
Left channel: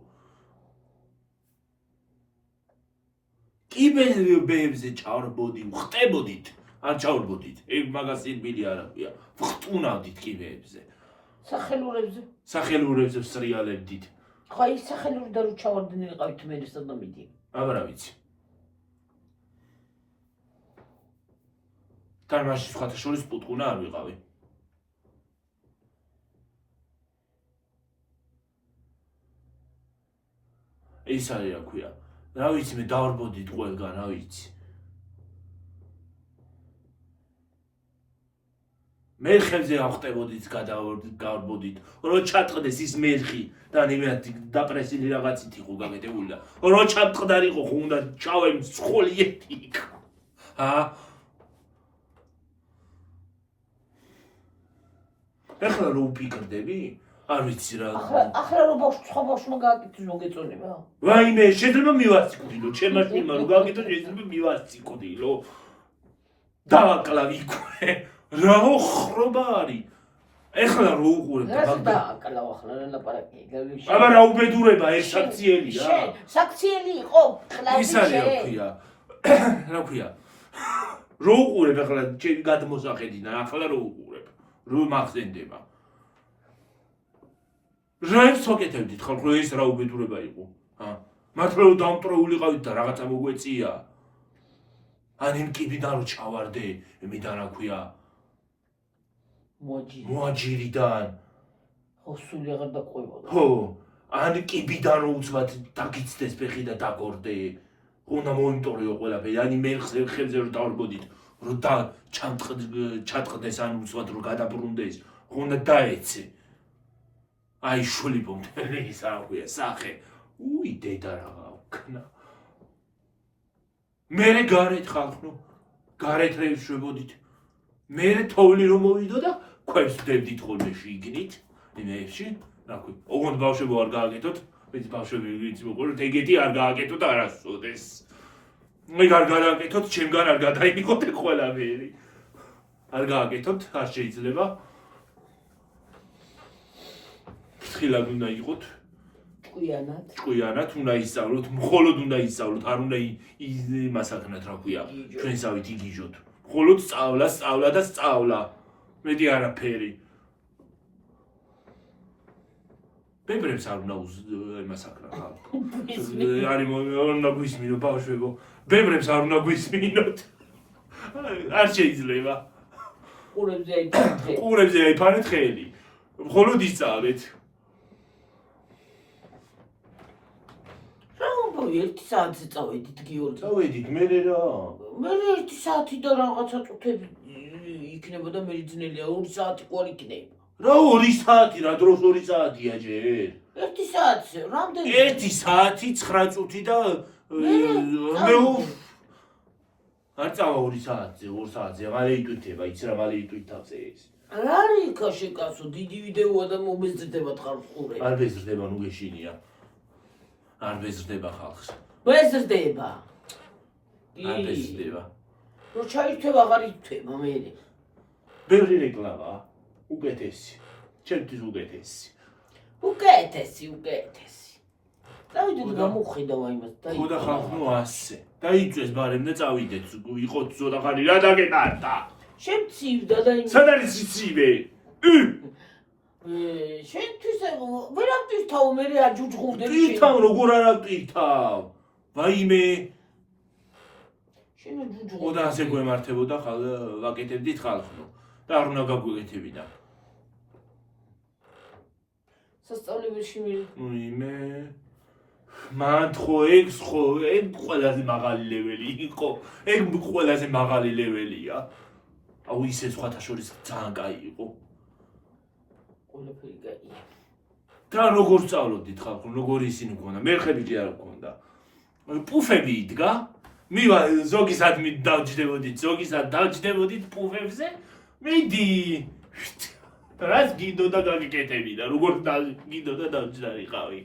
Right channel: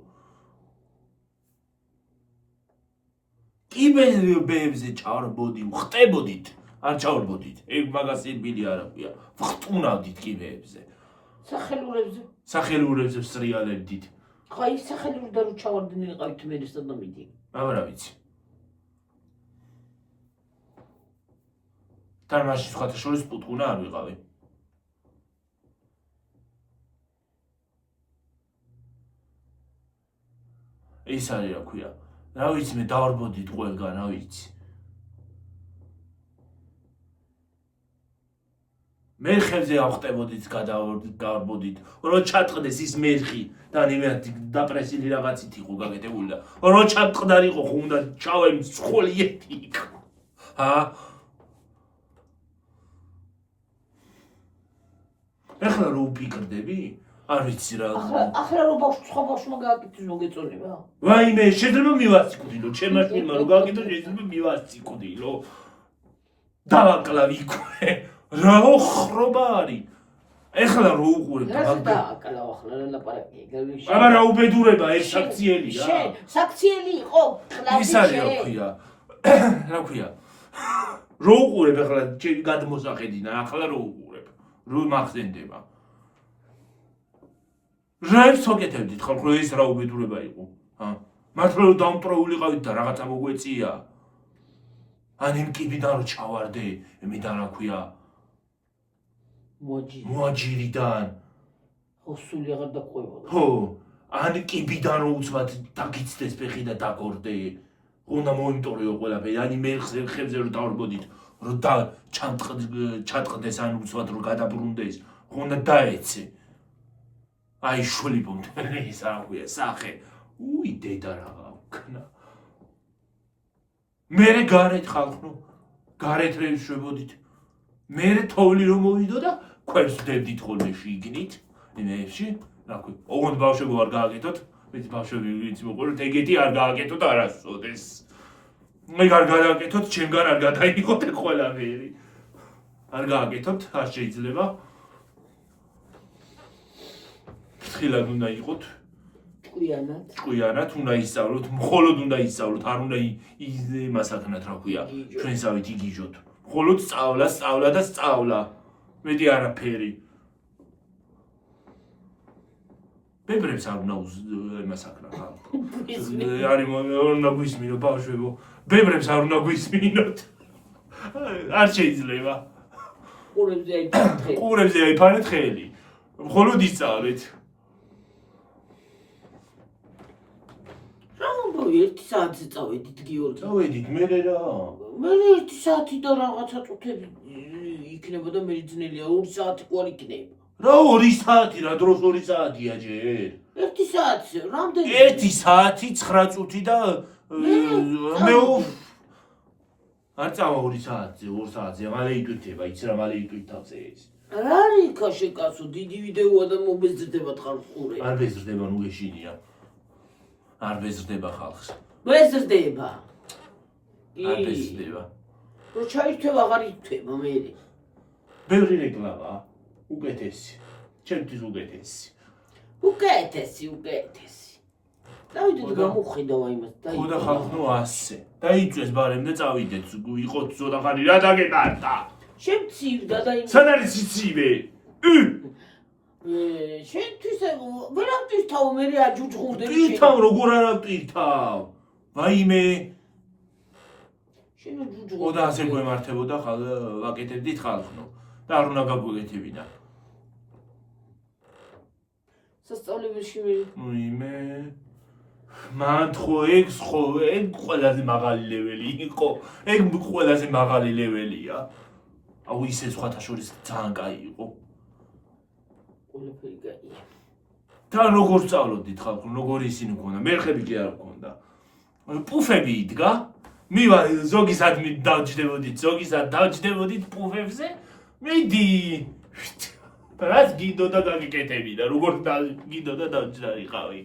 კიბერებზე ჩავარბოდი, ხტებოდით, არ ჩავარბოდით. ეგ მაგას ირბილი არ აქვია. ვხტუნავდით კიბერებზე. სახელურებზე. სახელურებზე ვსრიალებდით. ხო, ის სახელური და რო ჩავარდნი იყავით მე სადმა მიდი. აბა რა ვიცი. თან მაშინ სხვათა შორის პუტკუნა არ ვიყავი. ის არის რა ქვია. რა ვიცი მე დავარბოდით ყველგან, რა ვიცი. მერხებზე ავხტებოდით, გავარბოდით. რო ჩატყდეს ის მერხი და იმათ დაპრესილი რაღაცით იყო გაკეთებული და რო ჩატყდარიყო ხო უნდა ჩავემ სხოლი ერთი იყო. ეხლა რო ვფიქრდები? არ ვიცი რა. ახლა რო სხვა ბავშვმა გააკეთოს მოგეწონება? ვაიმე, შეიძლება მივასწიკდილო, ჩემმა შვილმა რო გააკეთოს, შეიძლება მივასწიკდილო. დავაკლავი იქვე. რა ხრობა არის? ეხლა რო უყურებ და რა დააკლავ ახლა ლაპარაკი. აბა რა უბედურება ეს საქციელი რა. საქციელი იყო, კლავი ის არის რა ქვია. რა ქვია? რო უყურებ ახლა გადმოსახედინა, ახლა რო უყურებ. რო მახსენდება. რაებს ვაკეთებდით ხალხო ეს რა უბედურება იყო? მართლა რომ დამტროულიყავით და რაღაცა მოგვეწია? ან იმ კიბიდან რო ჩავარდე, იმიდან რა ქვია? მოაჯირიდან. ხო, სული აღარ დაყვებოდა. ხო, ან კიბიდან რო უცბად დაგიცდეს ფეხი და დაგორდე. უნდა მოიმტორიო ყველაფერი, ან ხებზე რო დავარბოდით, რო ჩატყდეს ან უცბად რო გადაბრუნდეს, უნდა დაეცე. აი შული ბუნდელი ის რა ქვია, სახე. უი დედა რა ვქნა. მერე გარეთ ხალხო, გარეთ რეშვებოდით. მერე თოვლი რომ მოვიდო და ქვებს ვდებდით ხოლმე შიგნით, იმეში, რა ქვია. ოღონდ ბავშვებო არ გააკეთოთ, ვიცი ბავშვები ვიცი მოყოლოთ, ეგეთი არ გააკეთოთ არასოდეს. მე არ გააკეთოთ, ჩემგან არ გადაიღოთ ყველაფერი. არ გააკეთოთ, არ შეიძლება. ფრთხილად უნდა იყოთ. ჭკვიანად უნდა ისწავლოთ, მხოლოდ უნდა ისწავლოთ, არ უნდა იმასაკნათ რა ქვია, ჩვენსავით იგიჟოთ. მხოლოდ სწავლა და სწავლა. მეტი არაფერი. ბებრებს არ უნდა იმასაკნათ ხალხო. არის უნდა გვისმინო ბავშვებო. ბებრებს არ უნდა გვისმინოთ. არ შეიძლება. ყურებზე აიფანეთ ხელი. მხოლოდ ისწავლეთ. ერთი საათზე წავედით გიორგი. წავედით, მერე რა. მე ერთი საათი და რაღაცა წუთები იქნებოდა მე ძნელია 2 საათი ყوار იქნება. რა 2 საათი, რა დროს 2 საათია ჯერ? 1 საათზე, რამდენი? 1 საათი 9 წუთი და მე არ წავა 2 საათზე, 2 საათზე, მალე იტვირთება, იცი რა მალე იტვირთავზე ეს. რა არის კაშე კაცო, დიდი ვიდეოა და მომეზრდება ხალხური. არ ბეზრდება, ნუ გეშინია. არ ბეზრდება ხალხს. ბეზრდება. არ ბეზრდება. რო ჩაირთვება, აღარ ირთვება მე. ბევრი რეკლამა, უკეთესი. ჩემთვის უკეთესი. უკეთესი. დავიდეთ გამოვხედავ იმას ხო და ხალხო 100 დაიწვეს ბარემ და წავიდეთ იყოთ ზონა ხანი რა დაგეკარდა შემცივდა და იმ სად არის ცივე შენთვის ვერ აკტირთავ მე აჯუჯღუნდები პირთავ როგორ არ აკტირთავ ვაიმე შენ აჯუჯღუნდები ხო და ასე გვემართებოდა ვაკეთებდით ხალხო და არ უნდა გაგვეკეთებინა სასწავლებელში ვაიმე მან ხო ეგ ყველაზე მაღალი ლეველი იყო ეგ ყველაზე მაღალი ლეველია აუ ისე სხვათა შორის ძალიან კაი იყო ყველაფერი კაია და როგორ სწავლობდით ხალხო როგორი ისინი მქონდა მერხები კი არ მქონდა პუფები იდგა მივა ზოგისად დავჯდებოდით პუფებზე მიდი რას გინდოდა გაგიკეთებინა როგორ გინდოდა დავჯდარიყავი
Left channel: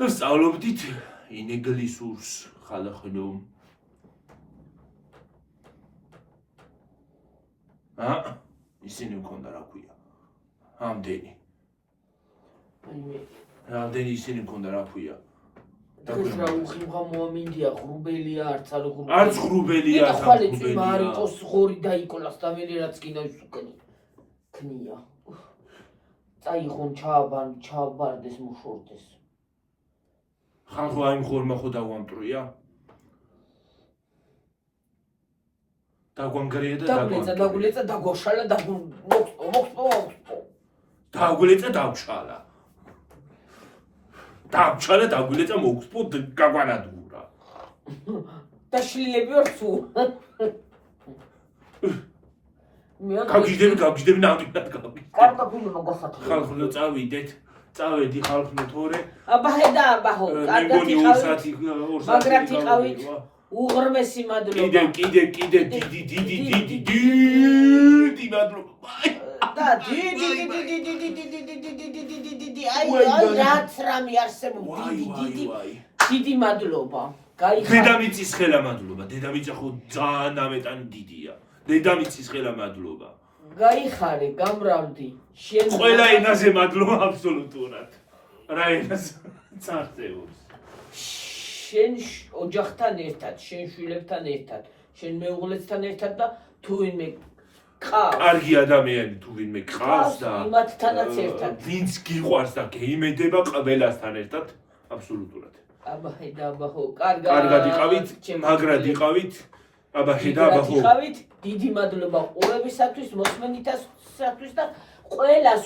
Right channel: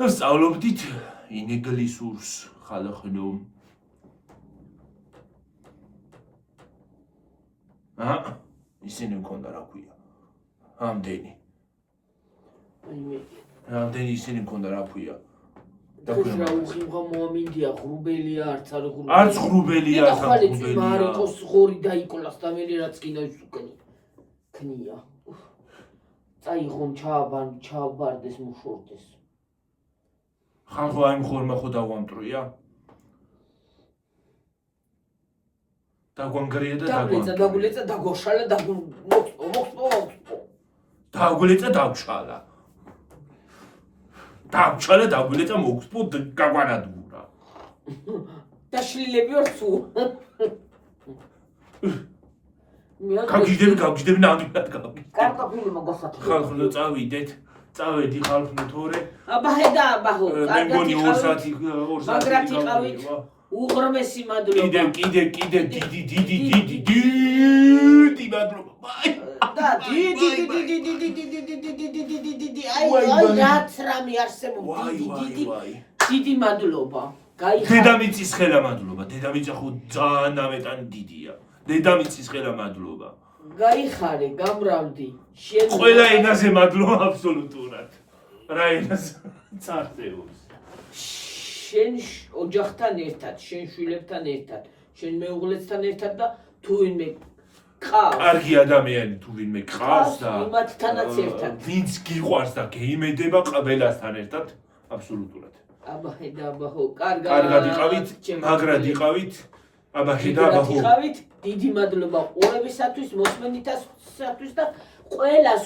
და სწავლობდით ინგლისურს ხალხო ისინი მქონდა რა ქვია ამდენი ამდენი ისინი მქონდა რა ქვია და უხიმღა მოამინდია ღრუბელია არც ღრუბელია და ხალეც მარიკოს ღორი დაიკოლას და მე რაც კიდე ის უკენი ქნია წაიღონ ჩააბარდეს მუშორდეს ხალხო აი ხორმა ხო დავამტრია დაგვანგრია და დაგულეცა დაგოშალა დაგულეცა დავშალა დაგულეცა მოგსპო გაგვანადგურა და შლილები ვარ თუ გავგიჟდები ნამდვილად გავგიჟდები კარტოფილობა გასათვალე ხალხო წავედი ხალხო თორე აბა ხედა აბაჰო მეგონი 2 საათი მაგრად იყავით უღრმესი მადლობა კიდე დიდი მადლობა და დიდი აი რაც რამე არსებობს დიდი მადლობა გაიხარ დედამიწის ხელა მადლობა დედამიწა ხო ძალიან ამეტანი დიდია დედამიწის ხელა მადლობა გაიხარე გამრავდი შენ ყველა ენაზე მადლობა აბსოლუტურად რა ენაზე წარწევს შენ ოჯახთან ერთად შენ შვილებთან ერთად შენ მეუღლესთან ერთად და თუ ვინმე ყავს კარგი ადამიანი თუ ვინმე ყავს და იმათთანაც ერთად ვინც გიყვარს და გეიმედება ყველასთან ერთად აბსოლუტურად აბა ხედა აბა ხო კარგად იყავით მაგრად იყავით აბა ხედა აბა ხო დიდი მადლობა ყურებისათვის მოსმენისათვის და ყველას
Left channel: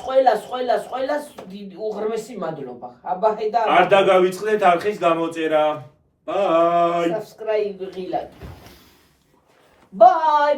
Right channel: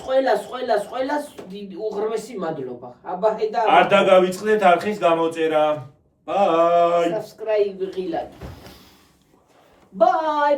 უღრმესი მადლობა აბა ხედა არ დაგავიწყდეთ არხის გამოწერა ბაი subscribe ღილად ბაი